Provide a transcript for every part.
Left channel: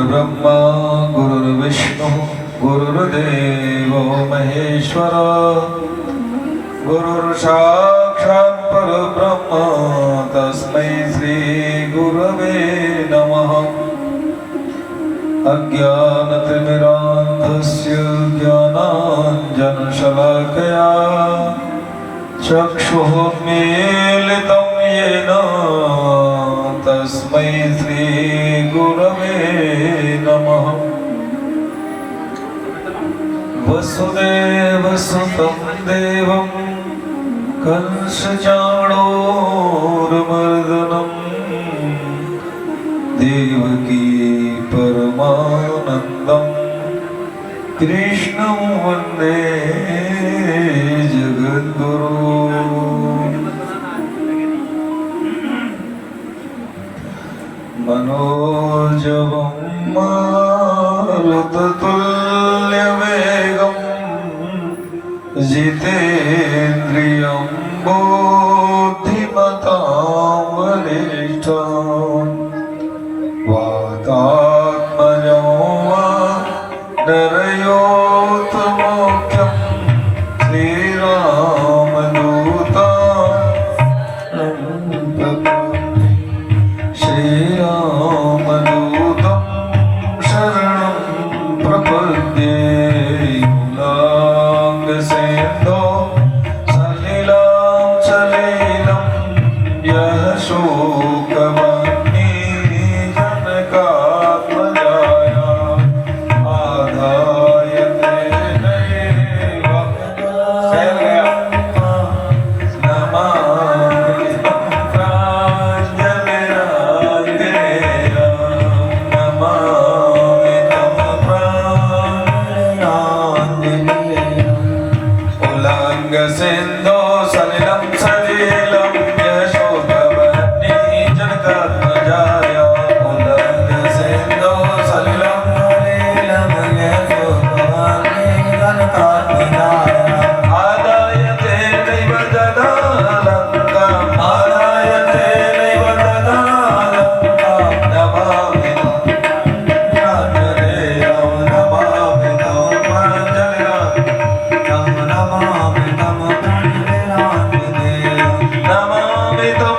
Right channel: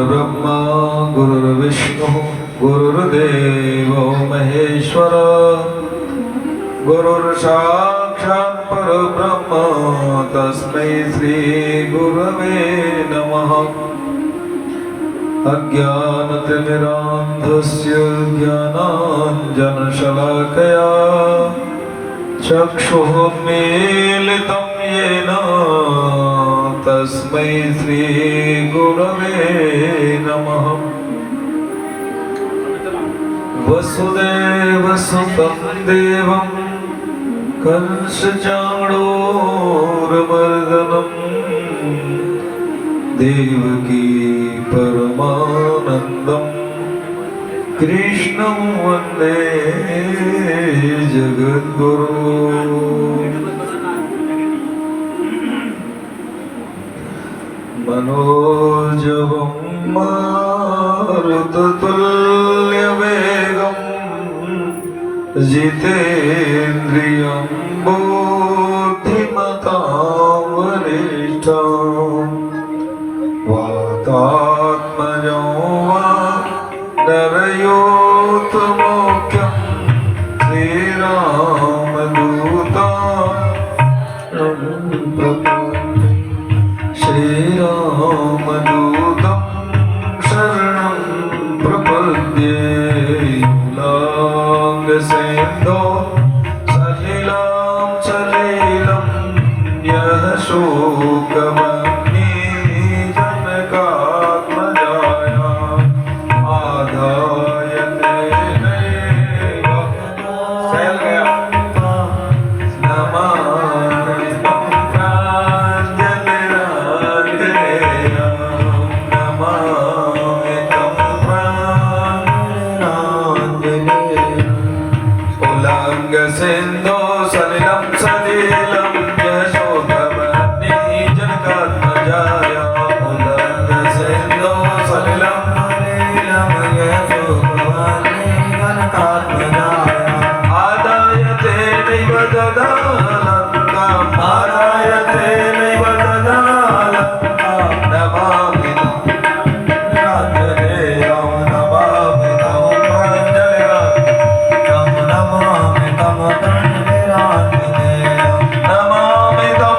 गुरुर्ब्रह्मा गुरुर्विष्णु गुरुर्देवो महेश्वर गुरुर्साक्षात् परब्रह्म तस्मै श्री गुरवे नमः। अज्ञानतिमिरान्धस्य ज्ञानाञ्जनशलाकया चक्षुरुन्मीलितं येन तस्मै श्री गुरवे नमः। वसुदेवसुतं देवं कंसचाणूरमर्दनं देवकी परमानन्दं कृष्णं वन्दे जगद्गुरु। मनोजवं मारुततुल्यवेगं जितेन्द्रियं बुद्धिमतां वरिष्ठं वातात्मजं वानरयोत्तमोख्यं श्रीरामदूतं शरणं प्रपद्ये। मूलाङ्गसेन्दो सलिलं सलिलं यः शोकवह्नि जनकात्मजाया आदाय तेनैव नमामि तं प्राञ्जलिराञ्जनेयं नमामि तं प्राञ्जलिराञ्जनेयं। उल्लङ्घसिन्धो सलिलं सलिलं यशोभवन्नि जनकात्मजाय उल्लङ्घसिन्धो सलिलं सलिलं यशोभवन्नि जनकात्मजाय आदाय तेनैव ददालङ्काम् आदाय तेनैव ददालङ्काम् नमामि तं प्राञ्जलिराञ्जनेयं नमामि तं प्राञ्जलिराञ्जनेयं नमामि तं प्राञ्जलिराञ्जनेयं नमामि तं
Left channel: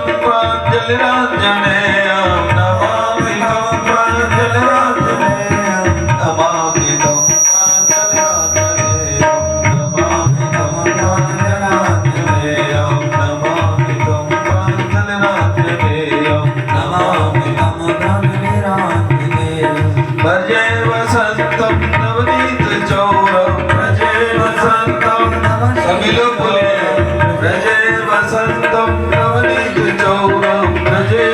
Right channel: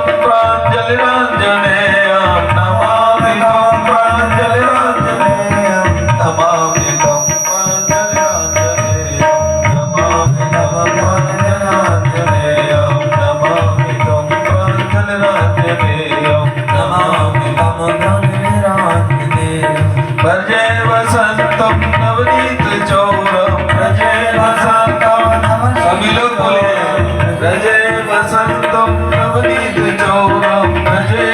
प्राञ्जलिराञ्जनेयं नमामि तं प्राञ्जलिराञ्जनेयं नमामि तं प्राञ्जलिराञ्जनेयं नमामि तं प्राञ्जलिराञ्जनेयं नमामि तं प्राञ्जलिराञ्जनेयं नमामि तं प्राञ्जलिराञ्जनेयं। भजे वसन्तं नवनीतचौरं भजे वसन्तं समिलपुले भजे वसन्तं नवनीतचौरं भजे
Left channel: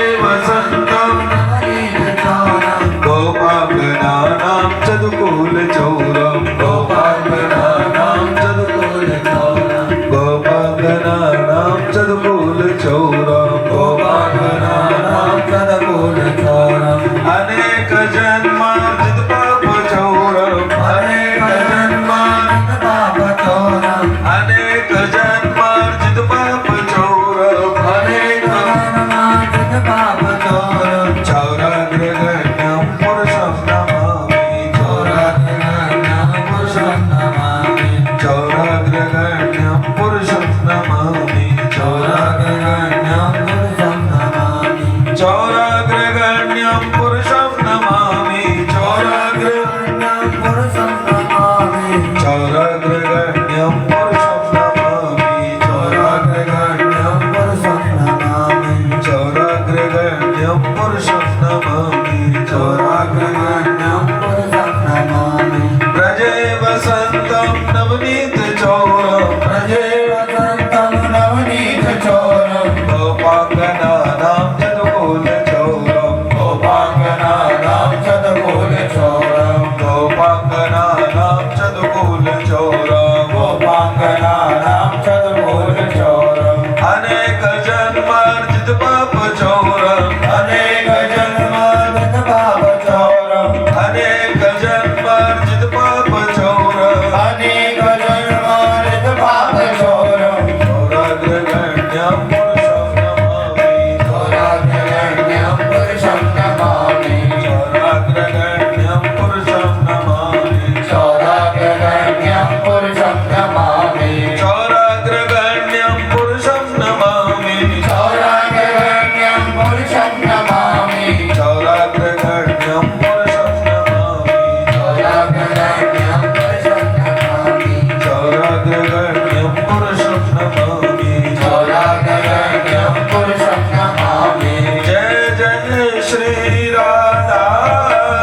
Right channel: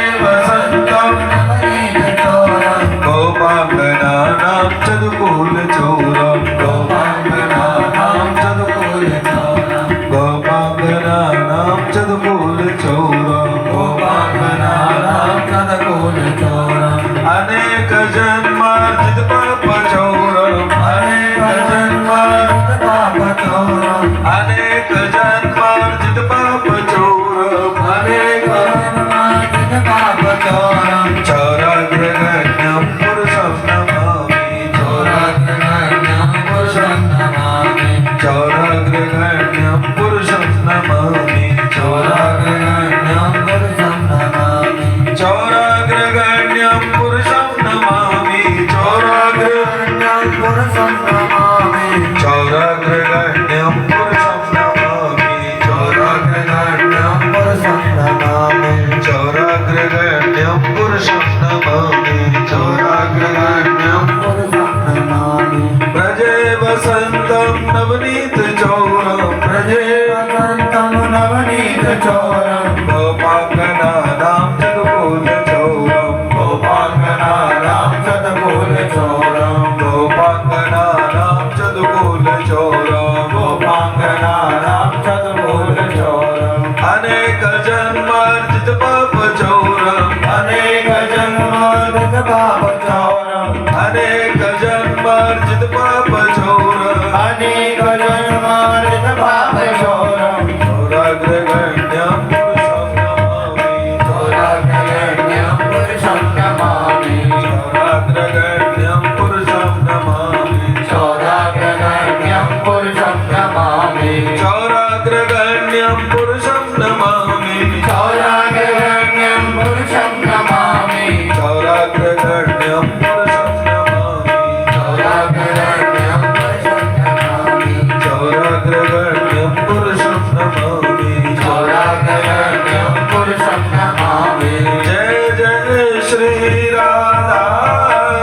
पुरुषं नमामि चौराग्रगण्यं पुरुषं नमामि चौराग्रगण्यं पुरुषं नमामि चौराग्रगण्यं पुरुषं नमामि चौराग्रगण्यं पुरुषं नमामि जय जय श्री राधा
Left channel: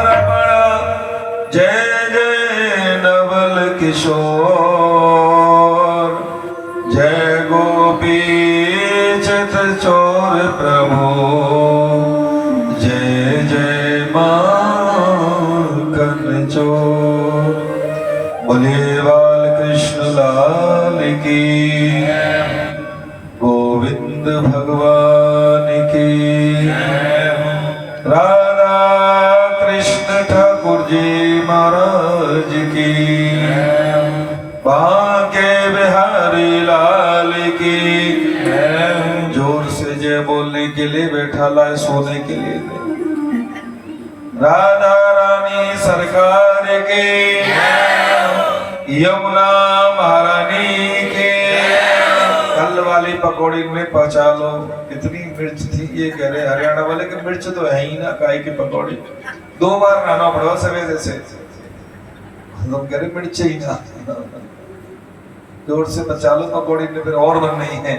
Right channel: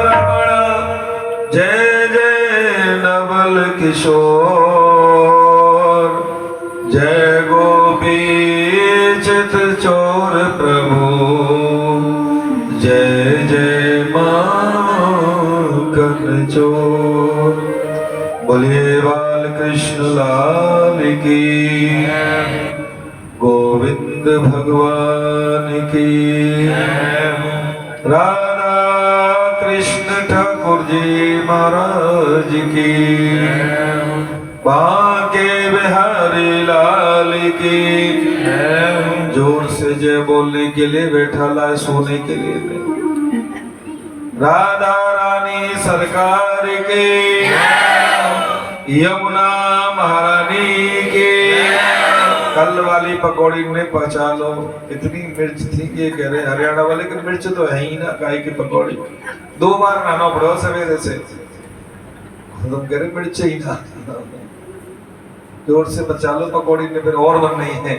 रमण जय जय नवल किशोर जय गोपी चित चोर प्रभु जय जय माखन चोर बोलिए बाल कृष्ण लाल की गोविंद भगवान की राधा कृष्ण ठाकुर जी महाराज की बांके बिहारी लाल की जोर से जय बोलने के लिए बैठा ला सोने के लिए नहीं राधा रानी सरकार के यमुना महारानी के कल वाली पकौड़ी में पचा लो कितनी मिर्च थी ये कह रहे हरियाणा वाले कि मिर्च तो है ही ना गाय की पकौड़ी 2 बार नहाना पड़ो सवेरे से तुम कह रहे मिर्च ही ना जोर से बचा लो पकौड़ी में फिर और बन नहीं है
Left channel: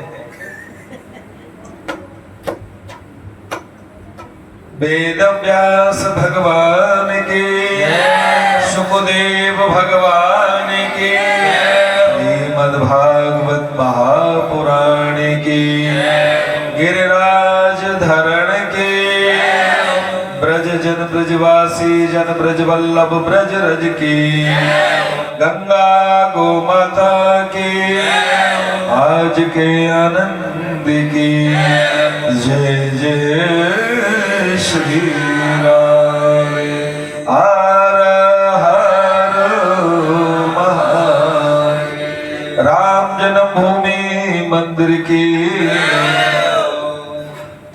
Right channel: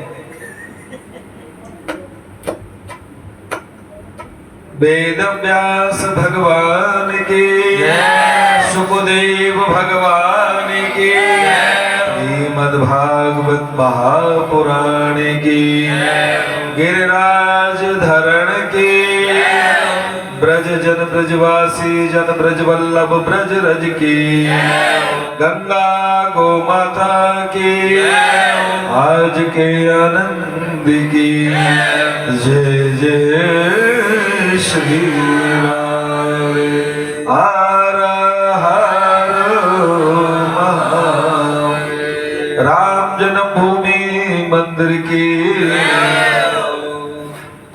वेद व्यास भगवान की सुखदेव भगवान की श्रीमद्भागवत महापुराण की गिरिराज धरण की ब्रज जन ब्रजवासी जन ब्रज वल्लभ ब्रज रज की गंगा गो माता की आज के आनंद की जय जय श्री राम हर हर महादेव राम जन्मभूमि मंदिर की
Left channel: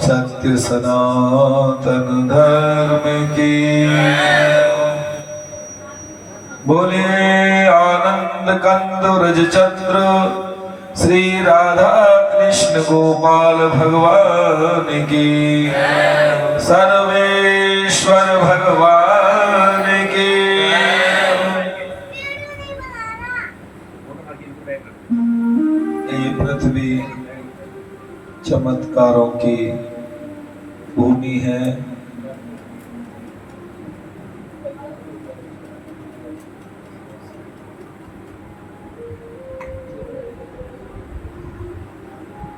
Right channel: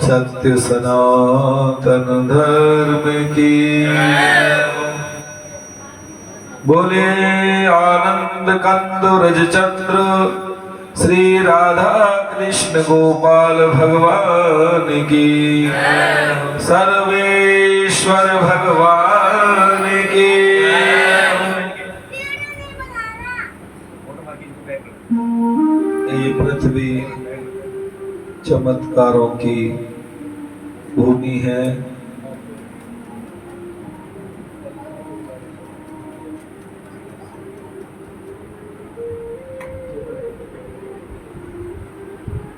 सत्य सनातन धर्म की बोलिए आनंद कंद रज चंद्र श्री राधा कृष्ण गोपाल भगवान की सर्वेश्वर भगवान की ये पृथ्वी चमत्कारों की भूमि है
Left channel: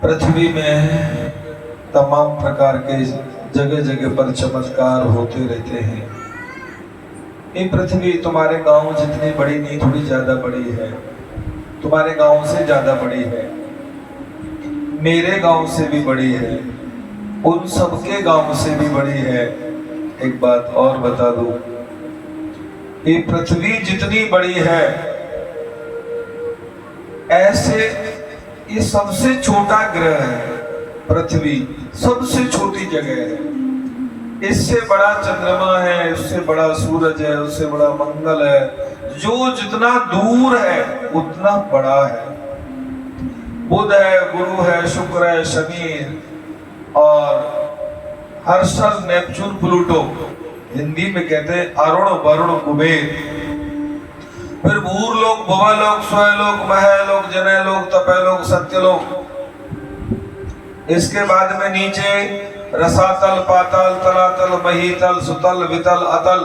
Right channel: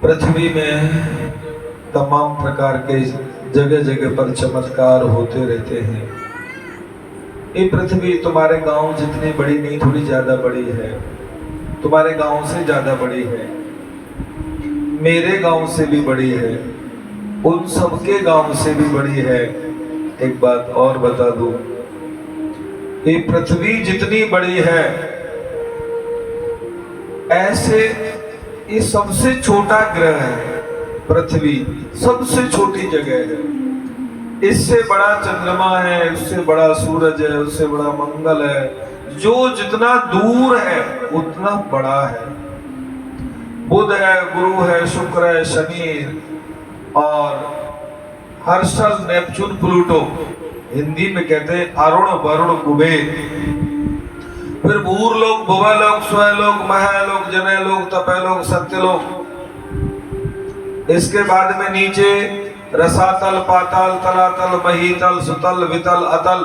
पृथ्वी में तमाम प्रकार के जगह जगह पर चमत्कार होते रहते हैं। ये पृथ्वी तुम्हारे गांव जितनी बड़ी नहीं थोड़ी ज्यादा बड़ी है, तुम्हारे गांव से ज्यादा बड़ी है, मेरे गांव से भी बड़ी है, उन सबके गांव से भी बड़ी है। एक बात और बता दूं, ये पृथ्वी जितनी बड़ी है ऐसे ये सबसे छोटा ग्रह है। पृथ्वी सबसे छोटी जगह है, इससे बड़ा चंद्रमा है, उससे बड़ा सूरज है, उससे बड़ा मंगल है। जो जितना दूर है उतना बड़ा है। बुध है, गुरु है, शुक्र है, शनि और हर्षल, नेपच्यून, प्लूटो, हिंदी में कहते हैं अरुण, वरुण, कुबेर। फिर भूरलोक, भुवलोक, स्वयलोक, महलोक, जनयलोक, तपयलोक, सत्यलोक। इसके बाद में नीचे रसातल, पाताल, तलातल, महीतल, सुतल, वितल, अतल,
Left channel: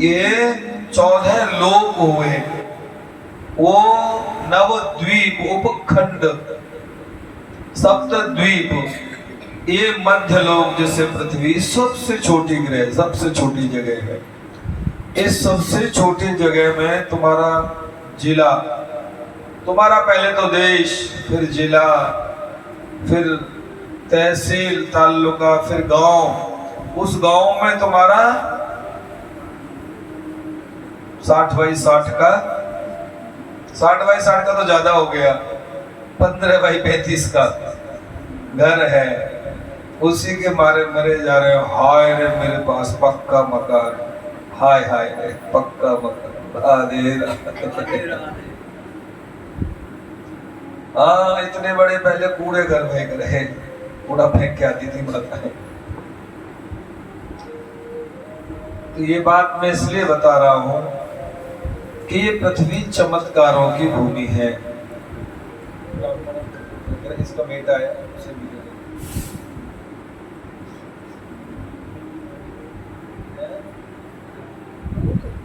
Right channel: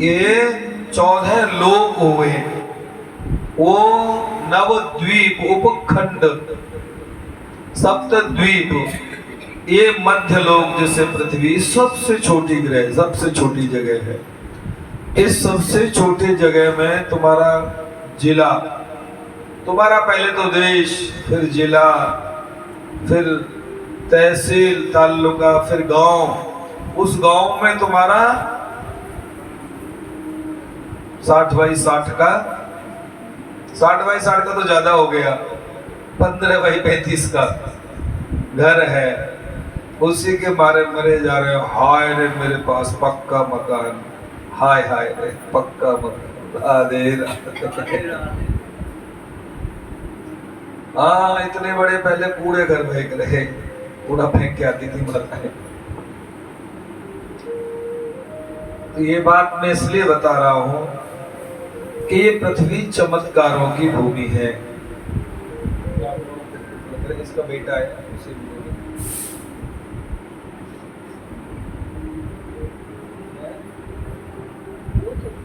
ये 14 लोक हुए। वो नवद्वीप, उपखंड, सप्तद्वीप, ये मध्य लोक जिसे पृथ्वी सबसे छोटी ग्रह, सबसे छोटी जगह है। इस सबसे छोटी जगह में तुम्हारा जिला, तुम्हारा पहले तो देश, फिर जिला, फिर तहसील, तालुका, फिर गांव। उस गांव में तुम्हारा 60 बाई 60 का, 60 बाई 60 का तो ज्यादा हो गया, 15 बाई 35 का घर है। उसी के मारे मरे जा रहे हो। हाय रे मेरे पास पक्का मकान, हाय हाय रे पक्का मकान, राधे राधे। हाँ, इतने बड़े पहले कूड़े घर में रहे, कूड़ा फेंक के आती थी माताएं। तो ये बात मैं इसलिए बता रहा हूं कि ये पृथ्वी चमत्कारों की भूमि है। इसका बेटा है, उसे भी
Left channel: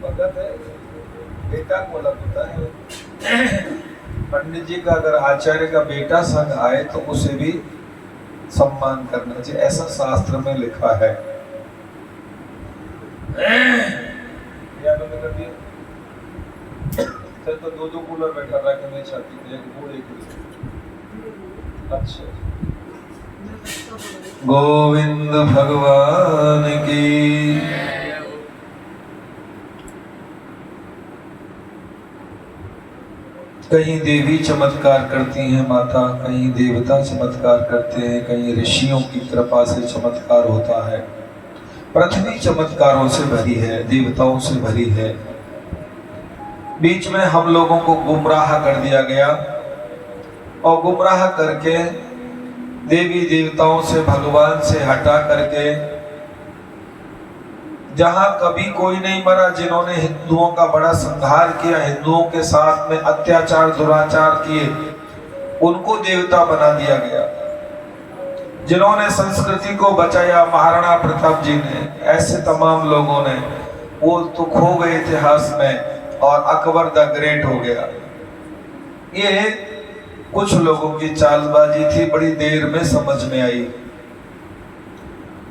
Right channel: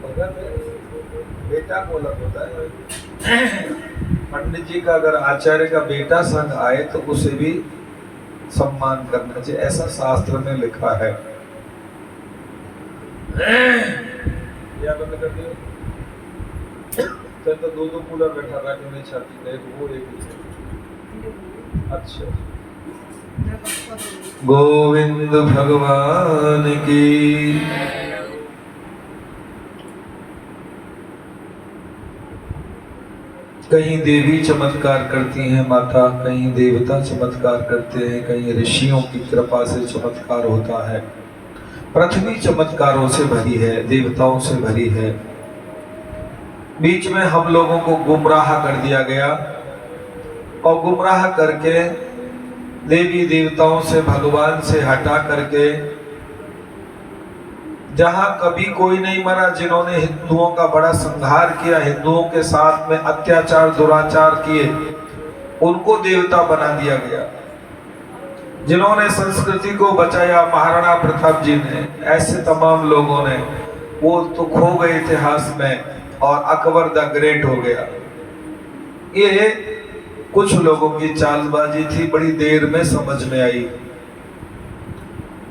भगत है, बेटा को अलग होता है। पंडित जी का अगर आचार्य का बेटा संग आए तो उसे भी सम्मान करना चाहिए, ऐसा शास्त्र में लिखा है। या बंद कर दिया तो दो कूलर बैठा रहा कि मैं छाती पे एक वो एक। अच्छा, गोविंद भगवान की। कहीं देवी चमत्कार करती हैं माता, कहीं देवता चमत्कार करते हैं, कहीं ऋषियों की कृपा से चमत्कार होता है। पृथ्वी चमत्कारों से भरी है, देवताओं से भरी है। बीच में हम लोगों को गुमराह कर दिया गया और गुमराह करके देवी देवताओं से, भगवान से हटा करके जहां कभी कोई नहीं मरा, जिन्होंने हिंदुओं का बड़ा संहार किया, हिंदुओं के साथ में अत्याचार दुराचार किए, उनको देवता बना दिया गया। जिन्होंने संस्कृति को बचाया, महाराणा प्रताप जी ने, ऐसे तमाम लोगों ने, वो तो खो गए इतिहास में और अकबर द ग्रेट हो गया। ये कुछ लोगों की चालबाजी थी, बड़ी देर में समझ में आई।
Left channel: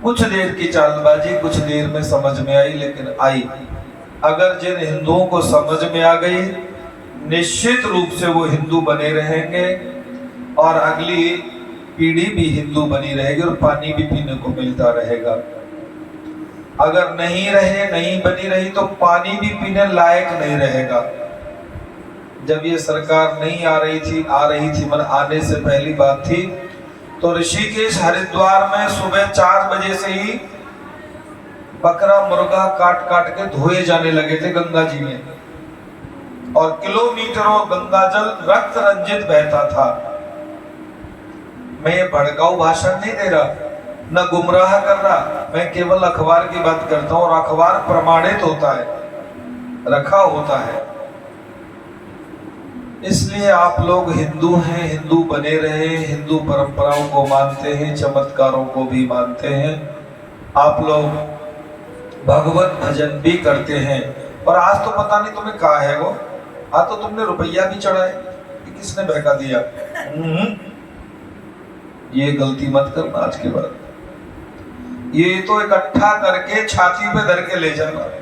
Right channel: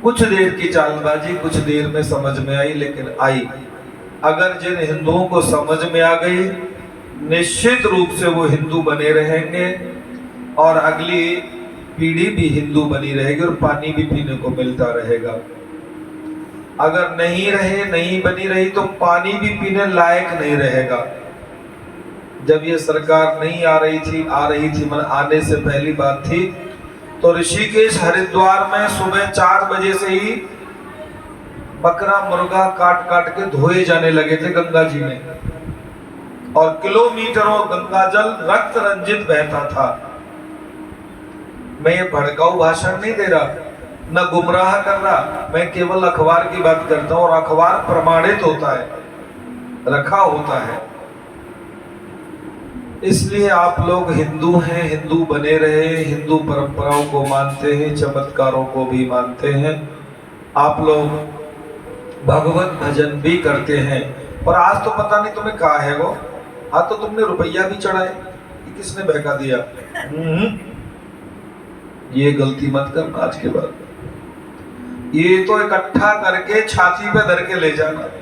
कुछ देर की चालबाजी कुछ देर में समझ में आई, लेकिन आई। अगर जिन हिंदुओं को समझ में आ गई, निश्चित रूप से वो हिंदू बने रहेंगे और अगली पीढ़ी भी हिंदू बनी रहेगी और पानी भी पीने को मिलता रहेगा। अगर नहीं रहे, नहीं बनी रही, तो पानी भी पीने लायक नहीं रहेगा। जब ये सरकार नहीं आ रही थी, मन आने से पहली बात थी, तो ऋषिकेश हरिद्वार में सुबह 4 बजे से ही बकरा मुर्गा काट काट के धोए जाने लगे थे गंगा जी में, और किलोमीटरों गंगा जल रक्त रंजित बहता था। मैं ये भड़काऊ भाषण नहीं दे रहा, न गुमराह कर रहा, मैं केवल अखबार की बात करता हूं, और अखबार प्रमाणित होता है, रखा होता है। इसलिए आप लोग हिंदू हैं, हिंदू बने रहे, हिंदू परंपराओं को मानते हैं, चमत्कारों को भी मानते हैं। आप लोग भगवत भजन भी करते हैं। और आज तो पता नहीं तुम्हें कहा है वो, आज तो तुमने रुपया भी चढ़ाए, किसने बहका दिया? ये गलती मत करना आज के बाद। ये तो इकट्ठा करके छाती पे धर के ले जाना।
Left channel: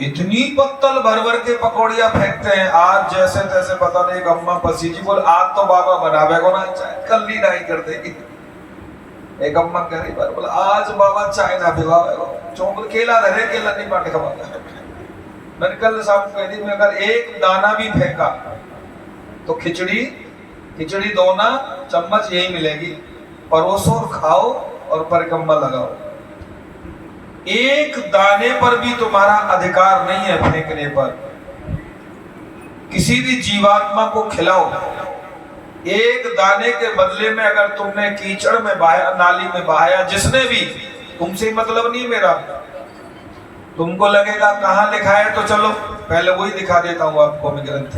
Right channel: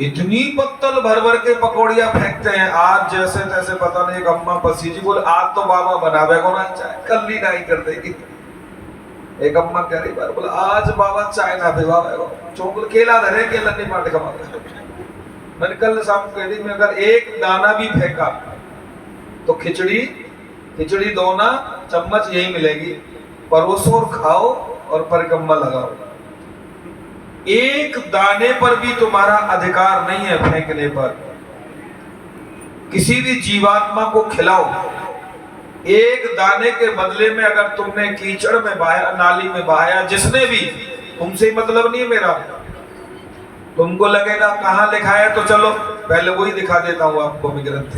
इतनी पत्तल भर भर के पकौड़ियां फेंकते हैं, आज जैसे तैसे। पता नहीं, एक अम्मा पसीजी बोल, आज तो बाबा बनावे को ना चाय, कल ही नहीं कर देगी। एक अम्मा कह रही बार बोला, आज बाबा चाय ना भिवावे को, चौंक केला धरे, केला नहीं बांट खा। मैंने कल शाम कह दी, मैं अगर एक दाना भी फेंका तो खिचड़ी दोना चम्मच यही मिलेगी, परोसो और खाओ और परिक्रमा लगाओ। एक दाने पर भी तुम्हारा अधिकार नहीं है फेंकने पर। किसी भी जीवात्मा को खिलाओ, एक दाने के बदले में अगर तुमने कीचड़ में बहाया, नाली में बहाया, जिसने भी, तुमसे मतलब नहीं मेरा। तुमको लगेगा कहां लिखा है, तो चलो पहले वही दिखा देता हूं आपको मैं ग्रंथ।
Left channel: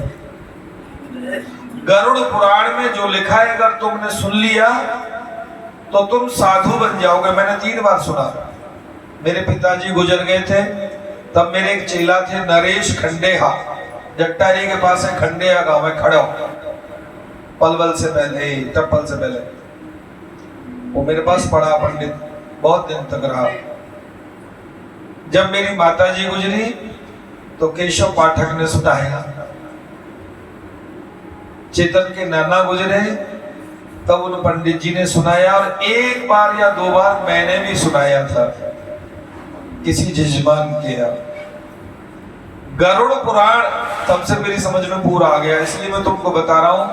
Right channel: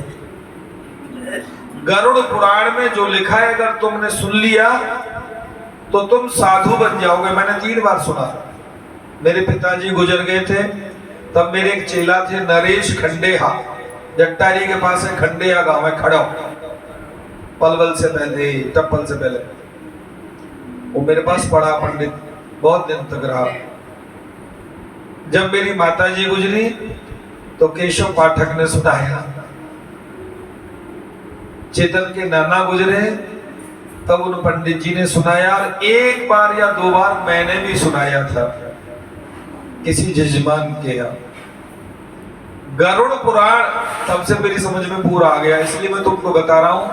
गरुड़ पुराण में जो लिखा है, अगर तुमने सुन लिया तो तुम साधु बन जाओगे। मैंने 3 बार सुना। मेरे पिताजी गुजर गए थे, तब मेरे एक चेला थे नरेश खंडेहा, जट्टारी के पास है खंडेहा गांव है, खड़ा पलवल से पहले, टप्पल से पहले। वो मेरे पास पढ़ा पंडित, बहुत दिन तक रहा। जब मेरी माताजी गुजरी तो केशव पाठक ने सुनाया। चेतन के नाना गुजरे तब उन पंडित जी ने सुनाया, और 1 बार या 2 बार मैंने भी सुनाया था किसी जजमान के यहाँ। गरुड़ पुराण तब से मेरी समझ में पूरा आ गया। इसलिए मैं तुमको बता रहा हूं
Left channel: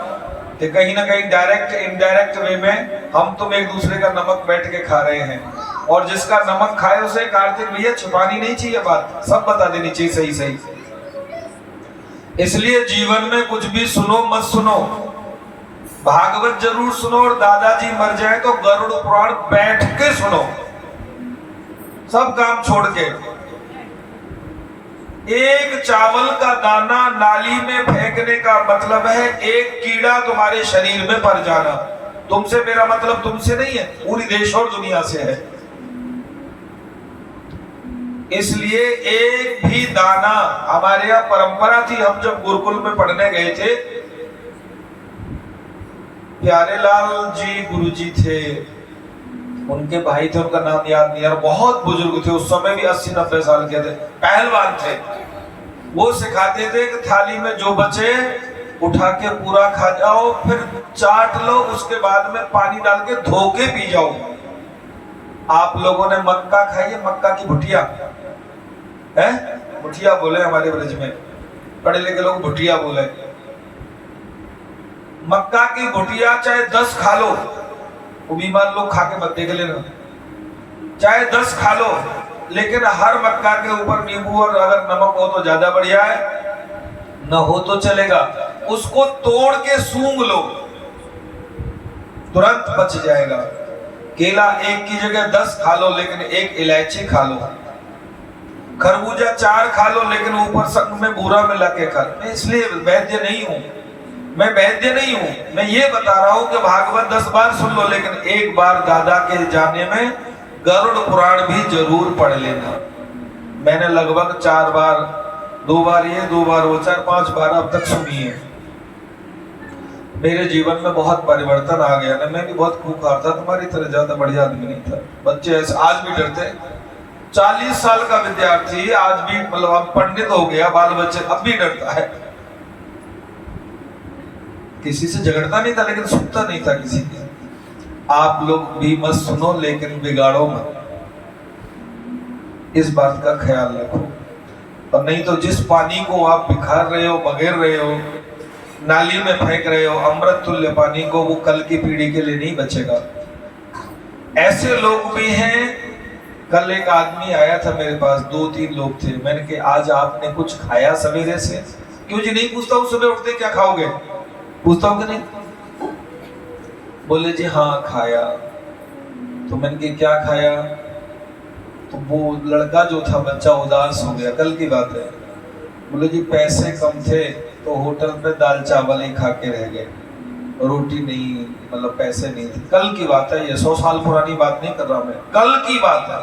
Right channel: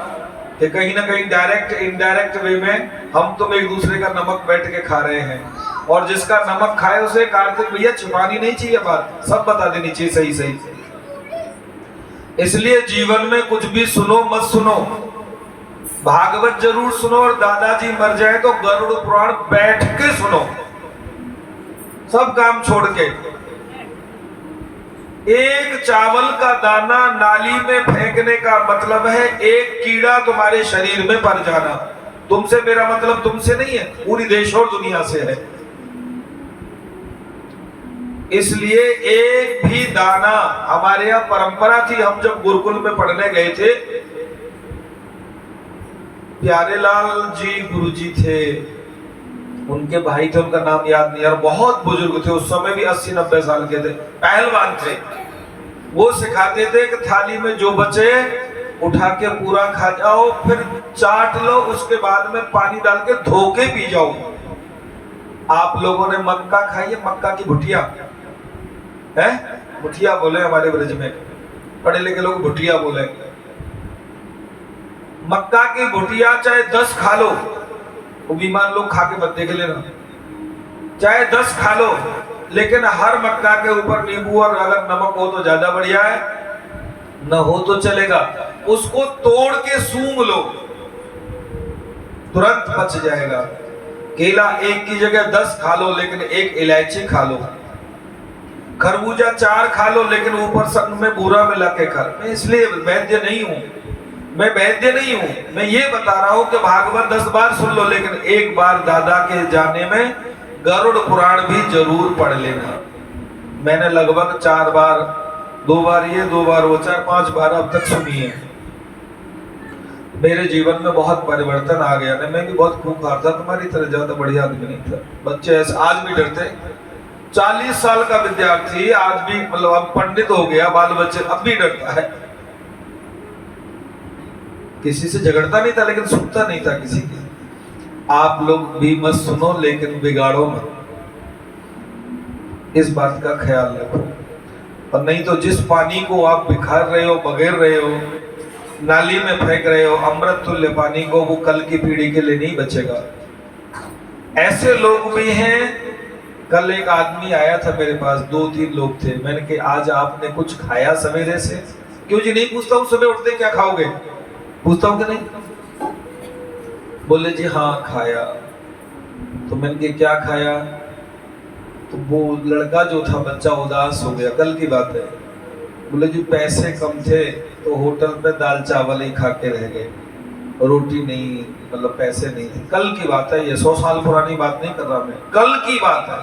कि कहीं ना कहीं डायरेक्ट इनडायरेक्ट वे में हम तुम एक दूसरे का नमक बैठ के खा रहे हैं, और जिसका नमक खाए उसे कार्तिक भैया छुपानी नहीं चाहिए बात, सब बता देनी चाहिए सही सही। इसलिए जीवन में कुछ भी सुनो मत सुनो, भागवत जरूर सुनो, और दादाजी मर जाए तो गरुड़ पुराण बैठ के सुनो, सब काम छोड़ के। एक चावल का दाना नाली में फेंकने का मतलब है एक कीड़ा तुम्हारे शरीर में पड़ जाना। तुमसे मेरा मतलब तुमसे नहीं है, पूरी देश और दुनिया से है। इसलिए एक भी दाना, हमारे यहाँ परंपरा थी, हम जब गुरुकुल में पढ़ने गए थे, प्यारेलाल जी गुरुजी थे, उनके भाई थे, उनका नाम याद नहीं, और बहुत बुजुर्ग थे, उस समय भी 80-90 साल के थे, पहलवान थे। वो सिखाते थे कि थाली में जो बचे उठा के पूरा खा जाओ, फिर चाट लो, उसके बाद में पानी डाल के धो के पी जाओ। आप लोगों ने मक्का खाई है? मक्का की भुटिया है, भुटिया बोले हमारे ब्रज में, पढ़े लिखे लोग भुटिया बोले। मक्का की भुटिया चाहे 10 खा लो, वो बीमार लोग खा के मत देख लेना, चाहे 10 खा लो, लेकिन हर मक्का के ऊपर नींबू और अगर नमक हो तो ज्यादा बढ़िया है, न हो तो चलेगा। उसको तोड़ के सूंघ लो, तुरंत पच जाएगा। केला एक की जगह 10 खा लो, लेकिन एक इलायची खा लो। खरबूजा 4 खा लो, लेकिन ऊपर संग में बूरा मिला के खा। मैं इसलिए वैद्य नहीं हूं, मैं वैद्य नहीं हूं, मैं ये बता रहा हूं कि भागवत 10 बार सुन लो, लेकिन एक बार दादा के जाने में गरुड़ पुराण भी जरूर पढ़ लेना। मैंने लगभग 4 बार, 2 बार ये, 2 बार वो, 4-5 बार अब तक सुनी है। मेरे जीवन में बहुत परिवर्तन आ गया ना। मैं भी बहुत खूंखार था, तुम्हारी तरह ज्यादा बढ़िया आदमी नहीं था। बच्चे ऐसे आज भी डरते, 40 साल का विद्यार्थी आज भी, मतलब अब पंडित हो गया, बाल बच्चे, अब भी डरता है। किसी से झगड़ता नहीं था, लेकिन सुनता नहीं था किसी की। आप लोग भी मत सुनो, लेकिन बिगाड़ो मत, इस बात का ख्याल रखो। और नहीं तो जिस पानी को आप बिखार रहे हो, बगेर रहे हो, नाली में फेंक रहे हो, अमृत तुल्य पानी को, वो कल की पीढ़ी के लिए नहीं बचेगा। ऐसे लोग भी हैं। कल एक आदमी आया था मेरे पास, 2-3 लोग थे। मैंने कहा आज आपने कुछ खाया सवेरे से? क्यों जी? नहीं पूछता हूँ, सुबह उठते क्या खाओगे, पूछता हूँ कि नहीं। बोले जी हाँ खाया। तो मैंने कहा क्या खाया? तो वो लड़का जो था, बच्चा उदास हो गया, कल की बात है। बोले जी पैसे कम थे तो होटल पे दाल चावल ही खा के रह गए, रोटी नहीं, मतलब पैसे नहीं थे। कल की बात है, ये 100 साल पुरानी बात नहीं कर रहा मैं, कल की बात है।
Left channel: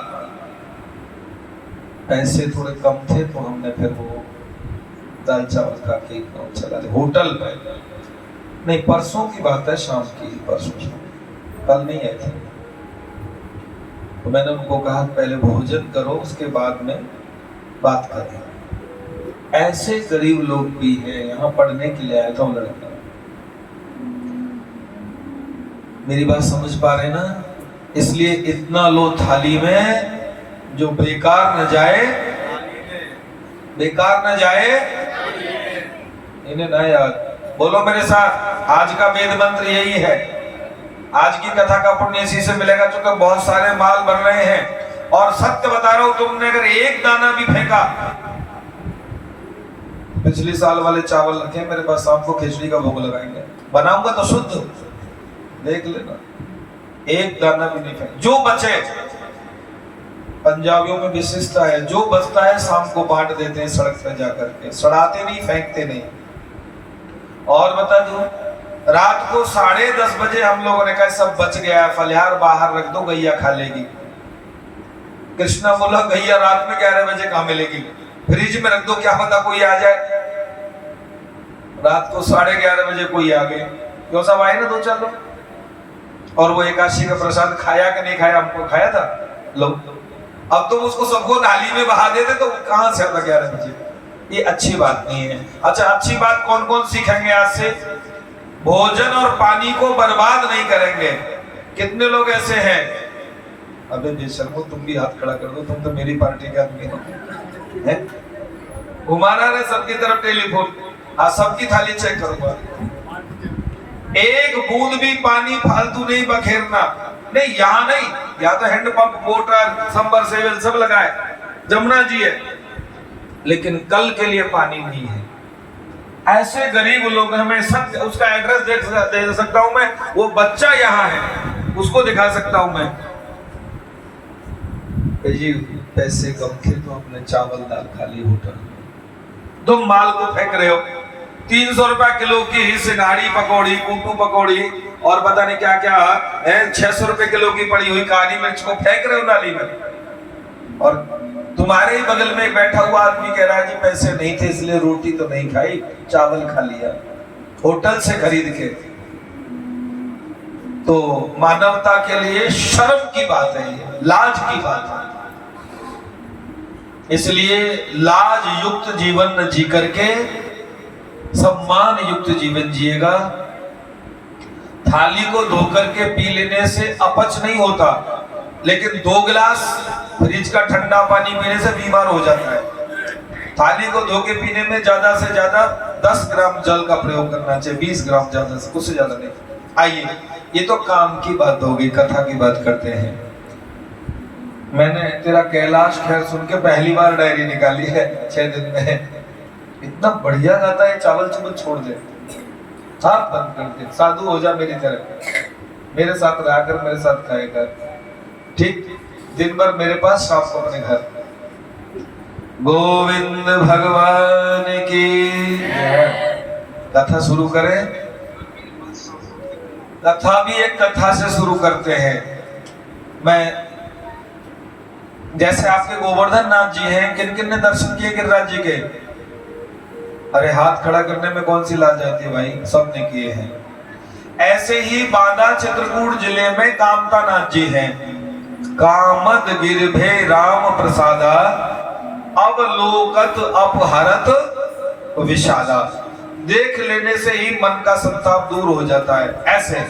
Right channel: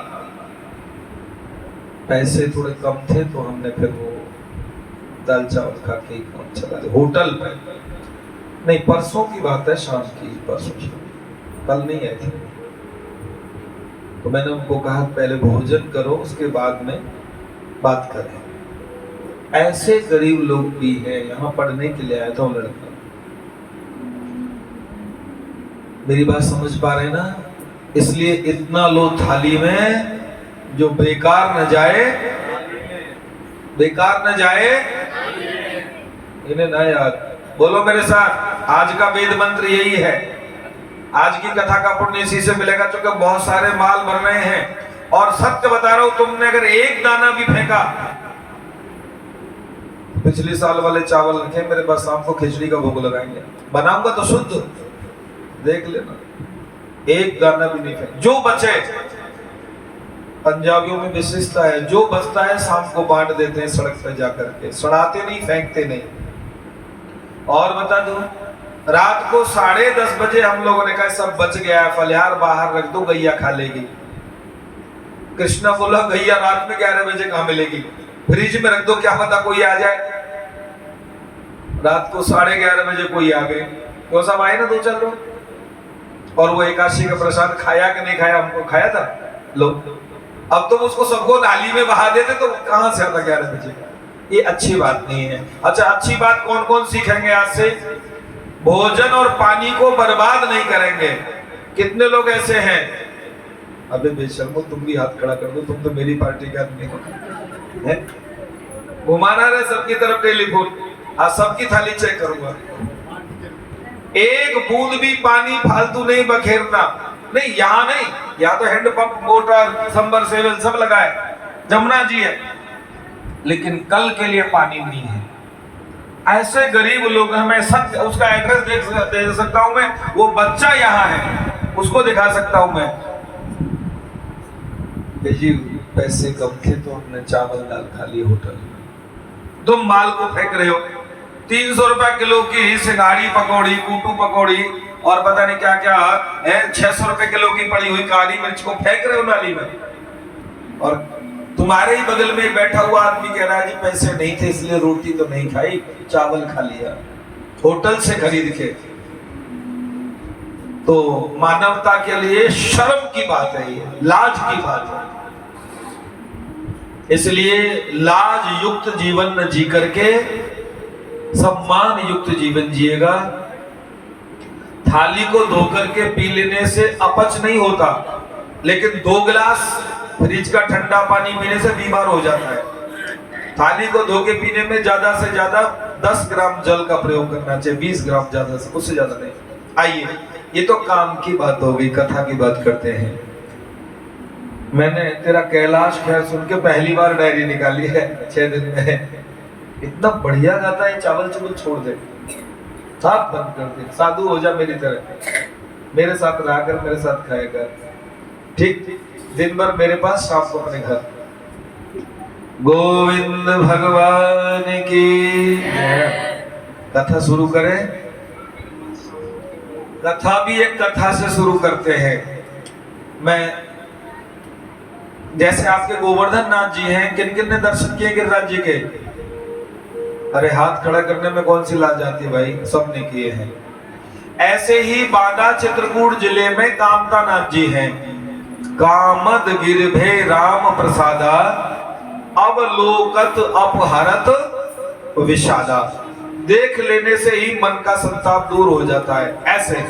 पैसे थोड़े कम थे तो हमने फिर वो दाल चावल खा के काम चला लिया होटल पे। नहीं, परसों की बात है, शाम की, परसों शाम, कल नहीं आए थे। तो मैंने उनको कहा पहले भोजन करो, उसके बाद में बात करें। ऐसे गरीब लोग भी हैं। यहाँ पढ़ने के लिए आया था वो लड़का। मेरी बात समझ पा रहे ना? इसलिए इतना लो थाली में, जो बेकार न जाए, बेकार न जाए, इन्हें ना याद। बोलो मेरे साथ, आज का वेद मंत्र यही है। आज की कथा का पुण्य इसी से मिलेगा, क्योंकि बहुत सारे माल बन रहे हैं। और सत्य बता रहा हूं, तुमने अगर एक दाना भी फेंका, पिछले साल वाले चावल रखे मेरे पास, शाम को खिचड़ी का भोग लगाएंगे, बनाऊंगा तो शुद्ध, देख लेना। एक दाना भी नहीं फेंक, जो बचे। पंजाबियों में विशिष्टता है, जो बचता है शाम को बांट देते हैं सड़क पे जाकर के, सड़ाते नहीं, फेंकते नहीं। और बता दूं, रात को 10:30 बजे हम लोगों ने कहा सब बच गया है, फलिहार बाहर रख दो, गैया खा लेगी। कृष्णा बोला गैया रात में 11 बजे कहां मिलेगी, फ्रिज में रख दो, क्या पता कोई आ जाए। रात को 11:30 बजे कोई आ गए, क्यों सब आए ना 2-4 लोग। और वो एकादशी का प्रसाद खाया कि नहीं खाया? हमको खाया था। लो, अब तुम उसको सबको नाली में बहा देते तो कहां से आता 11 बजे? ये अच्छी बात नहीं है। अच्छा, अच्छी बात कौन कौन सीखेंगे आज से? भोजन और पानी को बर्बाद नहीं करेंगे। कितने लोग ऐसे हैं? अबे बेशर्मो, तुम भी हाथ खड़ा कर दो, तुम तो मेरी पार्टी के आदमी हो। घुमाना रहे सबकी तरफ टेलीफोन, आज सबकी थाली चेक करूंगा। एक बूंद भी पानी फालतू नहीं बखेरना। नहीं, यहाँ नहीं, यहाँ तो हैंडपंप, मोटर, सबमर्सिबल सब लगा है, जमुना जी है, लेकिन कल के लिए पानी नहीं है। ऐसे गरीब लोग हमें सत्य उसका एड्रेस दे सकता हूं मैं, वो बच्चा यहाँ है उसको दिखा सकता हूं मैं। जी पैसे कम थे तो हमने चावल दाल खा ली होटल। तुम माल को फेंक रहे हो, 300 रुपया किलो की सिंगाड़ी पकौड़ी, कूटू पकौड़ी और पता नहीं क्या क्या है, 600 रुपए किलो की पड़ी हुई काली मिर्च को फेंक रहे हो नाली में। और तुम्हारे ही बगल में बैठा हुआ आदमी कह रहा है जी पैसे नहीं थे इसलिए रोटी तो नहीं खाई, चावल खा लिया होटल से खरीद के। तो मानवता के लिए शर्म की बात है, ये लाज की बात है। इसलिए लाज युक्त जीवन न जी करके सम्मान युक्त जीवन जिएगा। थाली को धोकर के पी लेने से अपच नहीं होता, लेकिन 2 गिलास फ्रिज का ठंडा पानी पीने से बीमार हो जाता है। थाली को धो के पीने में ज्यादा से ज्यादा 10 ग्राम जल का प्रयोग करना चाहिए, 20 ग्राम ज्यादा से, उससे ज्यादा नहीं। आइए, ये तो काम की बात हो गई, कथा की बात करते हैं। मैंने तेरा कैलाश खेर सुन के पहली बार डायरी निकाली है 6 दिन में। इतना बढ़िया गाता है, चावल चुवल छोड़ दे, साफ बंद कर दे, साधु हो जा मेरी तरह, मेरे साथ रहा कर, मेरे साथ खाएगा, ठीक, दिन भर मेरे पास, शाम को अपने घर। गोविंद भगवान की कथा शुरू करें। कथा भी एक कथा से शुरू करते हैं। मैं जैसे आपके गोवर्धन नाथ जी हैं, किन किन ने दर्शन किए गिरिराज जी के? अरे हाथ खड़ा करने में कौन सी लाज आती है भाई, सब ने किए हैं। ऐसे ही बांदा चित्रकूट जिले में कामता नाथ जी हैं। कामद गिरभे राम प्रसादा, अवलोकत अपहरत विषादा। देख लेने से ही मन का संताप दूर हो जाता है। ऐसे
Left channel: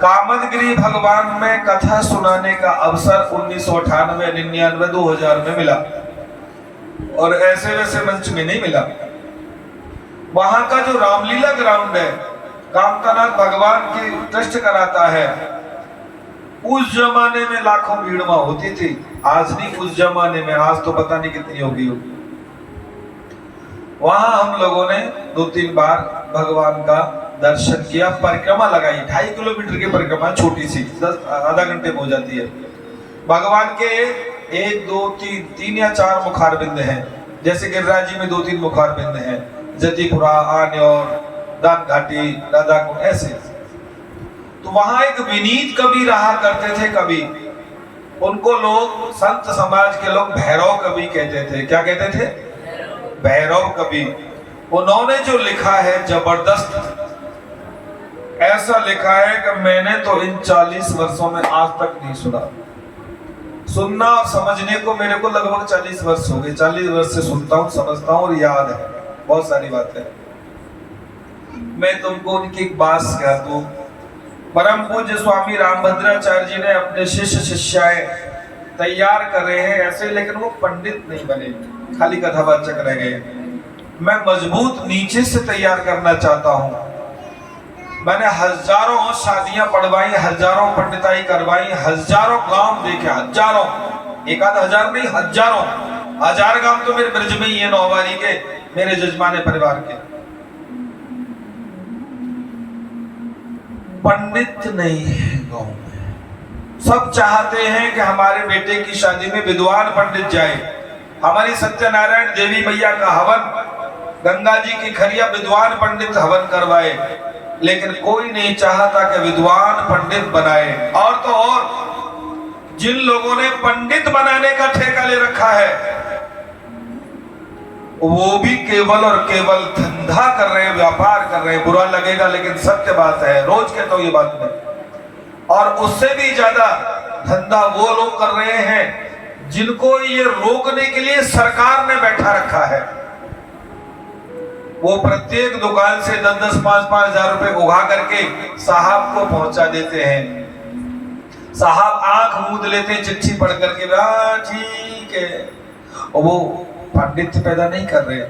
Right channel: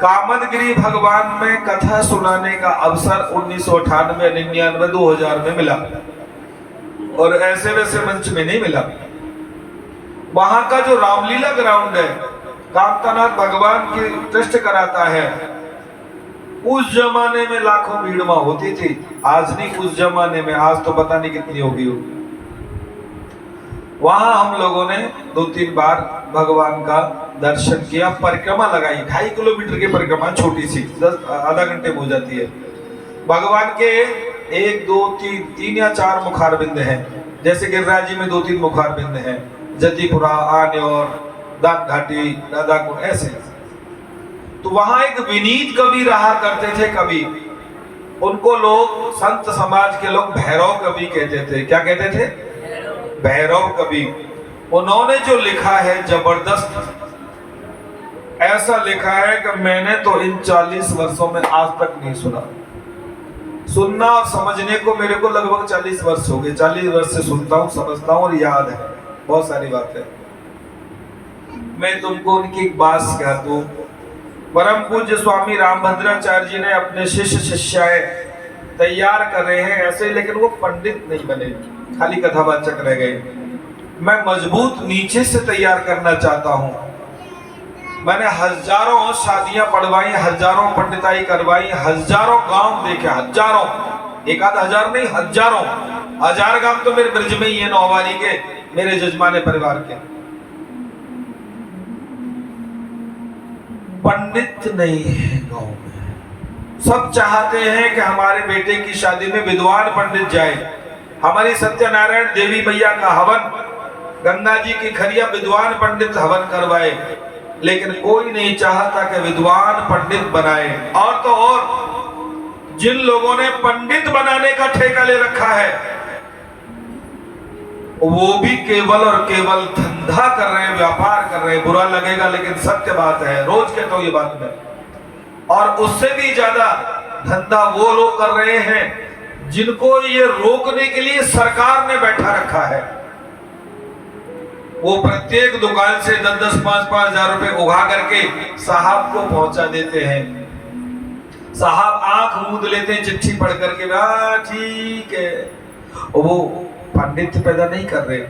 कामदगिरी भगवान में कथा सुनाने का अवसर 1998, 99, 2000 में मिला, और ऐसे वैसे मंच में नहीं मिला। वहां का जो रामलीला ग्राउंड है, कामतानाथ भगवान की ट्रस्ट कराता है, उस जमाने में लाखों भीड़ वहां होती थी। आज नहीं, उस जमाने में, आज तो पता नहीं कितनी होगी। वहां हम लोगों ने 2-3 बार भगवान का दर्शन किया, परिक्रमा लगाई, 2.5 किलोमीटर की परिक्रमा, छोटी सी, 10 आधा घंटे में हो जाती है। भगवान के 1, 2, 3 या 4 मुखारबिंद हैं, जैसे गिरिराज जी में 2-3 मुखारबिंद हैं, जतिपुरा, आन्योर, दान घाटी, राधा कुंड, ऐसे। तो वहां एक विनीत कवि रहा करते थे, कवि, उनको लोग संत समाज के लोग भैरव कवि कहते थे। क्या कहते थे? भैरव कवि। उन्होंने जो लिखा है जबरदस्त, ऐसा लिखा है कि मैंने तो इन 40 वर्षों में आज तक नहीं सुना। सुनना और समझने को मेरे को लगभग 40 वर्ष हो गए। 40 वर्ष से सुनता हूँ, समझता हूँ और याद है बहुत सारी बातें। मैं तुमको उनकी एक बात कह दूं। परम पूज्य स्वामी रामभद्राचार्य जी ने अपने शिष्य शिष्याएं तैयार कर रहे हैं ऐसे, लेकिन वो पंडित नहीं बने, खाली कथावाचक रह गए। मैं मजबूत नीचे से तैयार करना चाहता हूँ। मैंने हजारों शादियां पढ़वाई, हजारों पंडिताई करवाई, हजारों गांव देखे, हजारों, 1-आध हजार नहीं, हजारों, 1000 गांव तो मेरे ब्रज में ही है, नौवारी के, मेरे जजमाने परिवार के। पंडित नहीं है गांव में। सब चाहते हैं कि हमारे बेटे की शादी में विद्वान पंडित जाए। हमारी सत्यनारायण देवी मैया का हवन, गंगा जी की खरिया विद्वान पंडित हवन करवाए, लेकिन कोई नहीं चाहता कि विद्वान पंडित बनाए। और तो और जिन लोगों ने पंडित बनाने का ठेका ले रखा है, वो भी केवल और केवल धंधा कर रहे हैं, व्यापार कर रहे हैं। बुरा लगेगा लेकिन सत्य बात है, रोज कहता हूं ये बात मैं। और उससे भी ज्यादा धंधा वो लोग कर रहे हैं जिनको ये रोकने के लिए सरकार ने बैठा रखा है। वो प्रत्येक दुकान से 10-10, 5-5 हजार रुपए उगा करके साहब को पहुंचा देते हैं। साहब आंख मूंद लेते हैं चिट्ठी पढ़ करके, ठीक है। और वो पांडित्य पैदा नहीं कर रहे।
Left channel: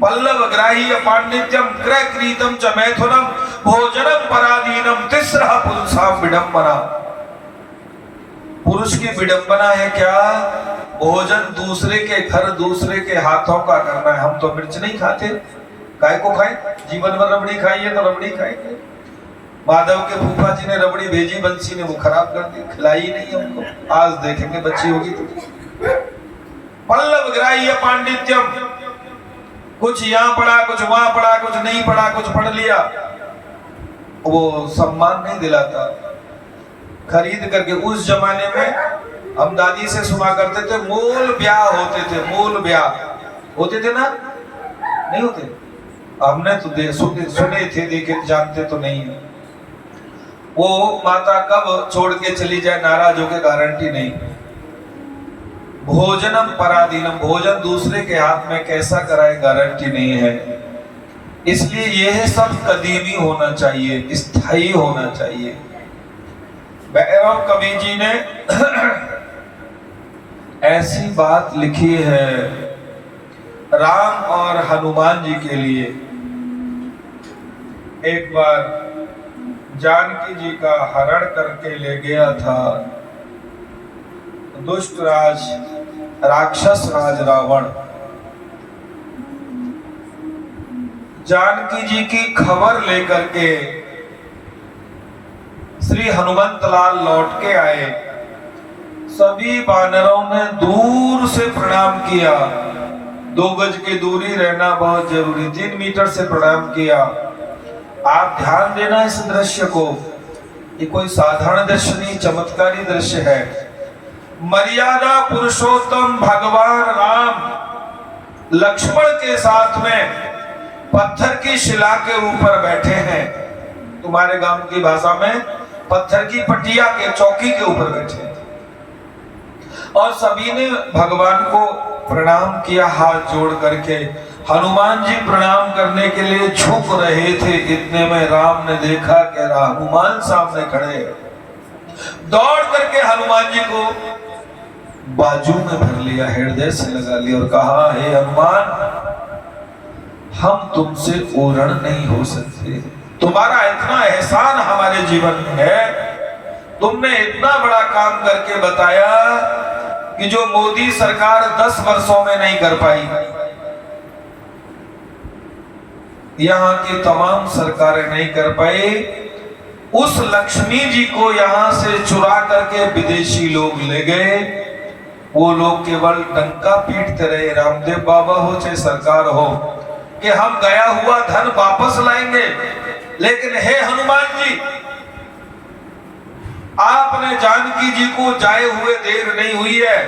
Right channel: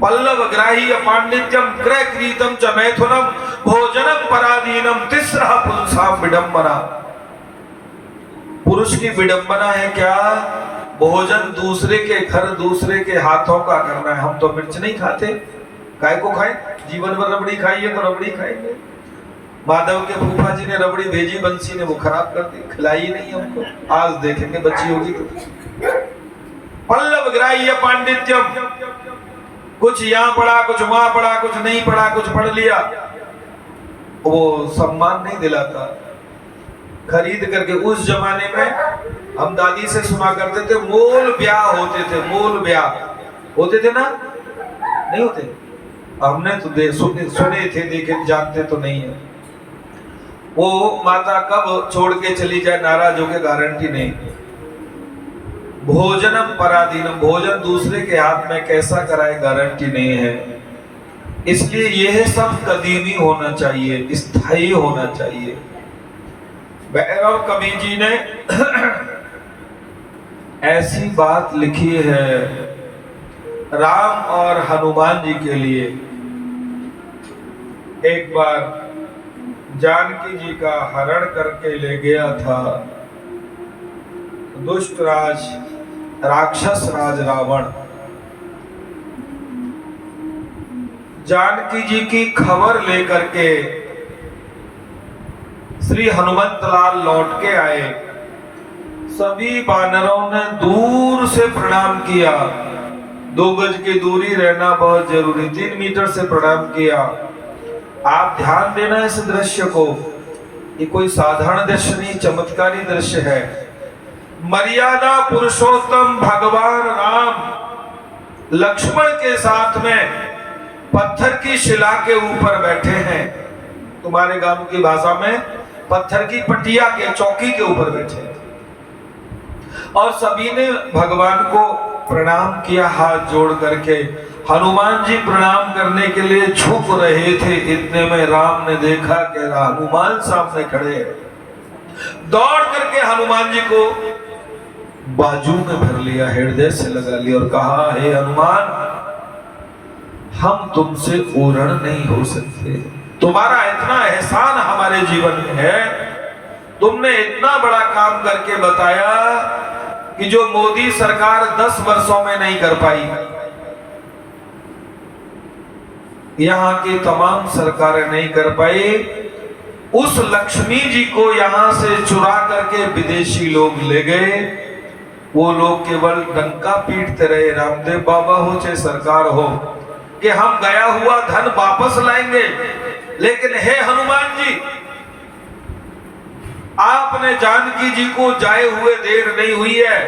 पल्लव ग्राही पांडित्यम क्रय क्रीतम च मैथुनम भोजनम पराधीनम तिस्रः पुरुषाम विडंबना। पुरुष की विडंबना है क्या? भोजन दूसरे के घर दूसरे के हाथों का करना है। हम तो मिर्च नहीं खाते, काय को खाएं? जीवन भर रबड़ी खाई है तो रबड़ी खाएंगे। माधव के फूफा जी ने रबड़ी भेजी, बंसी ने वो खराब कर दी, खिलाई नहीं हमको। आज देखेंगे बच्ची होगी तो। पल्लव ग्राह्य पांडित्यम, कुछ यहाँ पढ़ा, कुछ वहां पढ़ा, कुछ नहीं पढ़ा, कुछ पढ़ लिया, वो सम्मान नहीं दिलाता। खरीद करके उस जमाने में हम दादी से सुना करते थे, मूल ब्याह होते थे, मूल ब्याह होते थे ना, नहीं होते? हमने तो सुने थे, देखे जानते तो नहीं है। वो माता कब छोड़ के चली जाए नाराज होके गारंटी नहीं। भोजनम पराधीनम, भोजन दूसरे के हाथ में कैसा कराए गारंटी नहीं है। इसलिए यह सब कदीमी होना चाहिए, स्थायी होना चाहिए। भैरव कवि जी ने ऐसी बात लिखी है राम और हनुमान जी के लिए। एक बार जानकी जी का हरण करके ले गया था दुष्ट राज, राक्षस राज रावण। जानकी जी की खबर लेकर के श्री हनुमंत लाल लौट के आए। सभी बानरों ने दूर से प्रणाम किया। 2 गज की दूरी रहना बहुत जरूरी, 3 मीटर से प्रणाम किया। आप ध्यान देना इस दृश्य को, ये कोई साधारण दृश्य नहीं, चमत्कारी दृश्य है। मर्यादा पुरुषोत्तम भगवान राम लक्ष्मण के साथ में पत्थर की शिला के ऊपर बैठे हैं। तुम्हारे गांव की भाषा में पत्थर की पटिया के, चौकी के ऊपर बैठे हैं। और सभी ने भगवान को प्रणाम किया हाथ जोड़ करके। हनुमान जी प्रणाम करने के लिए झुक रहे थे, इतने में राम ने देखा कि हनुमान सामने खड़े हैं। दौड़ करके हनुमान जी को बाजू में भर लिया, हृदय से लगा लिया और कहा, हे हनुमान, हम तुमसे ऊरण नहीं हो सकते। तुम्हारा इतना एहसान हमारे जीवन में है, तुमने इतना बड़ा काम करके बताया कि जो मोदी सरकार 10 वर्षों में नहीं कर पाई। यहाँ की तमाम सरकारें नहीं कर पाई। उस लक्ष्मी जी को यहाँ से चुरा करके विदेशी लोग ले गए। वो लोग केवल डंका पीटते रहे, रामदेव बाबा हो चाहे सरकार हो, कि हम गया हुआ धन वापस लाएंगे। लेकिन हे हनुमान जी, आपने जानकी जी को जाए हुए देर नहीं हुई है।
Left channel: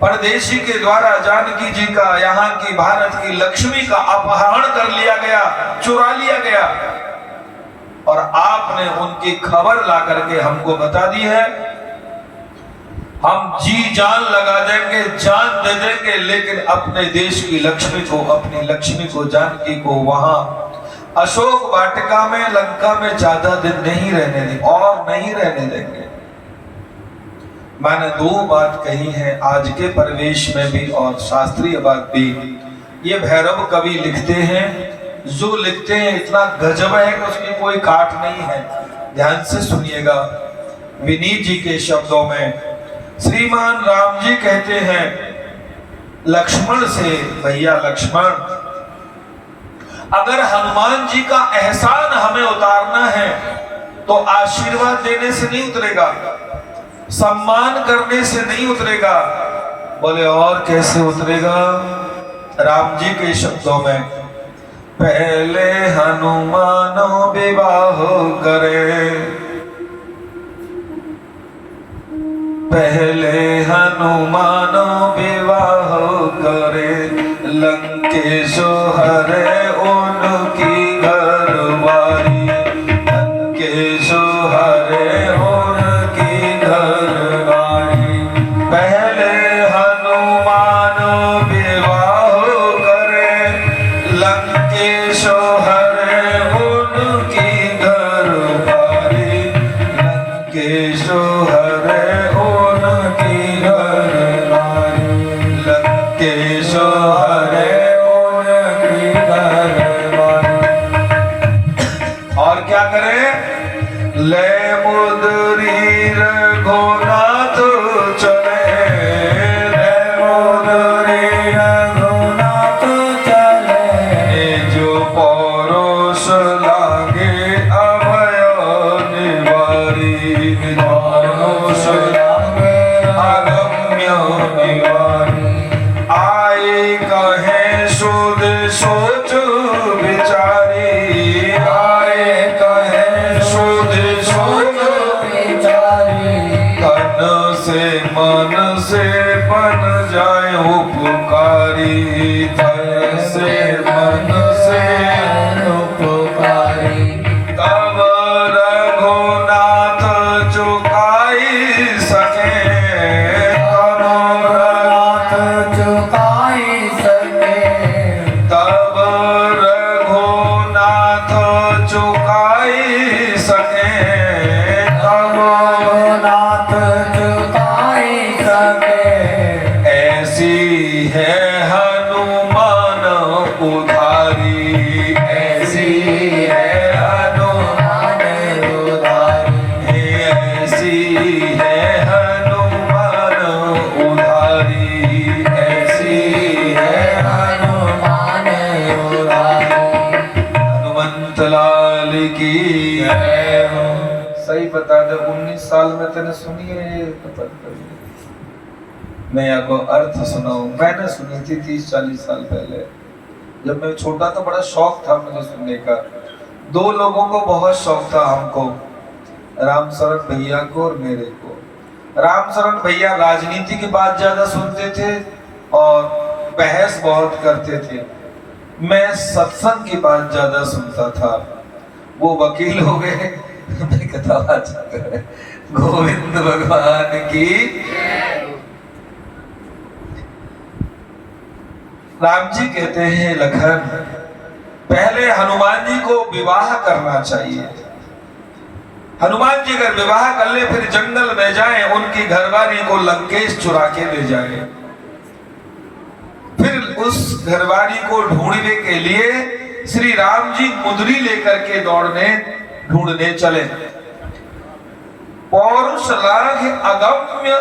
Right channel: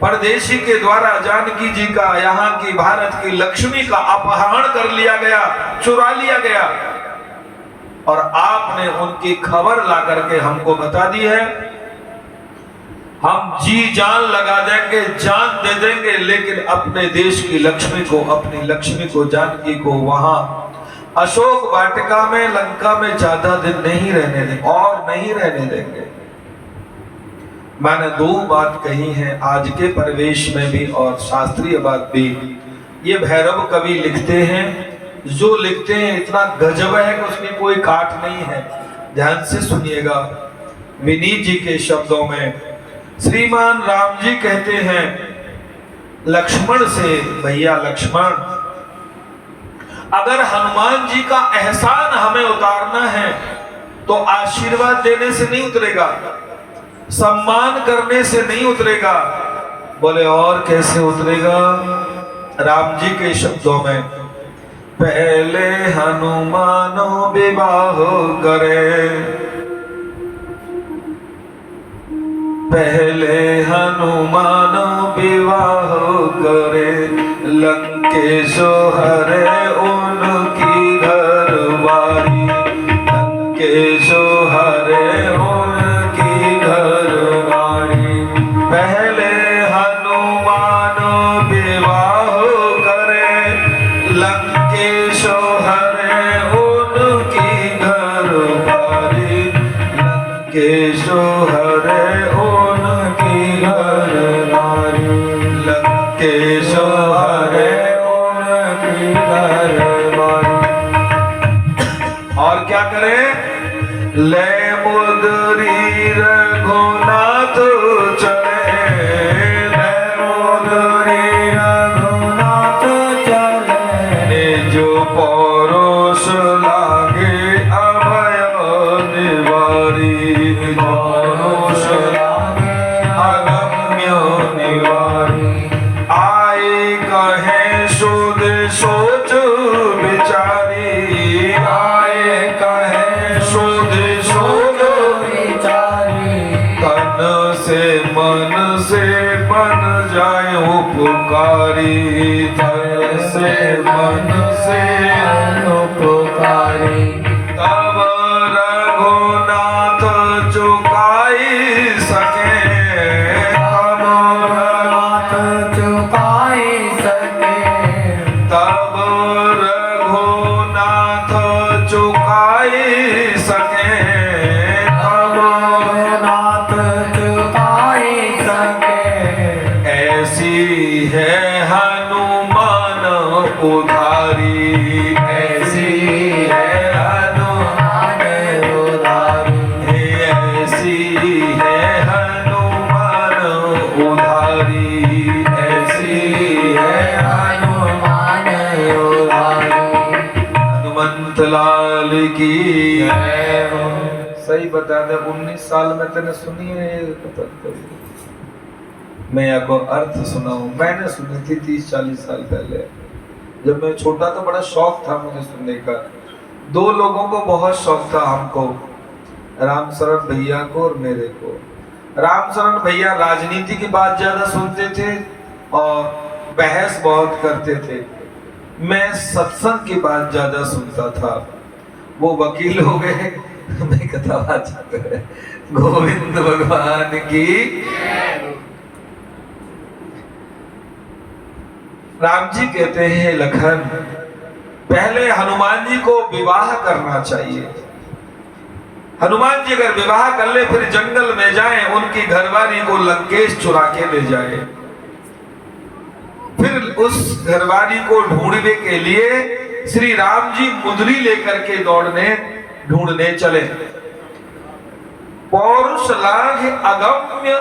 परदेशी के द्वारा जानकी जी का, यहाँ की भारत की लक्ष्मी का अपहरण कर लिया गया, चुरा लिया गया, और आपने उनकी खबर ला करके हमको बता दी है। हम जी जान लगा देंगे, जान दे देंगे, लेकिन अपने देश की लक्ष्मी को, अपनी लक्ष्मी को, जानकी को वहां अशोक वाटिका में, लंका में ज्यादा दिन नहीं रहने देंगे, और नहीं रहने देंगे। मैंने 2 बात कही है आज के परिवेश में भी और शास्त्रीय बात भी। ये भैरव कवि लिखते हैं, जो लिखते हैं इतना गजब है कि उसकी कोई काट नहीं है। ध्यान से सुनिएगा। विनीत जी के शब्दों में श्रीमान राम जी कहते हैं लक्ष्मण से, भैया लक्ष्मण, अगर हनुमान जी का एहसान हमें उतारना है तो आशीर्वाद देने से नहीं उतरेगा, सम्मान करने से नहीं उतरेगा। बोले और कैसे उतरेगा? राम जी के शब्दों में, पहले हनुमानो विवाह करे, पहले हनुमानो विवाह करे, लंकेशो हरे उनकी घरवारी, लंकेशो हरे उनकी घरवारी। पहले हनुमानो विवाह करे, लंकेशो हरे उनकी घरवारी, लंकेशो हरे उनकी घरवारी, लंकेशो हरे उनकी घरवारी। और क्या करे? ले मुद्री रघुनाथ चले, ले पौरुष राग अगम्य निवारी। आए कहे शुद्ध सोच विचारी, आए कहे शुद्ध सोच विचारी। तन से मन से बन जाए उपकारी, तन से मन से उपकारी। तब रघुनाथ चुकाई सके, तब नाथ चुकाई सके। तब रघुनाथ चुकाई सके, तब नाथ चुकाई सके। ऐसी है हनुमान उधारी, ऐसी है हनुमान उधारी। ऐसी है हनुमान उधारी, ऐसी है हनुमान उधारी। हनुमंत लाल की जय हो। सही बता दे 19 साल में तेने सुनी है ये कथा कभी? मैं आपको अर्थ सुनाऊं, मैंने सुनी थी 30-40 साल पहले। जब मैं छोटा था बड़ा शौक था मुझे सुनने का। 2 लोगों को बहुत शौक था हमको, रामशरण भैया को और मेरे को। रामशरण भैया राजनीति की बात ज्यादा सुनते थे और बहस बहुत करते थे। मैं सत्संग की बात ज्यादा सुनता था। वो वकील हो गए, मैं कथावाचक कर रहे। गोविंद भगवान की। राम जी कहते हैं लखन, पहले हनुमान जी को विवाह करना चाहिए। हनुमान जी अगर विवाह कर ले फिर जंगल में जाएं, उनकी घरवाली को लंकेश चुरा के ले जाए। फिर उस घरवाली को ढूंढने के लिए श्री राम जी मुद्री लेकर के ढूंढने चले। पौरुष लाघ अगम्य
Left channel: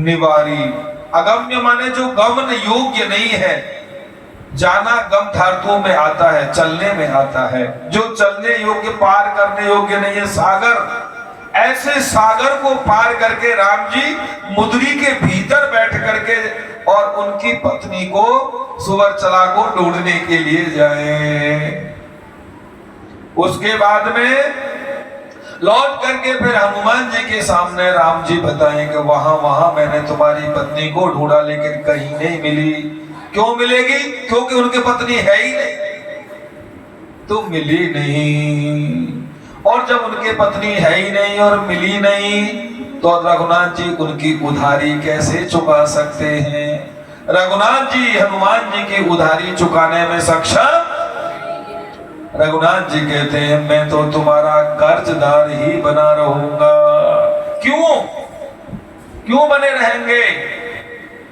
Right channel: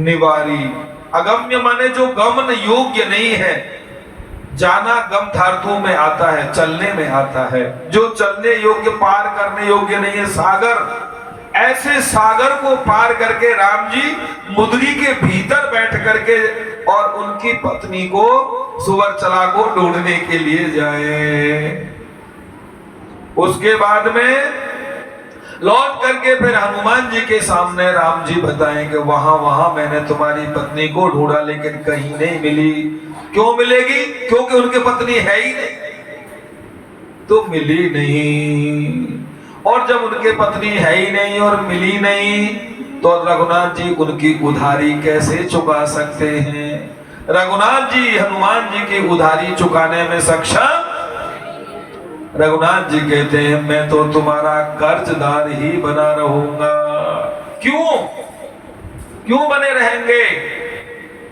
निवारी। अगम्य माने जो गमन योग्य नहीं है। जाना गम धातु में आता है, चलने में आता है। जो चलने योग्य, पार करने योग्य नहीं है, सागर। ऐसे सागर को पार करके राम जी मुद्री के भीतर बैठ करके और उनकी पत्नी को सुवर्चला को ढूंढने के लिए जाए। उसके बाद में लौट करके फिर हनुमान जी के सामने राम जी बताएं कि वहां मैंने तुम्हारी पत्नी को ढूंढा लेकिन कहीं नहीं मिली। क्यों मिलेगी? क्योंकि उनकी पत्नी है ही नहीं, तो मिली नहीं। और जब उनके पत्नी है ही नहीं और मिली नहीं तो रघुनाथ जी उनकी उधारी कैसे चुका सकते हैं? रघुनाथ जी हनुमान जी की उधारी चुकाने में सक्षम। रघुनाथ जी कहते हैं मैं तो तुम्हारा कर्जदार ही बना रहूंगा। क्यों बने रहेंगे?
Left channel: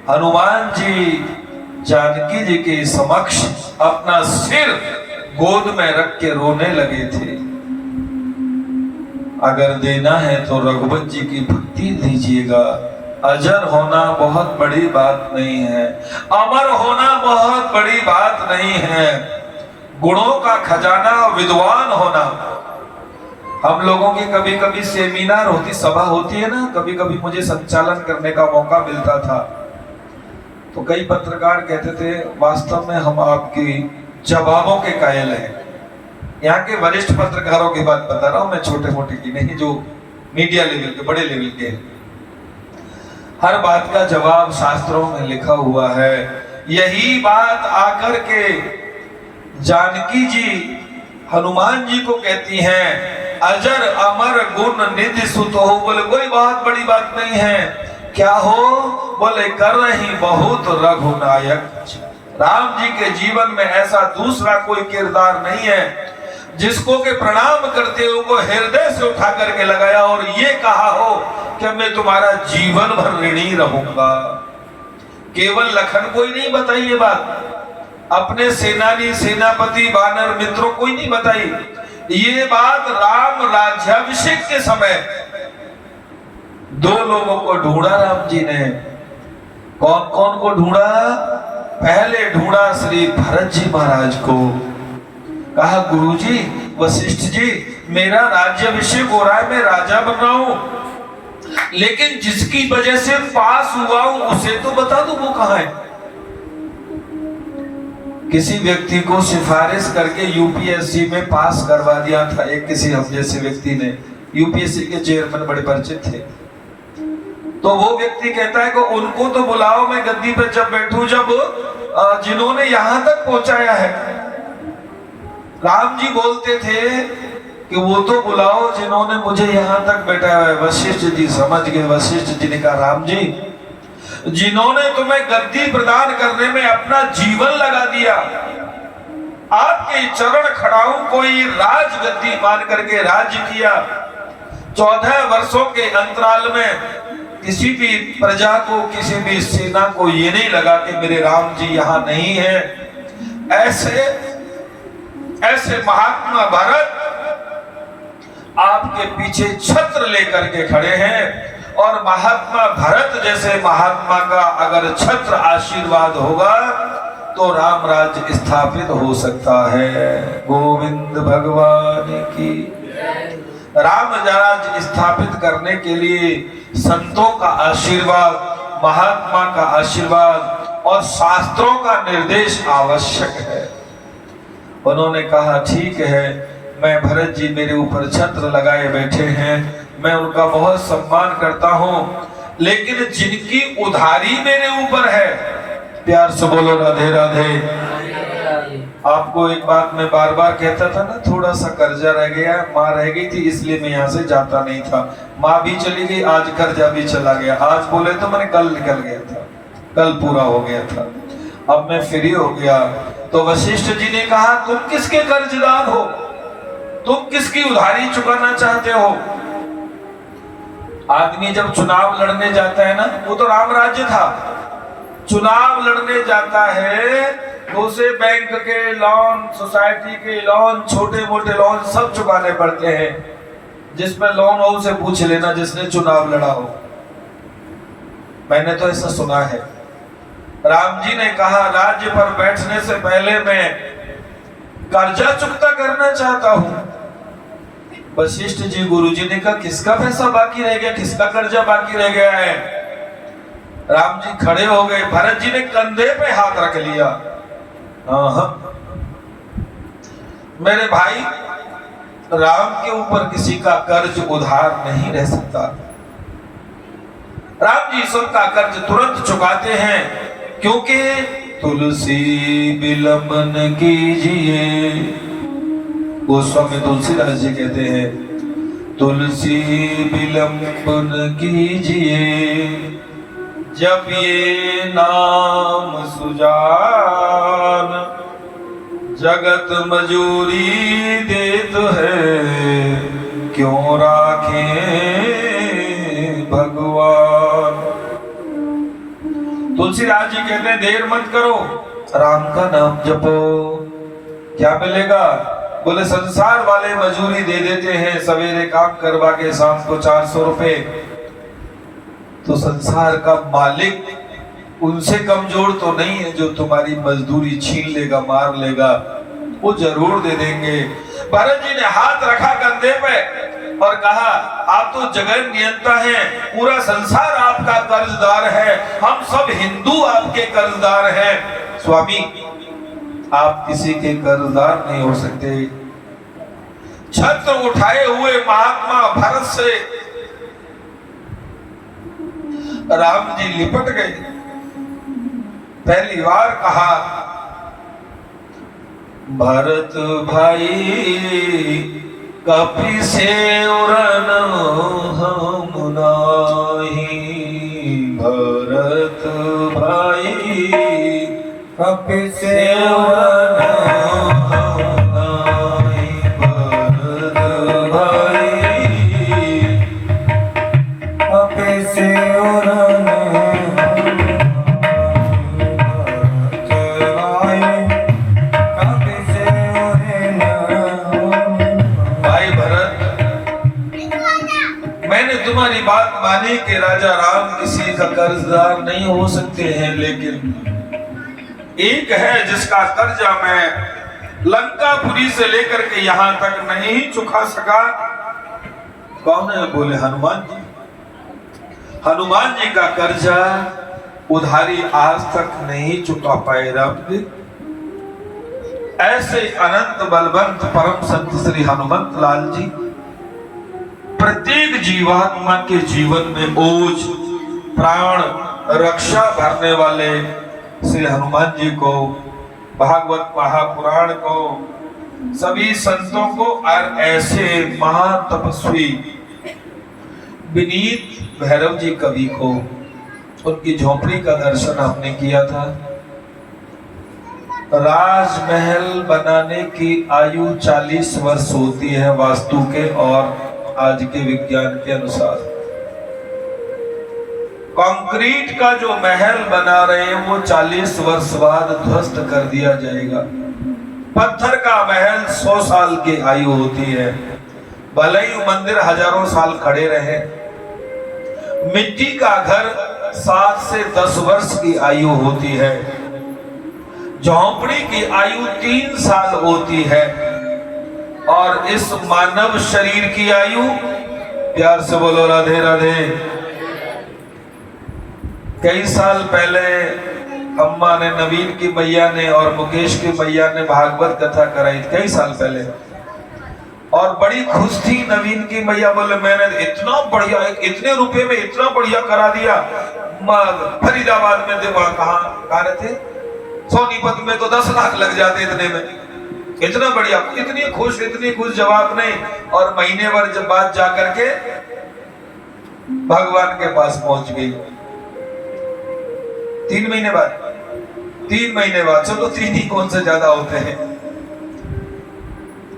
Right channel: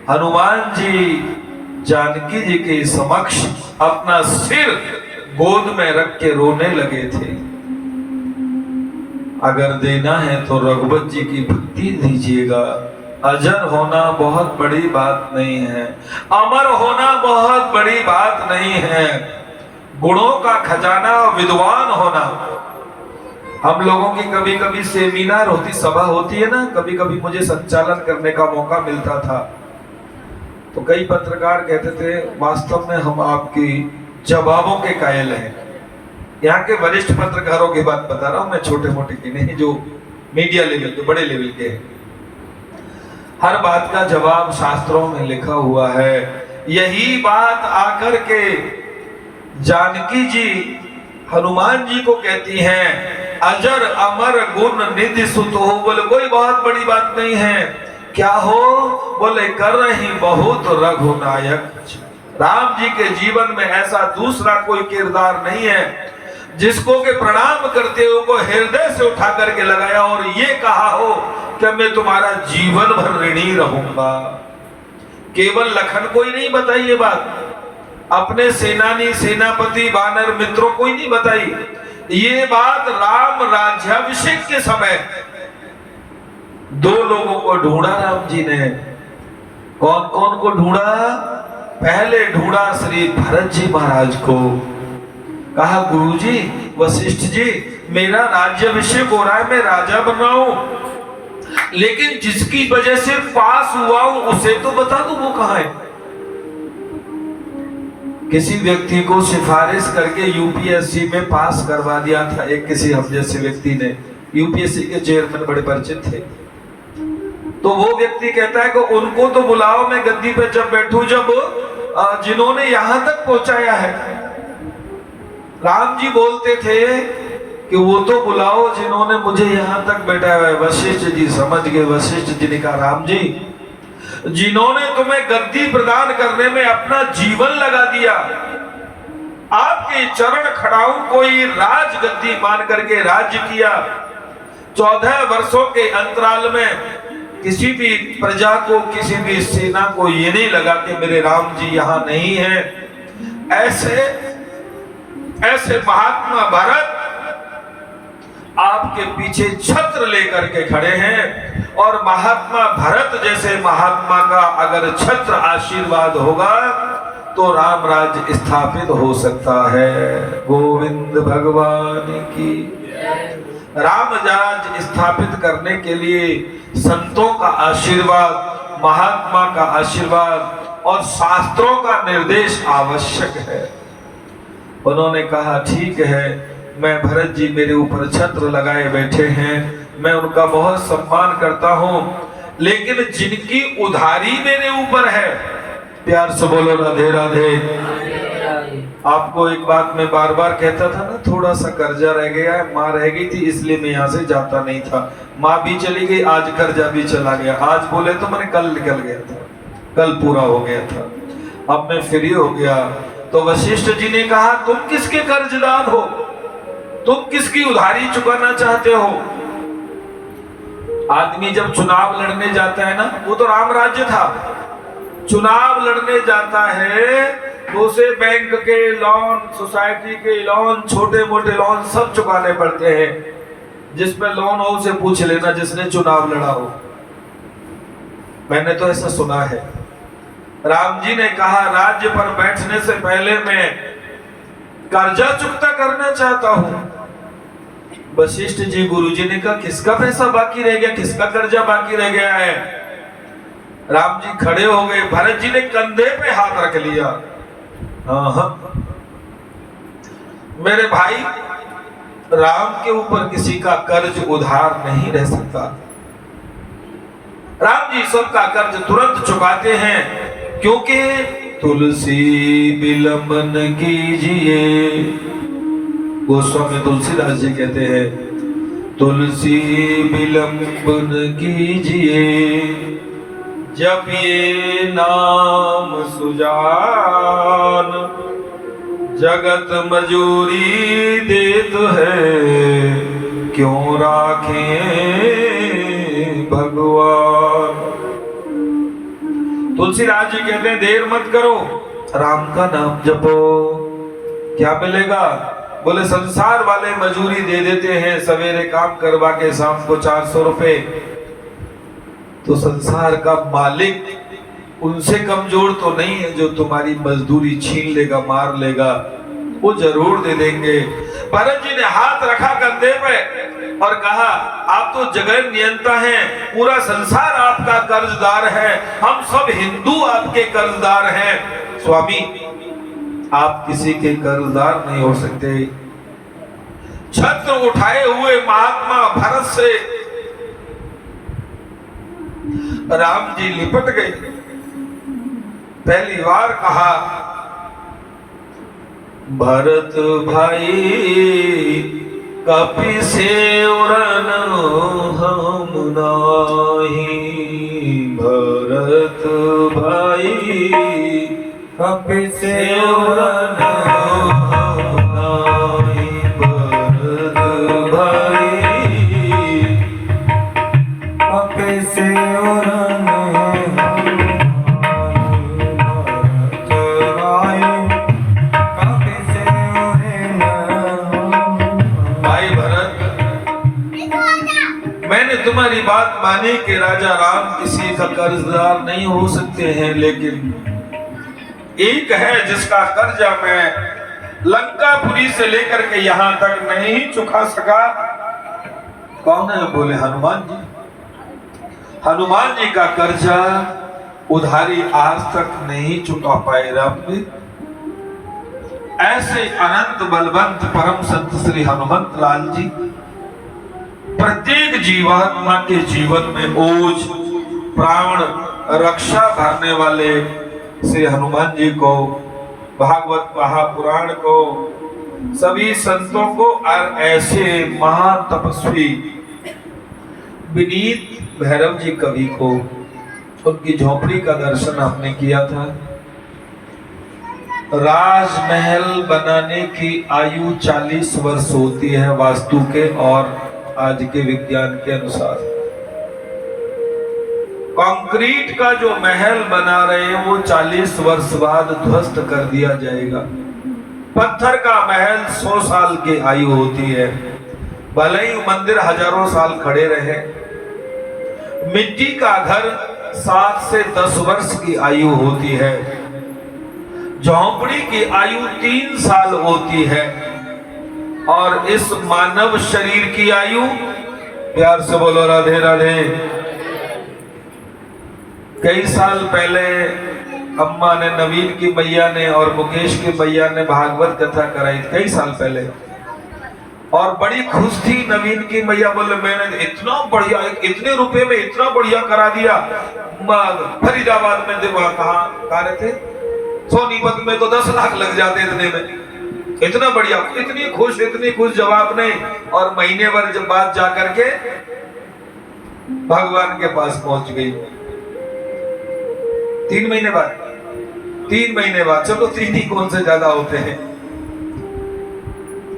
हनुमान जी जानकी जी के समक्ष अपना सिर गोद में रख के रोने लगे थे। अगर देना है तो रघुवत जी की भक्ति दीजिएगा। अजर होना बहुत बड़ी बात नहीं है, अमर होना बहुत बड़ी बात नहीं है। गुणों का खजाना विद्वान होना। हम लोगों की कभी कभी सेमिनार होती, सभा होती है ना, कभी कभी मुझे संचालन करने का मौका मिलता था। तो कई पत्रकार कहते थे वास्तव में हम आपकी जवाबों के कायल हैं। यहाँ के वरिष्ठ पत्रकारों की बात बता रहा हूं मैं, छोटे मोटे की नहीं, जो मीडिया लेवल के, बड़े लेवल के। हर बात का जवाब शास्त्रों में लिखा हुआ है। यही बात आकर के जानकी जी हनुमान जी को कहती हैं अजर अमर गुण निधि सुत हो। बोले कोई बहुत बड़ी बात नहीं है। क्या हो? बोले कर रही बहुत रघुनायक। राम जी के जीवन में ऐसा दूसरा कोई किरदार नहीं है जिसको के प्रणाम करते हो को हृदय से उठा करके लगाया और ये कहा हो कि मैं तुम्हारा जीवन भर ऋणी रहूंगा। केवल लखन को ही नहीं बताई ये बात, अपने सेनानी सेनापति वानर मित्रों को ही नहीं बताई। ये बात राम राज्याभिषेक के समय 2 लोगों को ढूंढा राम जी ने। कौन कौन को ढूंढा? पहले ढूंढा श्री भरत जी महाराज को। कहा गुरुजी, वशिष्ठ जी, मेरा राज्याभिषेक हो रहा है, मैं राजा बन रहा हूं, लेकिन जिसकी वजह से पास हुआ हूं उसे तो बता दो वो कहां है। किसी व्यक्ति को सिफारिश करके यूपीएससी में पास करवा दिया था एक किसी हम जैसे व्यक्ति ने, यूपीएससी के चेयरमैन बड़े परिचित थे। तो वो व्यक्ति कहता है कि उनको तो बुलाओ, मैं गद्दी पे जब बैठूं, जब जिन्होंने यहां तक पहुंचाया है। राम जी बोलते थे कि वो तो बुलाओ जिन्होंने मुझे यहां तक बैठाया है। वशिष्ठ जी समझ गए। वशिष्ठ जी ने कहा, राम जी, जिन्होंने तुम्हें गद्दी प्रदान करने में अपना जीवन लगा दिया, आपके चरण खड़ाऊ कोई राज गद्दी मान करके राज्य किया। 14 वर्षों के अंतराल में किसी भी प्रजा को, किसी भी सेना को ये नहीं लगा कि मेरे राम जी यहां नहीं है। ऐसे महात्मा भरत आपके पीछे छत्र लेकर के खड़े हैं, और महात्मा भरत जैसे महात्मा का अगर छत्र आशीर्वाद होगा तो राम राज्य स्थापित हो सकता है। गोविंद भगवान की। राम राज्य स्थापित करने के लिए संतों का आशीर्वाद, महात्मा का आशीर्वाद और शास्त्रों का निर्देश आवश्यक है। उन्होंने कहा, ठीक है, मैं भरत जी मेरे ऊपर छत्र लगाए बैठे हैं, मैं उनका बहुत सम्मान करता हूं, लेकिन जिनकी उधारी मेरे ऊपर है, प्यार से बोलो राधे राधे। आपको एक बात मैं बार बार कहता था ना, थोड़ा सा कर्जा रह गया है, माँ रह गई थी इसलिए मैं यहाँ से जाता नहीं था। माँ भी चली गई, आज कर्जा भी चला गया। आज बोले तो मैंने कल निकल गया था, कल पूरा हो गया था, अब मैं फ्री हो गया। तो वशिष्ठ जी ने कहा, तुम किसके कर्जदार हो, तुम किसकी उधारी चुकाना चाहते हो। आदमी जब चुनाव लड़ने जाता है ना, वो तो राम राज्य था, चुनाव लड़ने जाता है तो उसे बैंक के लोन, सोसाइटी के लोन, छोटे मोटे लोन सब चुकाने पड़ते हैं। जिसमें लोन हो उसे पूछ लेना जिसने चुनाव लड़ा हो, मैंने तो ऐसा सुना है। राम जी ने कहा, राज्य पर बैठने से पहले मैं कर्जा चुकता करना चाहता हूं। वशिष्ठ जी गुरु जी ने कहा, किसका पैसा बाकी रह गया, किसका कर्जा बाकी रह गया है। राम जी खड़े हो गए, भरत जी ने कंधे पे हाथ रख लिया। मेरे भाई, राम के ऊपर किसी का कर्ज उधार नहीं रह सकता। राम जी सबका कर्ज तुरंत चुकाते हैं, क्योंकि तुलसी विलंबन कीजिए। गोस्वामी तुलसीदास जी कहते हैं, तुलसी विलंबन कीजिए, जब ये नाम सुजान, जगत मजूरी देत है, क्यों राखें भगवान। तुलसीदास जी कहते हैं, देर मत करो, राम का नाम जपो। क्या मिलेगा? बोले, संसार वाले मजूरी दे देते हैं, सवेरे काम करवा के शाम को 400 रुपए। तो संसार का मालिक उनसे कमजोर तो नहीं है जो तुम्हारी मजदूरी छीन लेगा, मार लेगा, वो जरूर दे देंगे। भरत जी ने हाथ रखा कंधे पे और कहा, आप तो जगत नियंता हैं, पूरा संसार आपका कर्जदार है, हम सब हिंदू आपके कर्जदार हैं। स्वामी, आप किसी के कर्जदार नहीं हो सकते। छत्र उठाए हुए महात्मा भरत से राम जी लिपट गए। पहली बार कहा, भरत भाई कपि से उरन हम नाही। भरत भाई कपि से उरन हम नाही। भरत भाई कपि से उरन तुम्हारी बात मानी कि राजा राम किसी का कर्जदार नहीं हो सकते हैं, लेकिन एक है जिसका कर्जा मैं लंकापुरी से लेकर के यहां तक नहीं चुका सका। कौन है? बोले हनुमान जी। हनुमान जी का कर्जा उधारी आज तक नहीं चुका पाए राम जी। ऐसे अनंत बलवंत परम संत श्री हनुमंत लाल जी प्रत्येक जीवात्मा के जीवन में ओज प्राण रक्षा भरने वाले श्री हनुमान जी को, भागवत महापुराण को, सभी संतों को और ऐसे महातपस्वी विनीत भैरव जी कवि को उनकी झोपड़ी का दर्शन हमने किया था। राजमहल बनाने की आयु 40 वर्ष होती है वास्तु के और आज के विज्ञान के अनुसार। कंक्रीट का जो महल बना रहे हैं वो 40 वर्ष बाद ध्वस्त कर दिया जाएगा। पत्थर का महल 100 साल की आयु होती है, भले ही मंदिर हजारों साल खड़े रहे। मिट्टी का घर 7 से 10 वर्ष की आयु होती है। झोंपड़ी की आयु 3 साल होती है और इस मानव शरीर की आयु, प्यार से बोलो राधे राधे। कई साल पहले अम्मा ने, नवीन की मैया ने और मुकेश की मैया ने भागवत कथा कराई, कई साल पहले, और बड़ी खुश थी नवीन की मैया। बोले मैंने इतना बढ़िया, इतने रुपए में इतना बढ़िया करा दिया। फरीदाबाद में थे, वहां कहाँ रहे थे, सोनीपत में तो 10 लाख लग जाते इतने में। इतना बढ़िया, इतनी खुश जवाब नहीं। और महीने भर जब बात जा करके भगवान के पास पहुंच गई। 3 महीने बाद, चलो 3 ही कौन से ज्यादा होते हैं।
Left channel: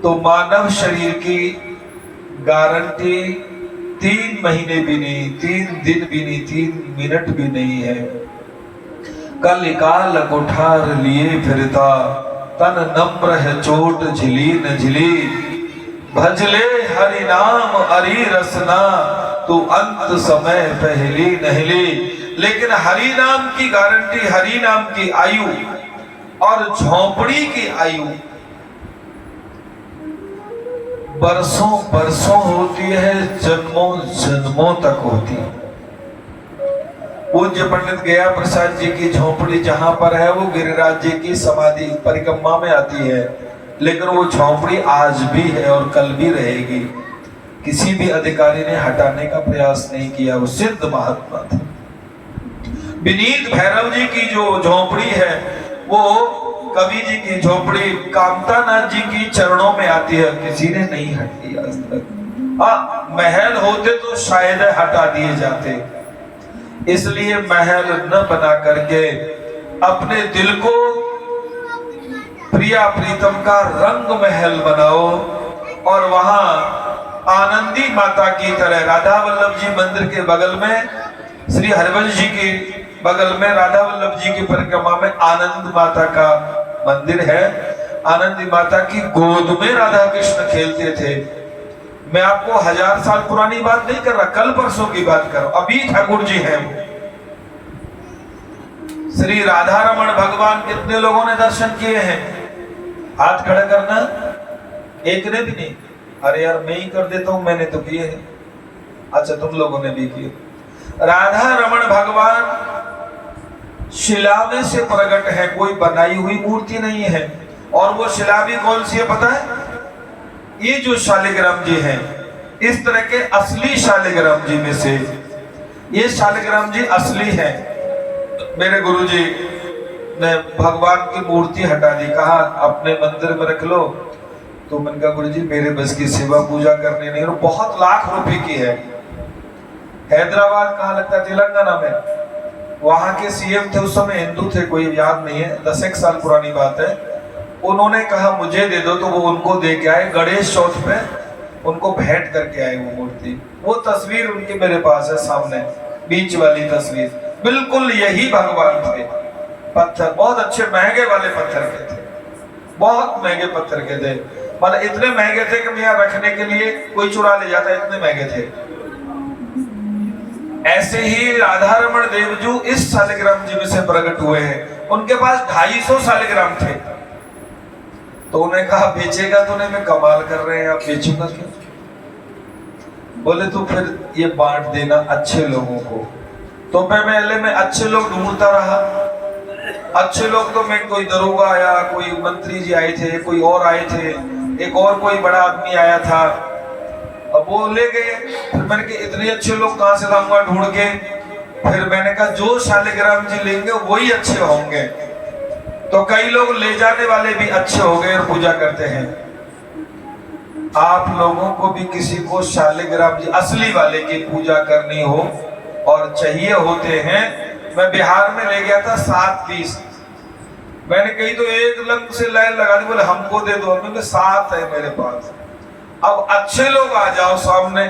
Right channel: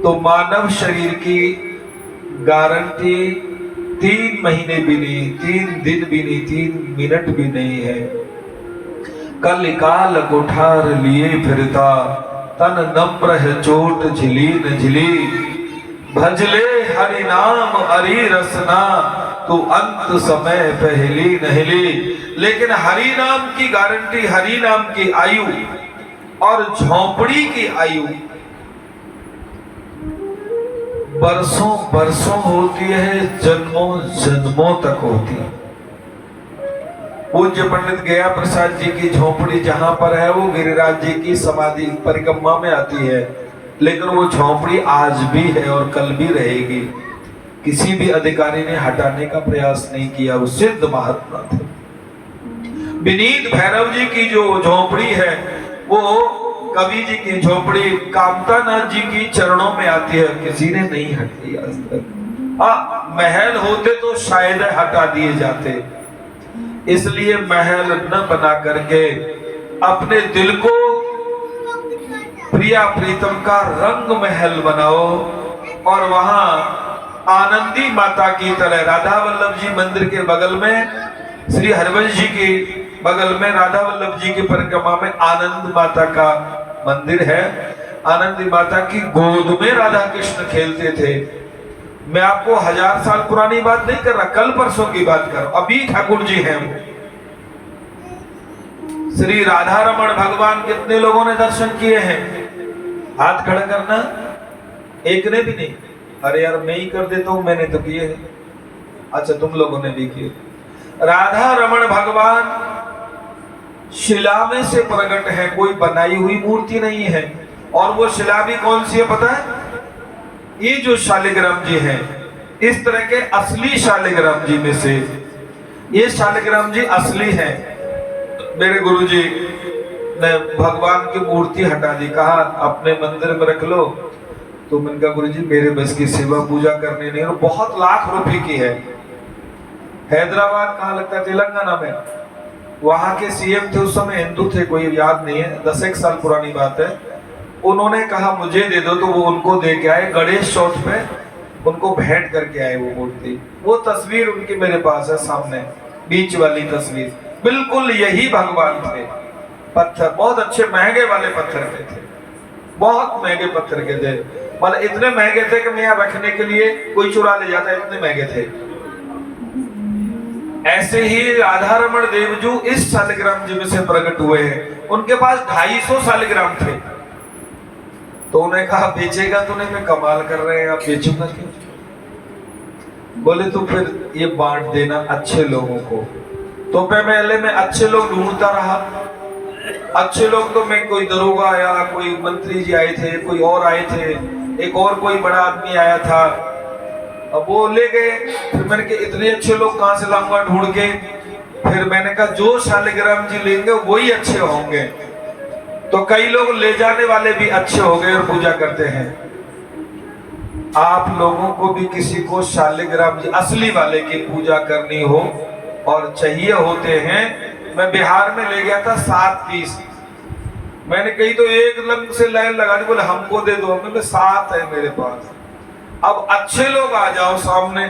तो मानव शरीर की गारंटी 3 महीने भी नहीं, 3 दिन भी नहीं, 3 मिनट भी नहीं है। कल काल कुठार लिए फिरता, तन नम्र है चोट झिली न झिली। भजले हरि नाम हरि रसना, तू अंत समय पहली नहली। लेकिन हरि नाम की गारंटी, हरि नाम की आयु और झोंपड़ी की आयु बरसों बरसों होती है, जन्मों जन्मों तक होती है। पूज्य पंडित गया प्रसाद जी की झोपड़ी जहां पर है वो गिरिराज जी की समाधि परिक्रमा में आती है, लेकिन वो झोपड़ी आज भी है और कल भी रहेगी। किसी भी अधिकारी ने हटाने का प्रयास नहीं किया, वो सिद्ध महात्मा थे। विनीत भैरव जी की जो झोपड़ी है वो कवि जी की झोपड़ी कामतानाथ जी की चरणों में आती है, किसी ने नहीं हटाई आज तक। हाँ, महल होते तो शायद हटा दिए जाते, इसलिए महल न बना करके अपने दिल को प्रिया प्रीतम का रंग महल बनाओ और वहां आनंदी माता की तरह, राधा वल्लभ जी मंदिर के बगल में, श्री हरिवंश जी के बगल में राधा वल्लभ जी की परिक्रमा में आनंद माता का मंदिर है। आनंदी माता की गोद में राधा कृष्ण खेलते थे। मैं आपको 1000 साल पुरानी बात नहीं कर रहा, कल परसों की बात कर रहा हूं। अभी ठाकुर जी हैं वो। श्री राधा रमण भगवान कितने लोगों ने दर्शन किए हैं? हाथ खड़ा करना, एक ने भी नहीं। अरे यार मैं ही कर देता हूं, मैंने तो किए हैं। अच्छा तुम लोगों ने भी किए। राधा रमण भगवान शिला में से प्रकट है, कोई बनाई हुई मूर्ति नहीं है। और वो शिला भी कौन सी है पता है? ये जो शालिग्राम जी हैं, इस तरह के असली शालिग्राम जी में से ये शालिग्राम जी असली है। मेरे गुरुजी ने भगवान की मूर्ति हटा दी, कहा अपने मंदिर में रख लो। तो मैंने कहा गुरुजी मेरे बस की सेवा पूजा करने नहीं, बहुत लाख रुपए की है। हैदराबाद कहाँ लगता है? तेलंगाना में। वहां के सीएम थे उस समय, हिंदू थे, कोई याद नहीं है, 10 साल पुरानी बात है। उन्होंने कहा मुझे दे दो, तो वो उनको दे के आए। गणेश चौथ पे उनको भेंट करके आए वो मूर्ति। वो तस्वीर उनकी मेरे पास है सामने, बीच वाली तस्वीर। बिल्कुल यही भगवान थे। पत्थर बहुत अच्छे महंगे वाले पत्थर के थे, बहुत महंगे पत्थर के थे। मतलब इतने महंगे थे कि मैं यहाँ रखने के लिए कोई चुरा ले जाता, इतने महंगे थे। ऐसे ही राधा रमण देवजू इस शालिग्राम जी में से प्रकट हुए हैं। उनके पास 250 शालिग्राम थे। तो उन्हें कहा बेचेगा तो नहीं, मैं कमाल कर रहे हैं, आप बेचूंगा क्यों? बोले तो फिर ये बांट देना अच्छे लोगों को। तो पहले मैं अच्छे लोग ढूंढता रहा। अच्छे लोग तो मैं, कोई दरोगा आया, कोई मंत्री जी आए थे, कोई और आए थे, एक और कोई बड़ा आदमी आया था, अब वो ले गए। फिर मैंने कहा इतने अच्छे लोग कहां से लाऊंगा ढूंढ के? फिर मैंने कहा जो शालिग्राम जी लेंगे वही अच्छे होंगे। तो कई लोग ले जाने वाले भी अच्छे हो गए और पूजा करते हैं। आप लोगों को भी किसी को शालिग्राम जी असली वाले की पूजा करनी हो और चाहिए होते हैं, मैं बिहार में ले गया था 7 पीस। मैंने कही तो एक लंग से लाइन लगा दी, बोले हमको दे दो। मैंने 7 है मेरे पास। अब अच्छे लोग आ जाओ सामने।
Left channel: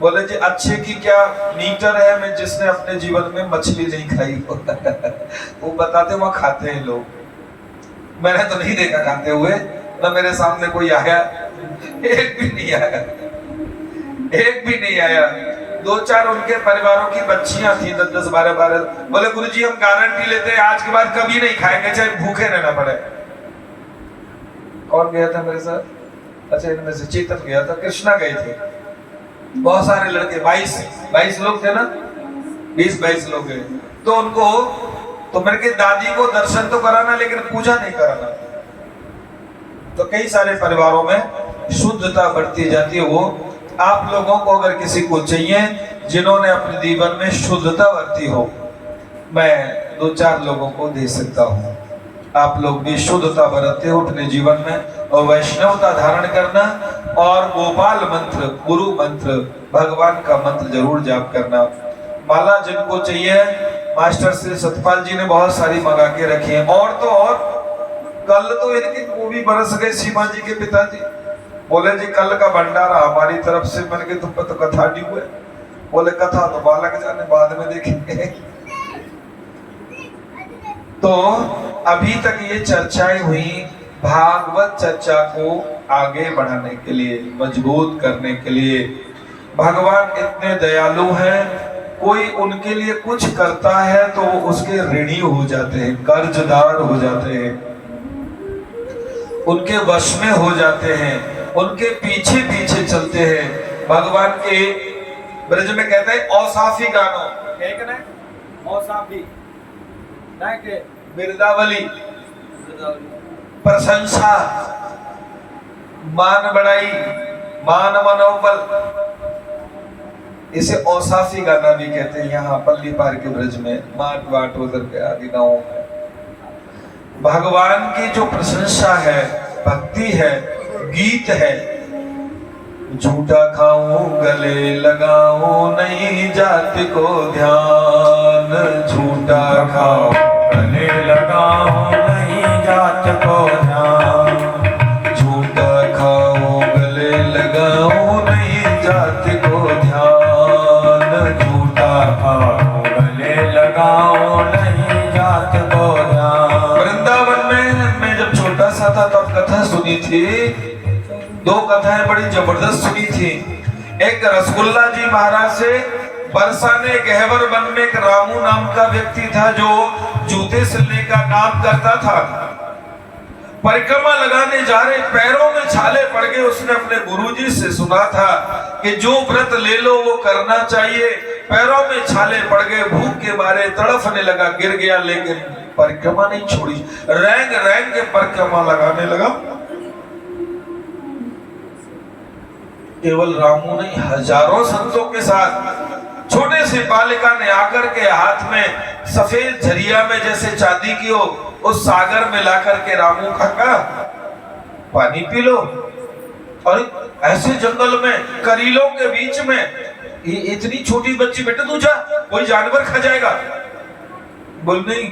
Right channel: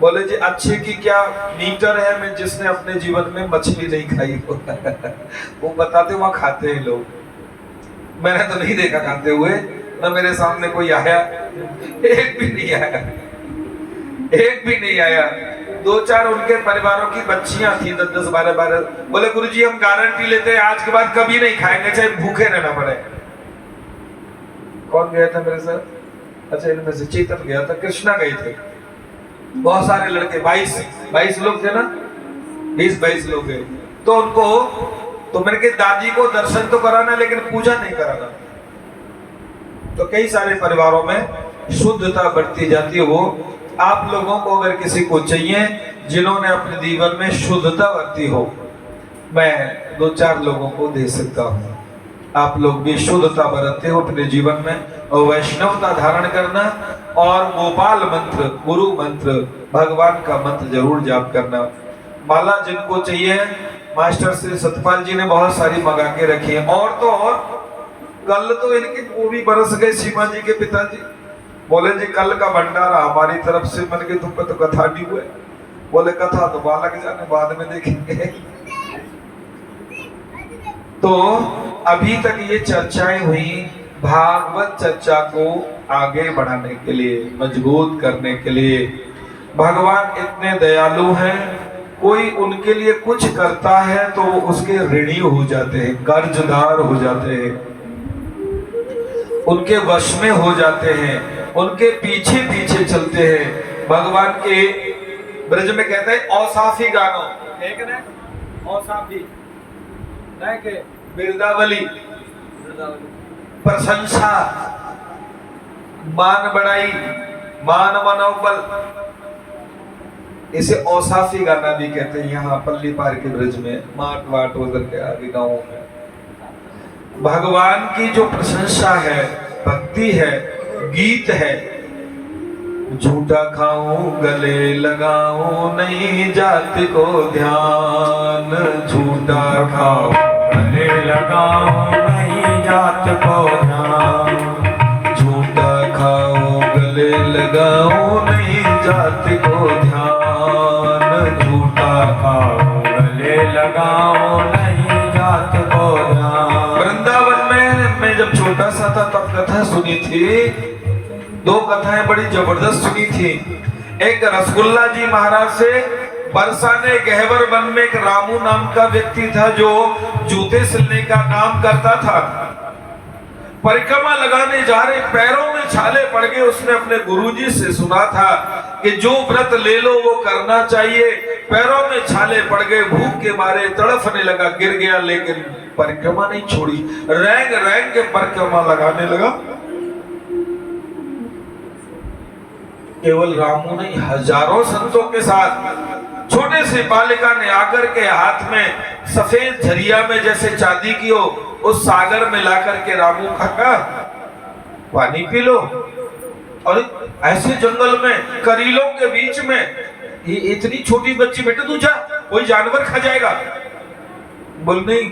बोले जी अच्छे की क्या मीटर है? मैं जिसने अपने जीवन में मछली नहीं खाई हो वो बताते वहां खाते हैं लोग, मैंने तो नहीं देखा खाते हुए, ना मेरे सामने कोई आया, एक भी नहीं आया, एक भी नहीं आया। 2-4 उनके परिवारों की बच्चियां थी, 10-10, 12-12। बोले गुरुजी हम गारंटी लेते हैं आज के बाद कभी नहीं खाएंगे, चाहे भूखे रहना पड़े। कौन गया था मेरे साथ? अच्छा इनमें से चेतन गया था, कृष्णा गए थे, बहुत सारे लड़के, 22 लोग थे ना, 20-22 लोग गए। तो उनको, तो मेरे के दादी को दर्शन तो कराना लेकिन पूजा नहीं कराना। तो कई सारे परिवारों में शुद्धता बढ़ती जाती है। वो आप लोगों को अगर किसी को चाहिए जिन्होंने अपने जीवन में शुद्धता बरती हो, मैं 2-4 लोगों को दे सकता हूँ। आप लोग भी शुद्धता बरतते हो अपने जीवन में और वैष्णवता धारण करना, और गोपाल मंत्र, गुरु मंत्र, भगवान का मंत्र जरूर जाप करना। माला जिनको चाहिए, मास्टर श्री सतपाल जी ने बहुत सारी मंगा के रखी है। और तो और कल तो इनके वो भी बरस गए, सीमा जी के पिताजी बोले जी कल का भंडारा हमारी तरफ से। मैंने कहा तुम पे तो कथा नहीं हुए। बोले कथा तो बालक जाने, बाद में देखेंगे। तो अभी तक ये चर्चाएं हुई भागवत चर्चा को आगे बढ़ाने के लिए, मजबूत करने के लिए। भगवान इतने दयालु हैं, कोई उनके लिए कुछ करता है तो उसके ऋणी हो जाते हैं, कर्जदार हो जाते हैं, उनके वश में हो जाते हैं, उनके पीछे पीछे चलते हैं। भगवान के ब्रज में कहते हैं औसाफी गानो, एक ना औसाफी नहीं के बिरदावली, प्रशंसा, मान बढ़ाई, मान मनोबल, इसे औसाफी गाना भी कहते हैं। यहाँ पल्ली पार के ब्रज में, माट वाट उधर के आदि गांवों में भगवान की जो प्रशंसा है, भक्ति है, गीत है। झूठा खाऊं गले लगाऊं नहीं जाति को ध्यान, झूठा खाऊं गले लगाऊं नहीं जात को ध्यान, झूठा खाऊं गले लगाऊं नहीं जाति को ध्यान, झूठा खाऊं गले लगाऊं नहीं जात को ध्यान। वृंदावन में मैं जब छोटा सा था तब कथा सुनी थी, 2 कथाएं बड़ी जबरदस्त सुनी थी। एक रसगुल्ला जी महाराज से बरसाने गहवर वन में एक रामू नाम का व्यक्ति था जो जूते सिलने का काम करता था। परिक्रमा लगाने जा रहे, पैरों में छाले पड़ गए। उसने अपने गुरुजी से सुना था कि जो व्रत ले लो वो करना चाहिए। पैरों में छाले पड़ गए, भूख के मारे तड़फने लगा, गिर गया, लेकिन परिक्रमा नहीं छोड़ी, रैंग रैंग के परिक्रमा लगाने लगा। केवल रामू नहीं, हजारों संतों के साथ छोटे से बालिका ने आकर के हाथ में सफेद झरिया में जैसे चांदी की हो, उस सागर में लाकर के रामू का कहा पानी पी लो। और ऐसे जंगल में करीलों के बीच में ये इतनी छोटी बच्ची, बेटा तू जा, कोई जानवर खा जाएगा। बोल नहीं,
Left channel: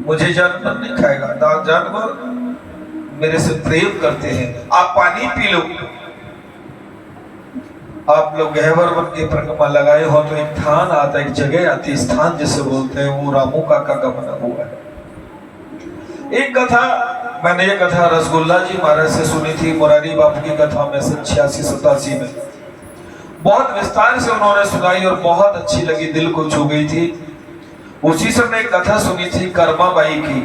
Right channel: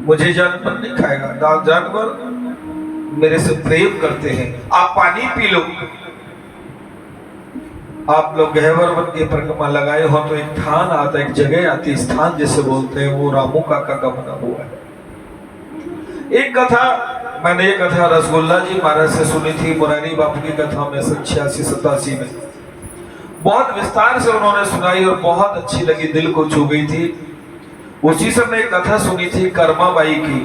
मुझे जानवर नहीं खाएगा, जानवर मेरे से प्रेम करते हैं, आप पानी पी लो। आप लोग गहवर वन की परिक्रमा लगाए हो तो एक स्थान आता, एक जगह आती, स्थान जिसे बोलते हैं, वो रामू काका का बना हुआ है। एक कथा मैंने, ये कथा रसगुल्ला जी महाराज से सुनी थी, मुरारी बापू की कथा में 86-87 में। बहुत विस्तार से उन्होंने सुनाई और बहुत अच्छी लगी, दिल को छू गई थी। उसी समय एक कथा सुनी थी कर्मा बाई की।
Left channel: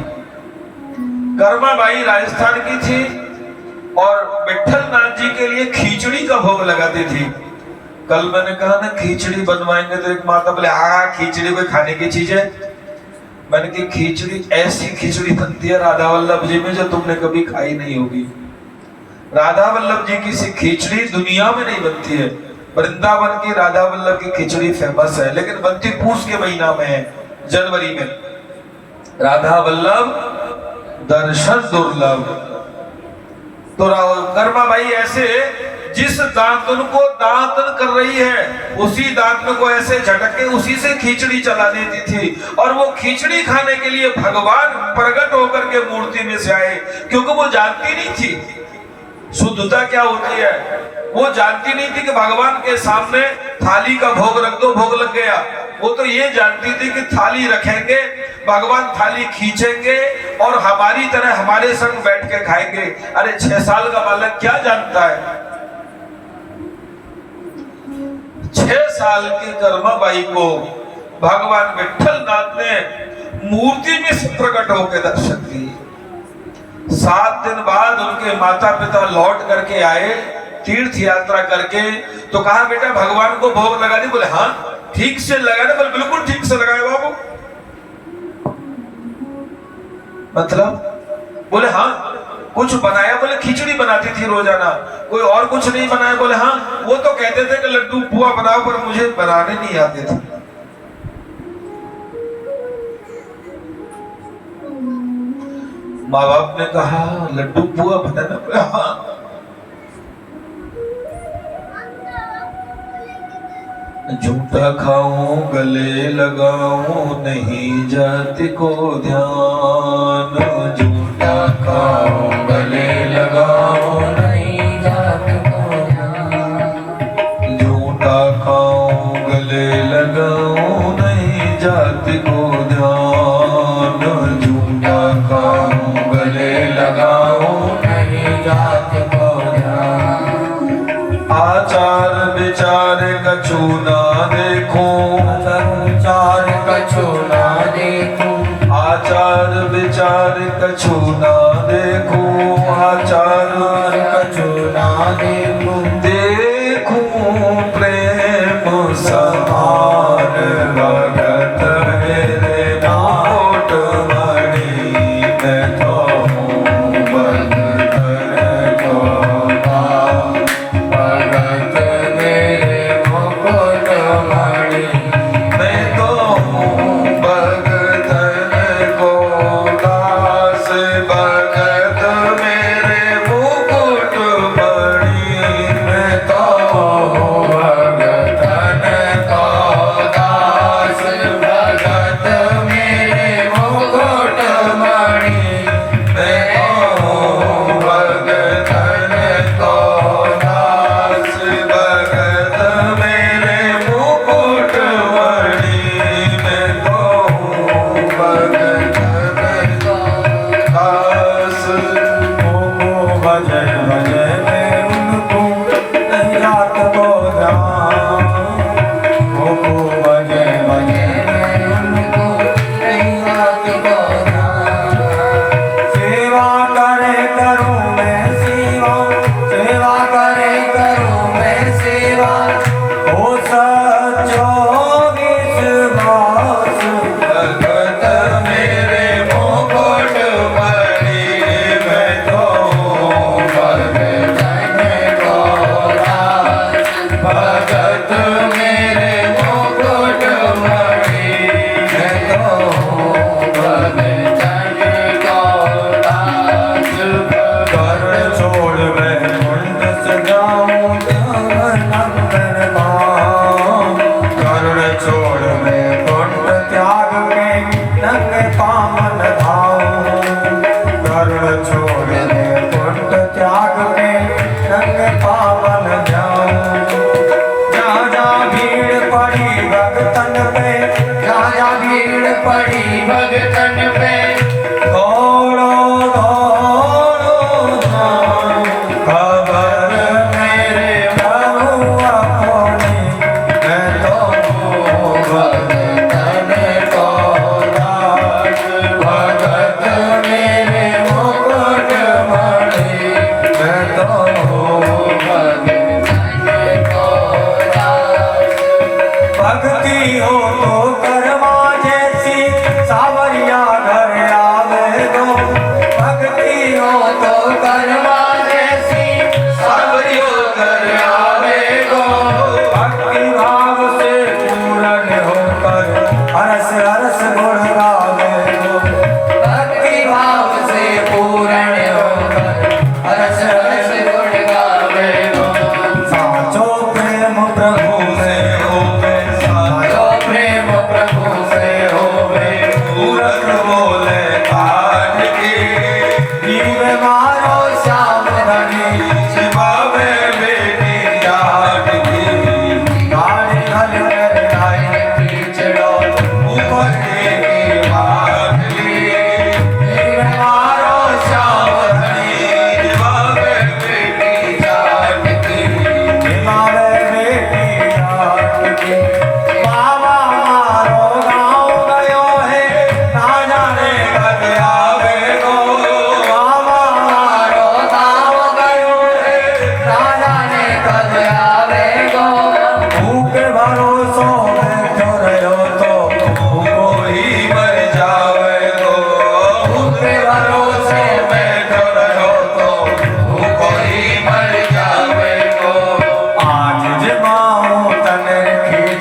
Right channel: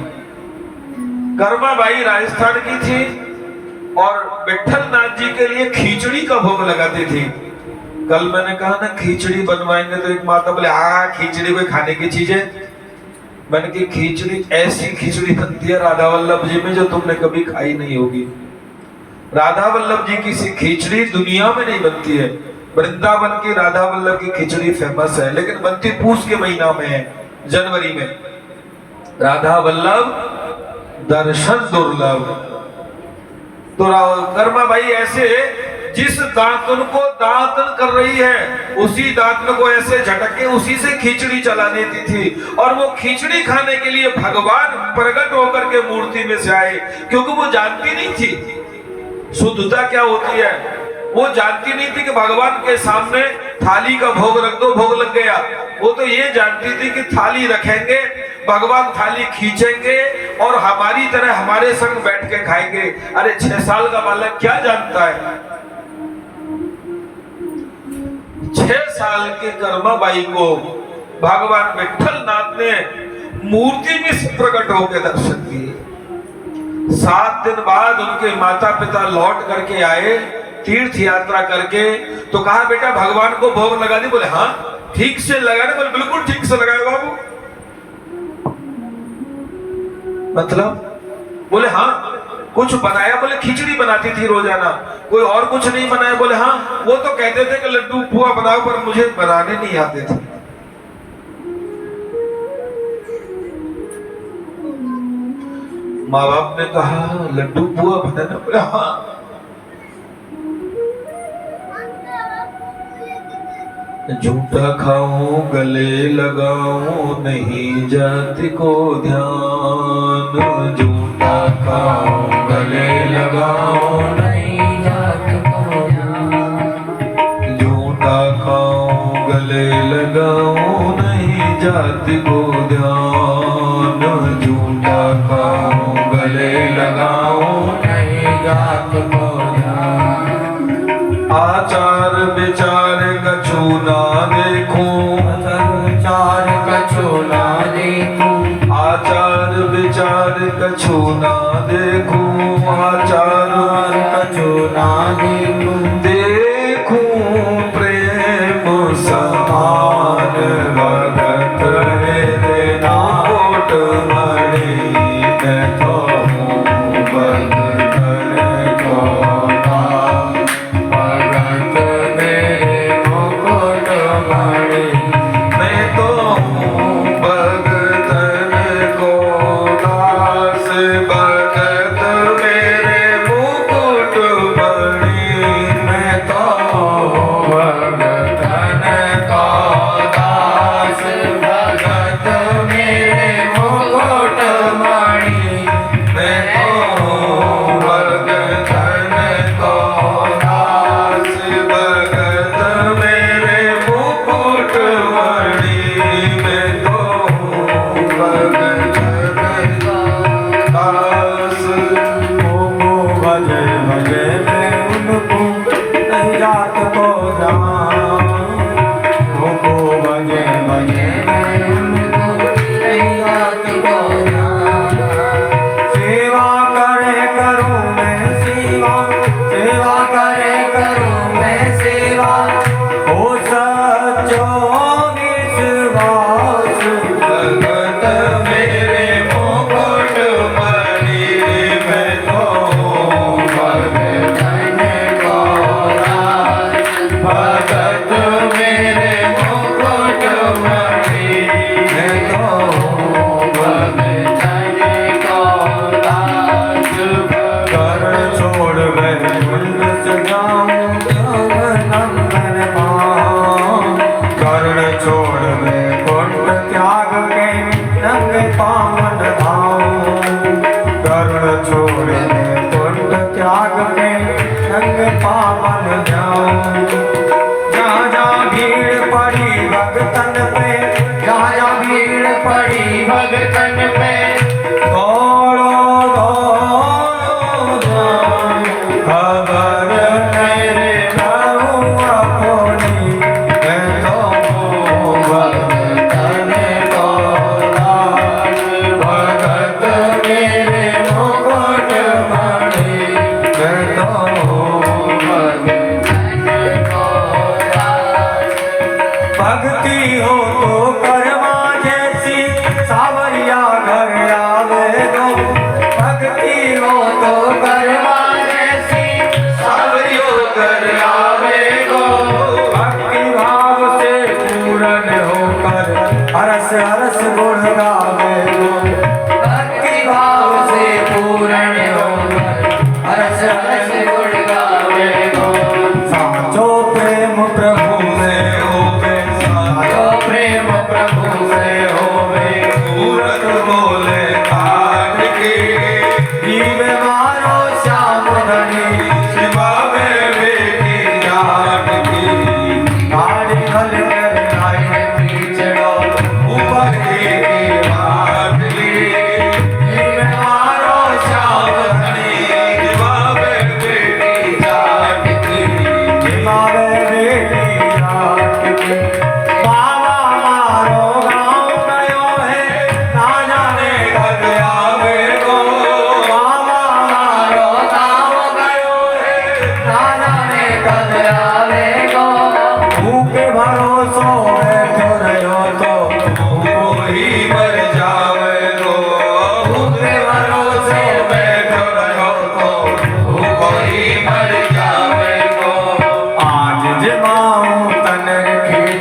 कर्माबाई राजस्थान की थी और विठल नाथ जी के लिए खिचड़ी का भोग लगाती थी। कल मैंने कहा ना खिचड़ी बनवाएंगे, तो एक माता बोले हाँ खिचड़ी कोई खाने की चीज है। मैंने की खिचड़ी ऐसी खिचड़ी बनती है राधा वल्लभ जी में जो तुमने कभी खाई नहीं होगी। राधा वल्लभ जी की सी खिचड़ी दुनिया में नहीं बनती है। वृंदावन की राधा वल्लभ की खिचड़ी फेमस है, लेकिन बनती पूस के महीना में है, जनवरी में। राधा वल्लभ दर्शन दुर्लभ। तो कर्माबाई ऐसे जिस दांतन को दांतन कर रही है उसी दांतन को ऐसे झटके उसी से खिचड़ी चला देती थी। और वो खिचड़ी खाने के लिए भगवान प्रकट होकर के मूर्ति में से आए, क्योंकि वो जानती नहीं थी शुद्धता क्या होती है। वो जानती नहीं थी कि भगवान के सामने थाली का भोग रख दो, भोग लग गया। वो तो ये जानती थी कि थाली रखेंगे, भगवान थाली खींचेंगे और हमारी तरह हमारे संग बैठ के खाएंगे। अरे 6 साल का बालक क्या जानता है। 6 साल की कर्माबाई को भगवान विठल नाथ ने मूर्ति में से प्रकट होकर दर्शन दिए। 7 दिन बाद उनके माता पिता लौट करके आए तीर्थ यात्रा करके, तो कहा बेटा भगवान को भोग लगा दी। बोले हाँ ठीक से लगाने। बोले बिल्कुल ठीक से लगाए बाबू। मतलब बोले हाँ कुछ बनाया। बोले खिचड़ी बनाती थी रोजाना, कोई और कुछ नहीं बनाया। बोले हाँ वो तो कहते थे कि लड्डू पुआ बनाओ, पर मुझे बनाने नहीं आते थे। माँ बाप ने कहा लड्डू पुआ बनाना। बोले हाँ। झूठा खाऊं गले लगाऊं नहीं जाति को ध्यान। झूठा खाऊं गले लगाऊं नहीं जाति को ध्यान। झूठा खाऊं गले लगाऊं नहीं जाति को ध्यान। झूठा खाऊं गले लगाऊं नहीं जाति को ध्यान। आचार विचार कछु ना देखूं। आचार कछु ना देखूं। आचार विचार कछु ना देखूं। आचार कछु ना देखूं। देखूं प्रेम समान भगत मेरे नाट मणि। मैं तो हूँ भगत को पावन जाऊं। जहाँ जहाँ भीड़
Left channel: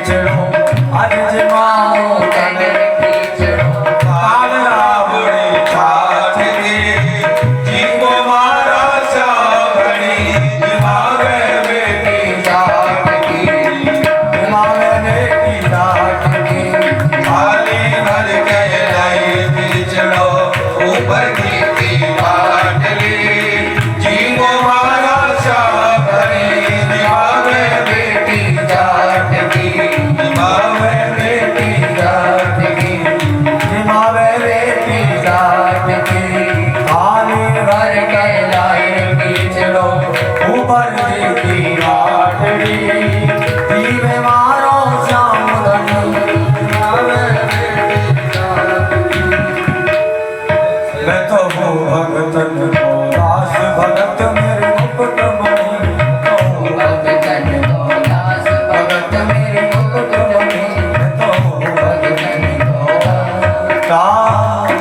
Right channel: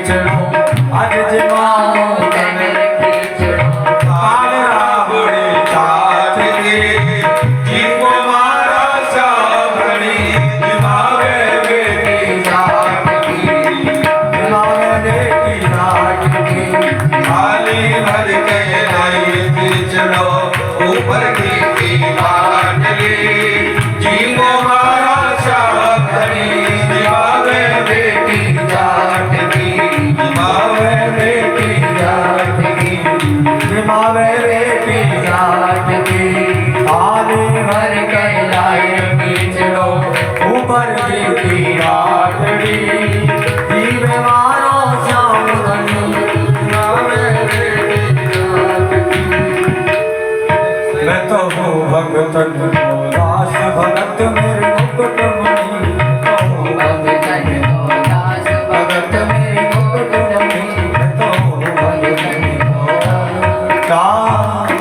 खींचड़ो अज जमाओ तन काल रावण ठाठ के जीव मारा सावणी दिमागे बेटी जाट की दिमागे बेटी जाट की खाली भर के लाई खींचड़ो ऊपर की बाटली जीव मारा सावणी दिमागे बेटी जाट की दिमागे बेटी जाट की दिमागे बेटी जाट की आने भर के लाई खींचड़ो ऊपर की बाटली जीव मारो सावणी दिमागे बेटी जाट की मैं तो हूँ भगतन को दास भगत मेरे मुकुट मणि भगत मेरे मुकुट मणि मैं तो हूँ भगतन को दास।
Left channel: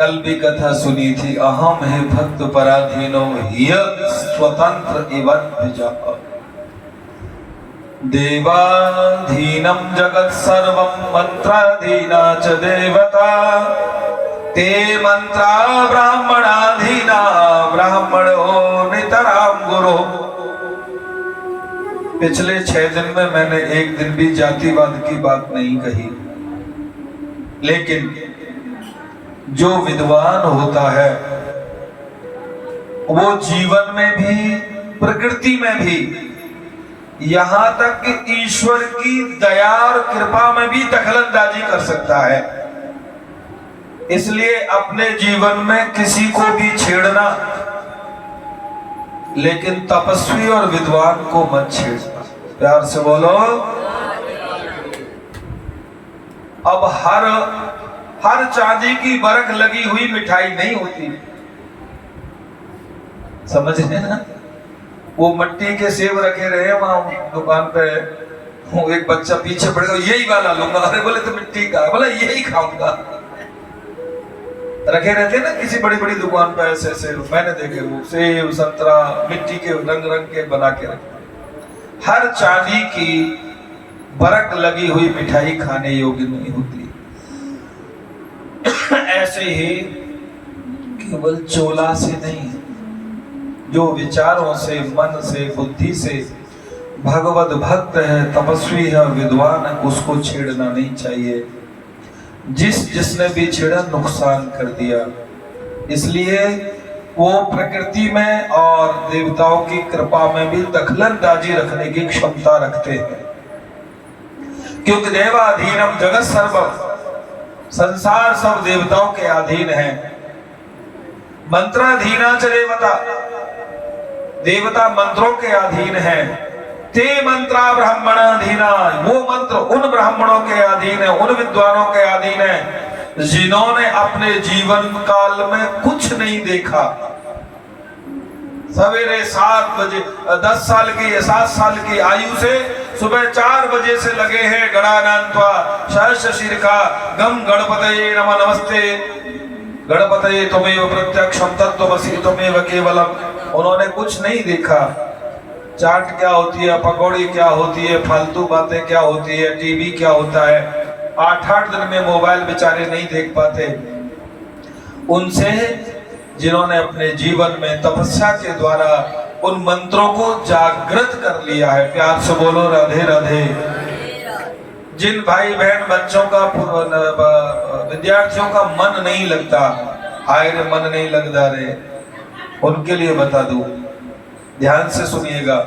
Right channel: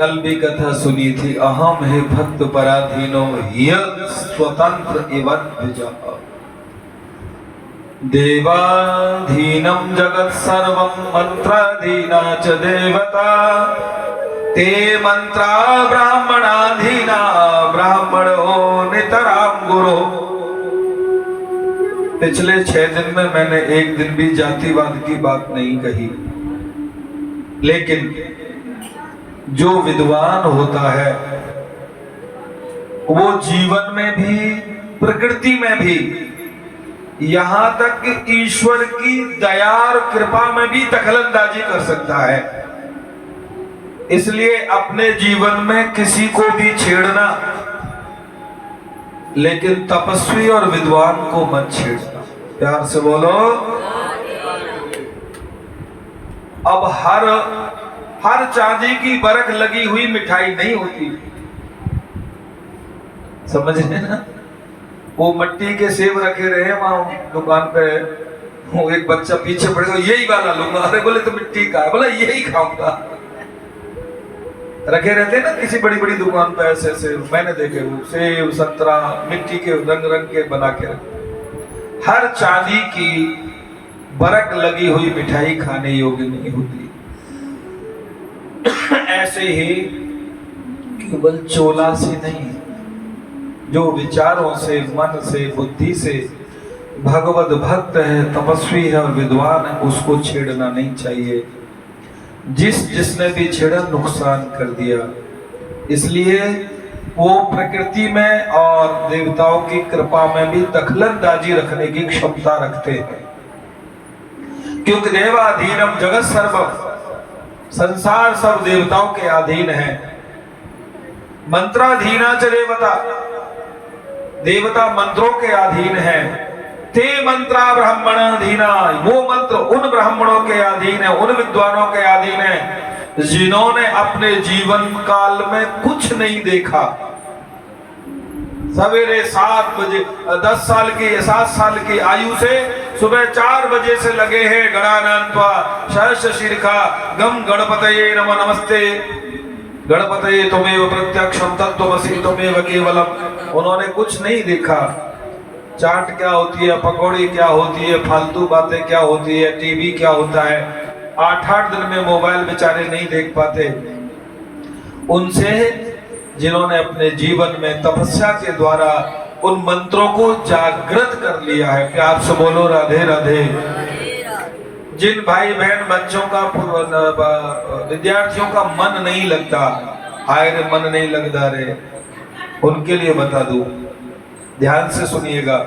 कल भी कथा सुनी थी, अहम है भक्त पराधीनो यद स्वतंत्र एवं विजापा देवाधीनं जगत् सर्वं मंत्राधीना च देवता ते मंत्रा ब्राह्मणाधीना ब्राह्मणो नितराम गुरु। पिछले 6 दिन में मैंने एक दिन भी जातिवाद की बात नहीं कही, लेकिन जो विद्वान होता है वो जीवन में भी प्रकृति में भी यहां तक कि ईश्वर की दया और कृपा में भी दखलंदाजी कर सकता है। इसलिए अपने जीवन में किसी को भी छेड़ना, लेकिन तपस्वी और विद्वान को मत छेड़ना। प्यार से बोलो। अब हर चांदी की बरख लगी हुई मिठाई नहीं होती, समझ रहे ना। वो मट्टी के सेब रखे रहे वहां दुकान पे, वो एक बच्चा पीछे पड़ेगा, यही वाला लूंगा। अरे बोले तो मिट्टी का है, बोला यही खाऊंगा। रखे रहते हैं ना किसी बड़ी बड़ी दुकान पे, ऐसे ऐसे मैंने देखे वो सेब संतरा मिट्टी के रंग रंग के बना के रखे। हर चांदी की बरक लगी हुई मिठाई खाने योग्य नहीं होती। ऐसे ही केवल चोला से नहीं, जो विचारों से मन से बुद्धि से भगवत भक्त है, तपस्वी है, विद्वान है, उसको छेड़ना नहीं चाहिए। जिसने भी छेड़ा नुकसान कर दिया। इसलिए वो प्रकृति में और देवताओं की कृपा में भी दखलंदाजी रखने की क्षमता रखते हैं, क्योंकि देवाधीनम जगत सर्वम, संसार सब देवताओं के अधीन है। मंत्राधीना च देवता, देवता मंत्रों के अधीन है। ते मंत्रा ब्राह्मणाधीना, वो मंत्र उन ब्राह्मणों के अधीन है, उन विद्वानों के अधीन है जिन्होंने अपने जीवन काल में कुछ नहीं देखा। सवेरे 7 बजे 10 साल की 7 साल की आयु से सुबह 4 बजे से लगे हैं गणानान्त्वा सहस्र शीर्षा गम गणपतये नमः नमस्ते गणपतये त्वमेव प्रत्यक्षम तत्त्वमसि त्वमेव केवलम। उन्होंने कुछ नहीं देखा। चाट क्या होती है, पकौड़ी क्या होती है, फालतू बातें क्या होती है, टीवी क्या होता है, 8-8 दिन में मोबाइल बेचारे नहीं देख पाते। उनसे जिन्होंने अपने जीवन में तपस्या के द्वारा उन मंत्रों को जागृत कर लिया है। प्यार से बोलो राधे राधे। जिन भाई बहन बच्चों का विद्यार्थियों का मन नहीं लगता, हाय रे मन नहीं लगता रे, उनके लिए बता दूं, ध्यान से सुनिएगा।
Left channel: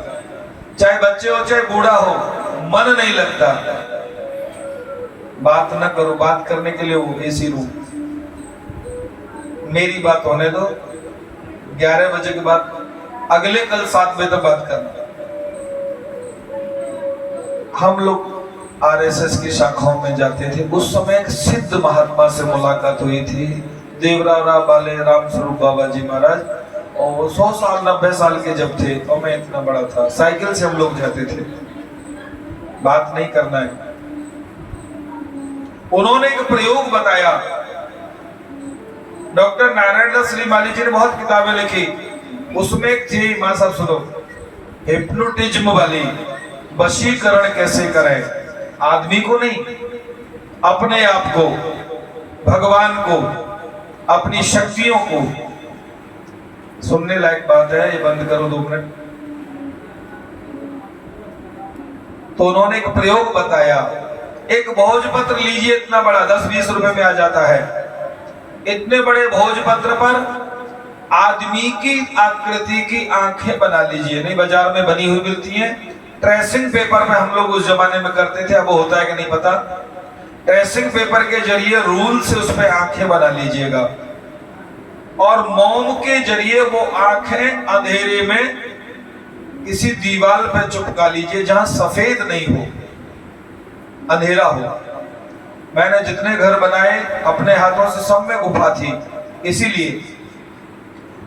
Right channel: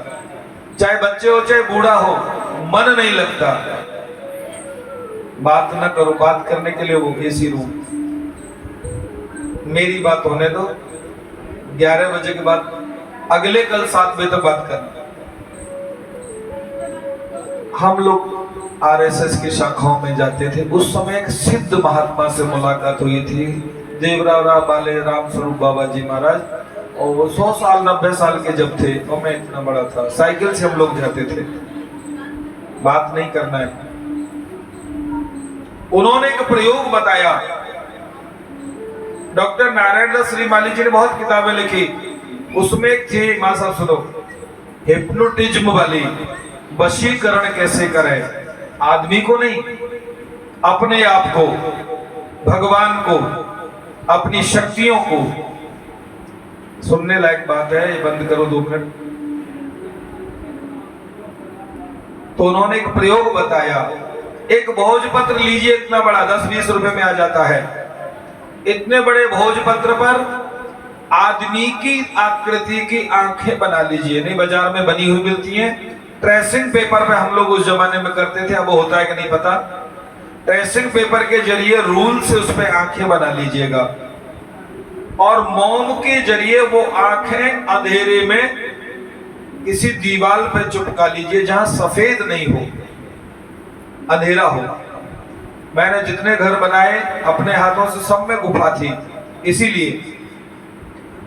चाहे बच्चे हो चाहे बूढ़ा हो, मन नहीं लगता, बात न करो। बात करने के लिए वो एसी रूम, मेरी बात होने दो। 11 बजे के बाद अगले कल 7 बजे तक बात करना। हम लोग आरएसएस की शाखाओं में जाते थे। उस समय एक सिद्ध महात्मा से मुलाकात हुई थी, देवराव बाले राम स्वरूप बाबा जी महाराज। और वो 100 साल 90 साल के जब थे, और मैं इतना बड़ा था, साइकिल से हम लोग जाते थे। बात नहीं करना है। उन्होंने एक प्रयोग बताया। डॉक्टर नारायण दास श्रीमाली जी ने बहुत किताबें लिखी, उसमें एक थी, मां साहब सुनो, हिप्नोटिज्म वाली, वशीकरण कैसे करें, आदमी को नहीं, अपने आप को, भगवान को, अपनी शक्तियों को। सुनने लायक बात है, ये बंद करो 2 मिनट। तो उन्होंने एक प्रयोग बताया, एक भोजपत्र लीजिए, इतना बड़ा 10-20 रुपए में आ जाता है। इतने बड़े भोजपत्र पर आदमी की आकृति की आंखें बना लीजिए, नहीं बाजार में बनी हुई मिलती हैं, ट्रेसिंग पेपर में हम लोग उस जमाने में करते थे, अब होता है कि नहीं पता। ट्रेसिंग पेपर के जरिए रूल से उस पर आंखें बना लीजिएगा और मोम के जरिए वो आंखें अंधेरे में किसी दीवार पे चिपका लीजिए जहां सफेद नहीं हो, अंधेरा हो। मैंने जितने घर बनाए अपने हाथों से, सब में गुफा थी इसीलिए।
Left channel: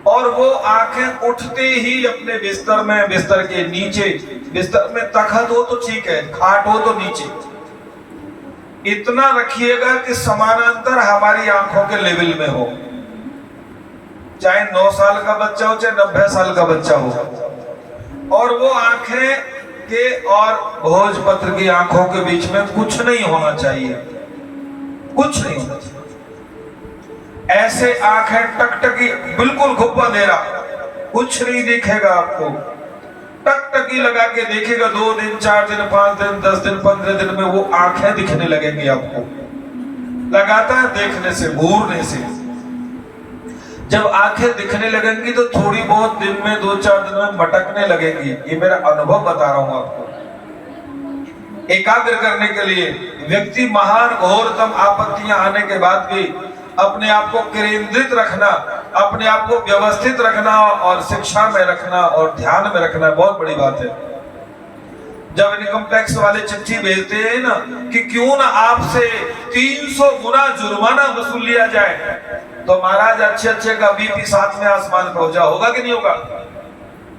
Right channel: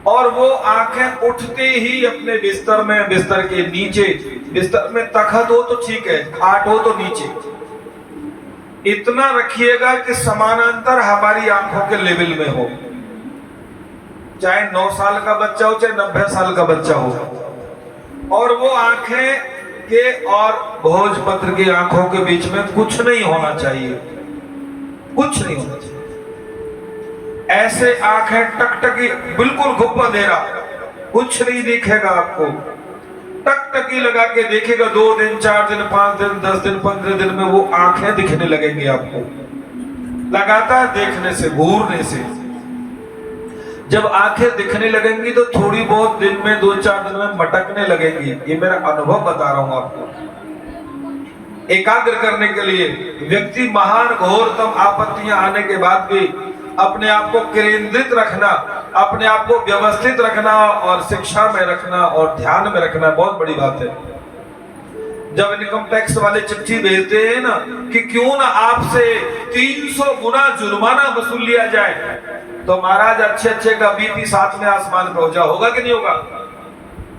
और वो आंखें उठते ही अपने बिस्तर में, बिस्तर के नीचे, बिस्तर में तखत हो तो ठीक है, खाट हो तो नीचे, इतना रखिएगा कि समानांतर हमारी आंखों के लेवल में हो। चाहे 9 साल का बच्चा हो, चाहे 90 साल का बच्चा हो। और वो आंखें के और भोजपत्र की आंखों के बीच में कुछ नहीं होना चाहिए, कुछ नहीं होना चाहिए। ऐसे आंखें टकटकी, बिल्कुल खूब अंधेरा, कुछ नहीं दिखेगा आपको। टकटकी लगा के देखेगा, 2 दिन, 4 दिन, 5 दिन, 10 दिन, 15 दिन में वो आंखें दिखने लगेंगी आपको, लगातार देखने से, घूरने से। जब आंखें दिखने लगेंगी तो थोड़ी बहुत दिन में, 2-4 दिन में मटकने लगेंगी। ये मेरा अनुभव बता रहा हूं आपको। एकाग्र करने के लिए व्यक्ति महान घोरतम आपत्तियां आने के बाद भी अपने आप को केंद्रित रखना, अपने आप को व्यवस्थित रखना और शिक्षा में रखना और ध्यान में रखना बहुत बड़ी बात है। जब इनकम टैक्स वाले चिट्ठी भेजते हैं ना कि क्यों ना आपसे 300 गुना जुर्माना वसूल लिया जाए, तो महाराज अच्छे अच्छे का बीपी 7 में आसमान पहुंचा, होगा कि नहीं होगा?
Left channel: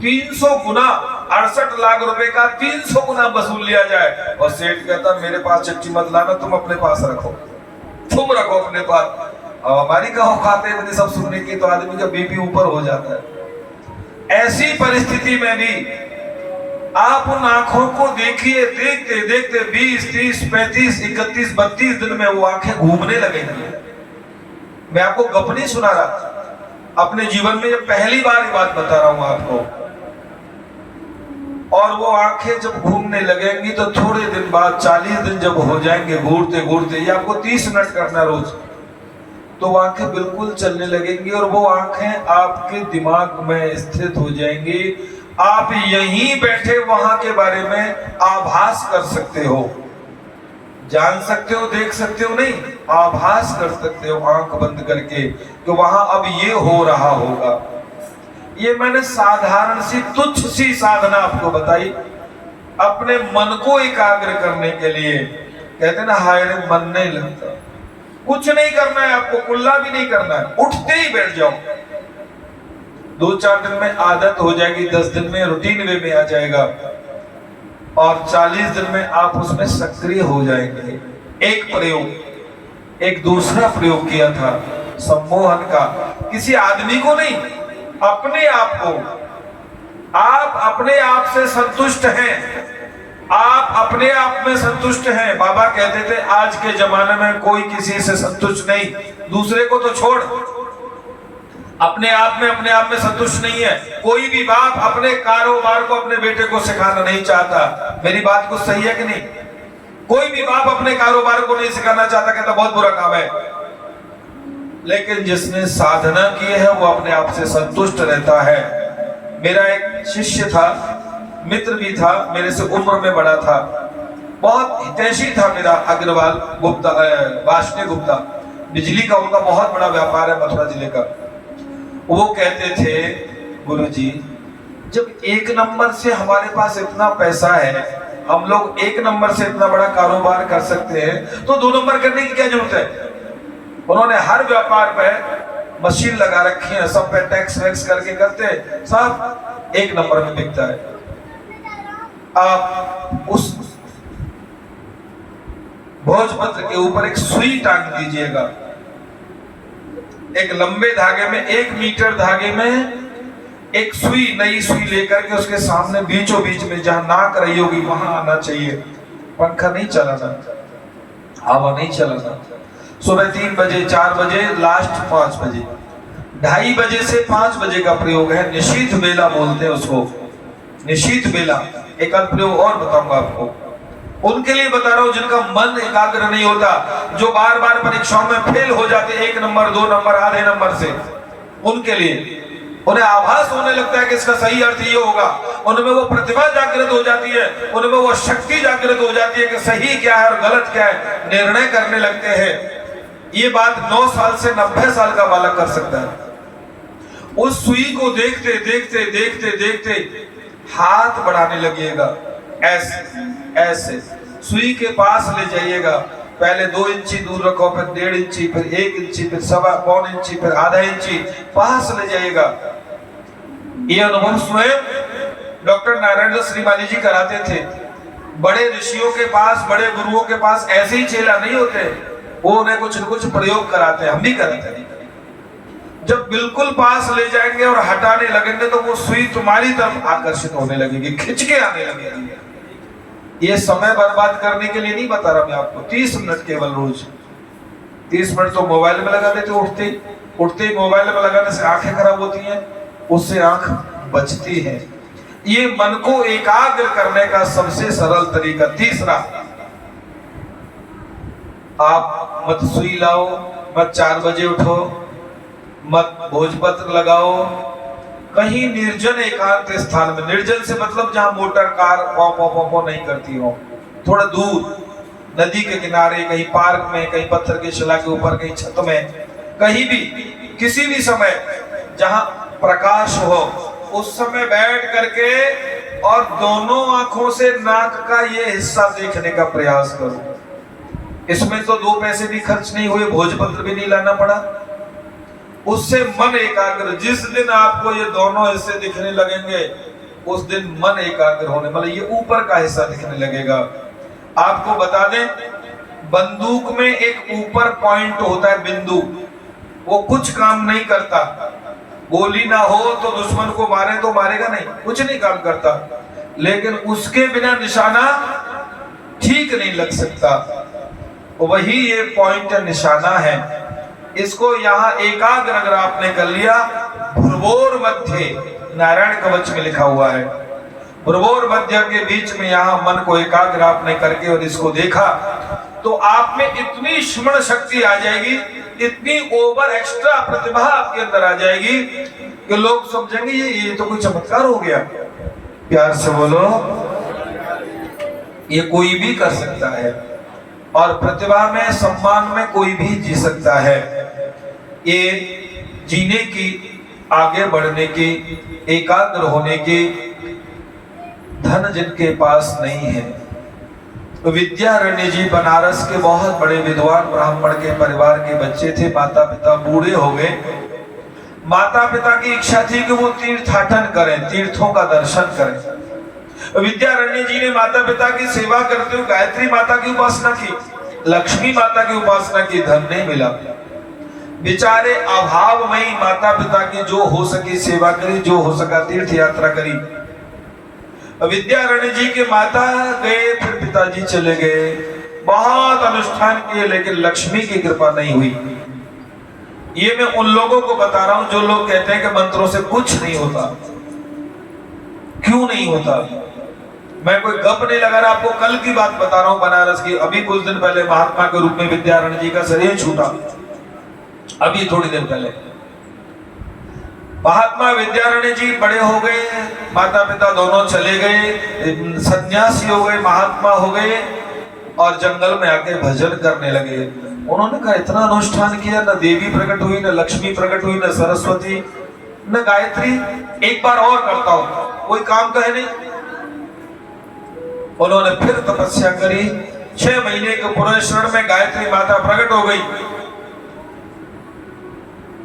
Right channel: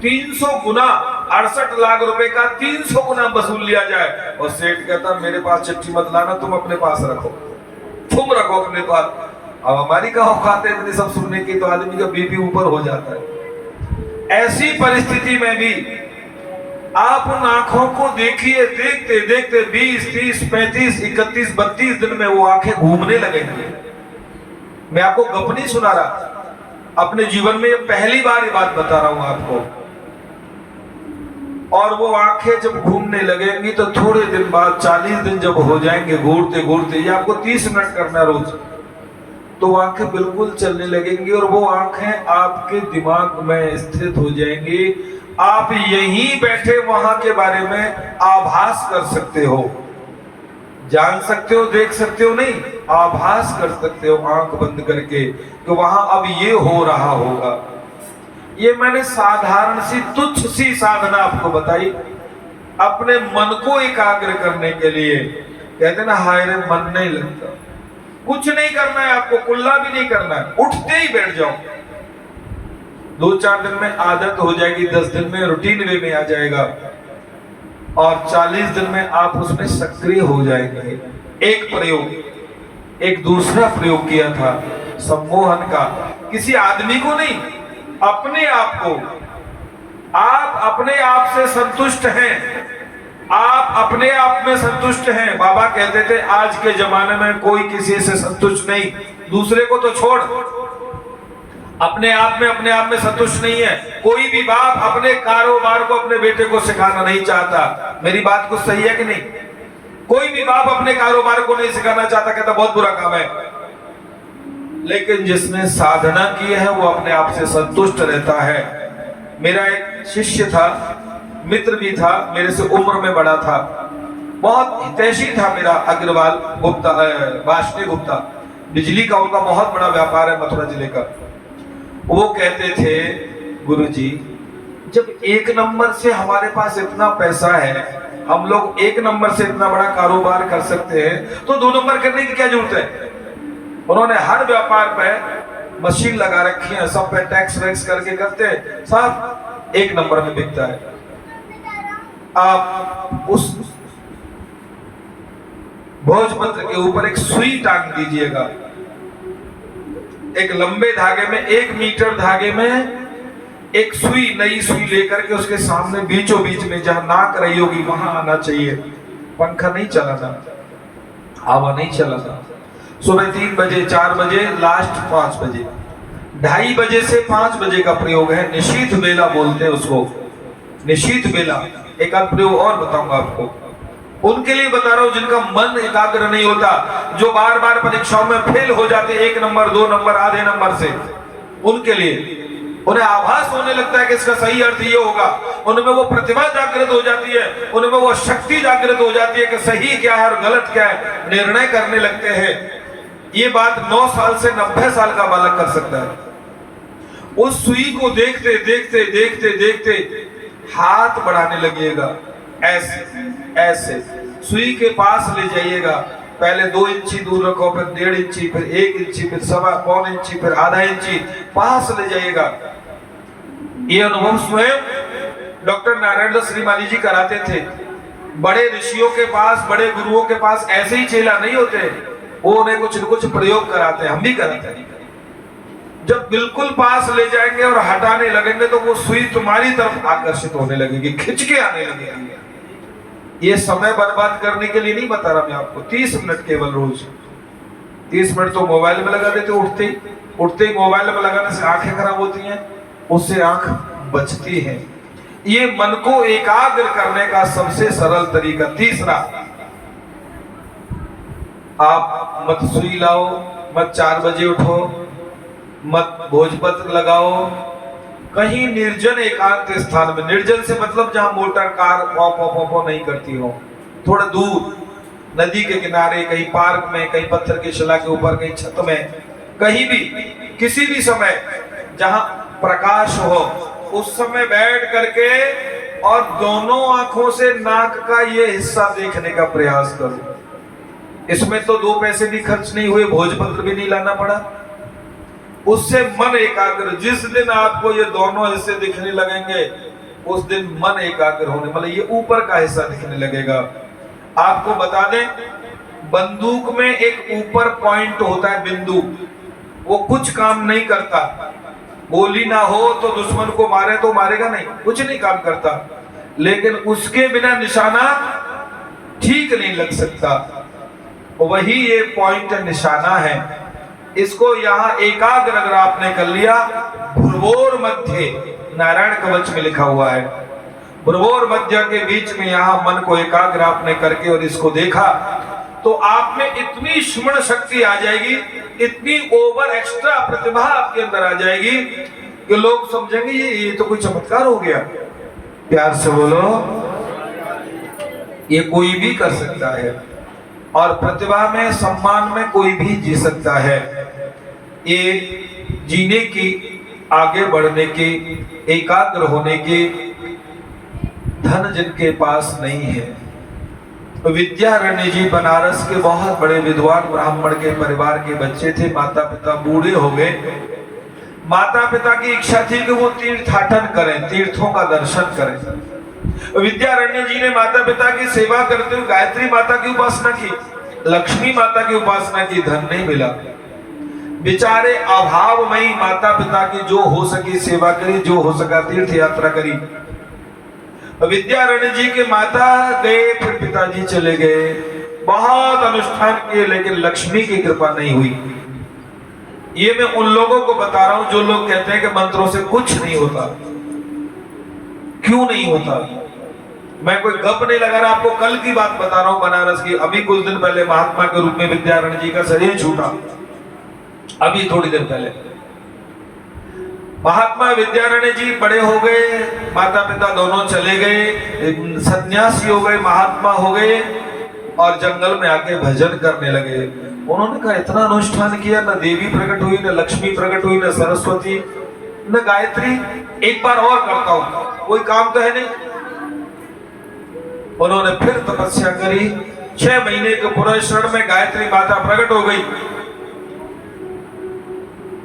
300 गुना, 68 लाख रुपए का 300 गुना वसूल लिया जाए। और सेठ कहता मेरे पास चिट्ठी मत लाना, तुम अपने पास रखो, तुम रखो अपने पास। अब हमारी का औकात है इतनी सब सुनने की, तो आदमी का बीपी ऊपर हो जाता है। ऐसी परिस्थिति में भी आप उन आंखों को देखिए, देखते देखते 20, 30, 35, 31, 32 दिन में वो आंखें घूमने लगेंगी। मैं आपको गप नहीं सुना रहा, अपने जीवन में ये पहली बार ये बात बता रहा हूं आपको। और वो आंखें जब घूमने लगेंगी तो थोड़े दिन बाद, 40 दिन जब हो जाएंगे घूरते घूरते, ये आपको 30 मिनट करना है रोज, तो वो आंखें बिल्कुल चलने लगेंगी और वो आंखें आपके दिमाग में स्थित हो जाएंगी। आप यहीं बैठे वहां के बारे में आभास कर सकते हो, जान सकते हो, देख सकते हो नहीं, आभास कर सकते हो आंख बंद करके कि वहां अब ये हो रहा होगा। ये मैंने साधारण सी, तुच्छ सी साधना आपको बताई अपने मन को एकाग्र करने के लिए। कहते ना, हाय रे मन नहीं लगता। कुछ नहीं करना है आपको, कुल्ला भी नहीं करना है, उठते ही बैठ जाओ। 2-4 दिन में आदत हो जाएगी, 10 दिन में रूटीन वे में आ जाएगा और 40 दिन में आप उसमें सक्रिय हो जाएंगे। एक प्रयोग, एक दूसरा प्रयोग किया था सम्मोहन का, किसी आदमी को नहीं, अपने आप को। आप अपने आप से संतुष्ट हैं, आप अपने आप में संतुष्ट हैं। बाबा कहते थे आज के जमाने में कोई किसी से संतुष्ट नहीं, दूसरे को तो छोड़, अपने आप में संतुष्ट नहीं है। कोई भी बाप अपने कारोबार को अपने बेटे को सिखाना नहीं चाहता। मेरी बात कुछ सही है कि नहीं? कोई भी बाप अपने कारोबार को नहीं सिखाना चाहता, कहता बहुत बुरा काम है। लेकिन जिसने साधना की है वो अपने आप से संतुष्ट रहता है। मेरा एक शिष्य था, मित्र भी था, मेरे से उम्र में बड़ा था, बहुत हितैषी था मेरा, अग्रवाल गुप्ता, वाष्णेय गुप्ता, बिजली का उनका बहुत बड़ा व्यापार है मथुरा जिले का। वो कहते थे, गुरुजी जब 1 नंबर से हमारे पास इतना पैसा है, हम लोग 1 नंबर से इतना बड़ा कारोबार कर सकते हैं, तो 2 नंबर करने की क्या जरूरत है? उन्होंने हर व्यापार पे मशीन लगा रखी है, सब पे टैक्स वैक्स करके करते हैं, सब 1 नंबर में बिकता है। आप उस भोजपत्र के ऊपर एक सुई टांग दीजिएगा, एक लंबे धागे में, 1 मीटर धागे में एक सुई, नई सुई लेकर के उसके सामने बीचों बीच में जहां नाक रही होगी वहां आना चाहिए। पंखा नहीं चलाना, हवा नहीं चलाना। सुबह 3 बजे, 4 बजे, लास्ट 5 बजे। 2:30 बजे से 5 बजे का प्रयोग है, निशीथ बेला बोलते हैं उसको, निशीथ बेला। एक आध प्रयोग और बताऊंगा आपको, उनके लिए बता रहा हूं जिनका मन एकाग्र नहीं होता, जो बार बार परीक्षाओं में फेल हो जाते 1 नंबर 2 नंबर आधे नंबर से, उनके लिए उन्हें आभास होने लगता है कि इसका सही अर्थ ये होगा, उनमें वो प्रतिभा जागृत हो जाती है, उनमें वो शक्ति जागृत हो जाती है कि सही क्या है और गलत क्या है, निर्णय करने लगते हैं। ये बात 9 साल से 90 साल का बालक कर सकता है। उस सुई को देखते देखते देखते देखते हाथ बढ़ाने लगेगा, ऐसे ऐसे सुई के पास ले जाइएगा, पहले 2 इंची दूर रखो, फिर 1.5 इंची, फिर 1 इंची, फिर 1.25 इंची, फिर आधा इंची पास ले जाइएगा। ये अनुभव स्वयं डॉक्टर नारायण दास श्रीमाली जी कराते थे। बड़े ऋषियों के पास, बड़े गुरुओं के पास ऐसे ही चेला नहीं होते, वो उन्हें कुछ न कुछ प्रयोग कराते हैं, हम भी कराते हैं। जब बिल्कुल पास ले जाएंगे और हटाने लगेंगे तो वो सुई तुम्हारी तरफ आकर्षित होने लगेगी, खिंच के आने लगेगी। ये समय बर्बाद करने के लिए नहीं बता रहा मैं आपको, 30 मिनट केवल रोज। 30 मिनट तो मोबाइल में लगा देते, उठते ही मोबाइल में लगाने से आंखें खराब होती हैं, उससे आंख बचती है। ये मन को एकाग्र करने का सबसे सरल तरीका। तीसरा, आप मत सुई लाओ, मत 4 बजे उठो, मत भोजपत्र लगाओ, कहीं निर्जन एकांत स्थान में, निर्जन से मतलब जहां मोटर कार पॉ नहीं करती हो, थोड़ा दूर, नदी के किनारे, कहीं पार्क में, कहीं पत्थर की शिला के ऊपर, कहीं छत में, कहीं भी, किसी भी समय जहां प्रकाश हो, उस समय बैठ करके और दोनों आंखों से नाक का ये हिस्सा देखने का प्रयास करो। इसमें तो 2 पैसे भी खर्च नहीं हुए, भोजपत्र भी नहीं लाना पड़ा, उससे मन एकाग्र। जिस दिन आपको ये दोनों हिस्से दिखने लगेंगे उस दिन मन एकाग्र होने, मतलब ये ऊपर का हिस्सा दिखने लगेगा। आपको बता दें, बंदूक में एक ऊपर पॉइंट होता है, बिंदु, वो कुछ काम नहीं करता। गोली ना हो तो दुश्मन को मारे तो मारेगा नहीं, कुछ नहीं काम करता, लेकिन उसके बिना निशाना ठीक नहीं लग सकता। वही ये पॉइंट निशाना है। इसको यहाँ एकाग्र अगर आपने कर लिया, भ्रुवोर मध्य, नारायण कवच में लिखा हुआ है, भ्रुवोर मध्य के बीच में यहाँ मन को एकाग्र आपने करके और इसको देखा, तो आप में इतनी स्मरण शक्ति आ जाएगी, इतनी ओवर एक्स्ट्रा प्रतिभा आपके अंदर आ जाएगी कि लोग समझेंगे ये तो कोई चमत्कार हो गया। प्यार से बोलो, ये कोई भी कर सकता है, और प्रतिभा में, सम्मान में कोई भी जी सकता है। ये जीने की, आगे बढ़ने की, एकाग्र होने की धन जिनके पास नहीं है। विद्यारण्य जी बनारस के बहुत बड़े विद्वान ब्राह्मण के परिवार के बच्चे थे। माता पिता बूढ़े हो गए। माता पिता की इच्छा थी कि वो तीर्थाटन करें, तीर्थों का दर्शन करें। विद्यारण्य जी ने माता पिता की सेवा करते हुए गायत्री माता की उपासना की, लक्ष्मी माता की उपासना की, धन नहीं मिला। बेचारे अभावमयी माता पिता की जो हो सकी सेवा करी, जो हो सका तीर्थ यात्रा करी। विद्यारण्य जी के माता गए, फिर पिताजी चले गए, बहुत अनुष्ठान किए, लेकिन लक्ष्मी की कृपा नहीं हुई। ये मैं उन लोगों को बता रहा हूं जो लोग कहते हैं कि मंत्रों से कुछ नहीं होता। क्यों नहीं होता? मैं कोई गप नहीं लगा रहा, आपको कल की बात बता रहा हूं बनारस की। अभी कुछ दिन पहले महात्मा के रूप में विद्यारण्य जी का शरीर छूटा, अभी थोड़ी देर पहले। महात्मा विद्यारण्य जी बड़े हो गए, माता पिता दोनों चले गए, सन्यासी हो गए, महात्मा हो गए, और जंगल में आके भजन करने लगे। उन्होंने कहा इतना अनुष्ठान किया, न देवी प्रकट हुई, न लक्ष्मी प्रकट हुई, न सरस्वती, न गायत्री, एक बार और करता हूं, कोई काम तो है नहीं। उन्होंने फिर तपस्या करी, 6 महीने के पुरुषरण में गायत्री माता प्रकट हो गई।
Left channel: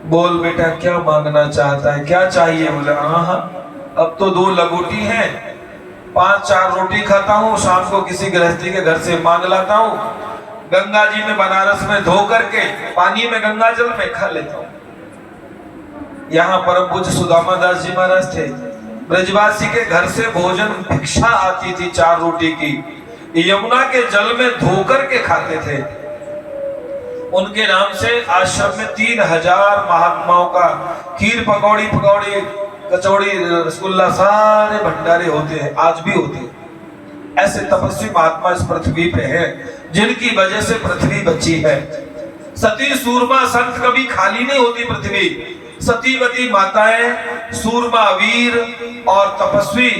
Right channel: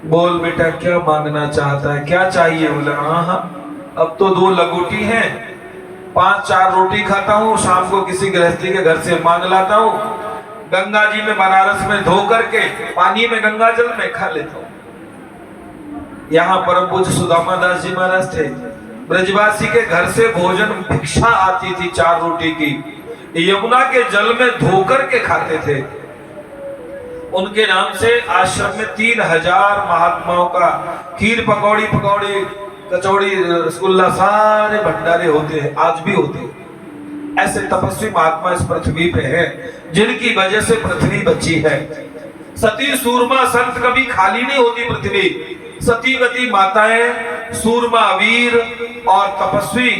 बोल बेटा क्या मांगना चाहता है, क्या चाहिए? बोले हाँ, अब तो 2 लगोटी हैं, 5-4 रोटी खाता हूँ, शाम को किसी गृहस्थी के घर से मांग लाता हूँ, गंगा जी में बनारस में धो करके पानी में गंगा जल में खा लेता हूँ। यहाँ परम पूज्य सुदामा दास जी महाराज थे। ब्रजवासी के घर से भोजन भिक्षा आती थी 4 रोटी की, यमुना के जल में धोकर के खाते थे। उनके नाम से आश्रम में 3000 महात्माओं का खीर पकौड़ी कचौड़ी रसगुल्ला सारे भंडारे होते हैं, आज भी होते हैं। ऐसे तपस्वी महात्मा इस पृथ्वी पे हैं जिनकी वजह से पृथ्वी बची है। सती सूरमा संत कभी खाली नहीं होती पृथ्वी। सतीवती माताएं, सूरमा वीर और तपस्वी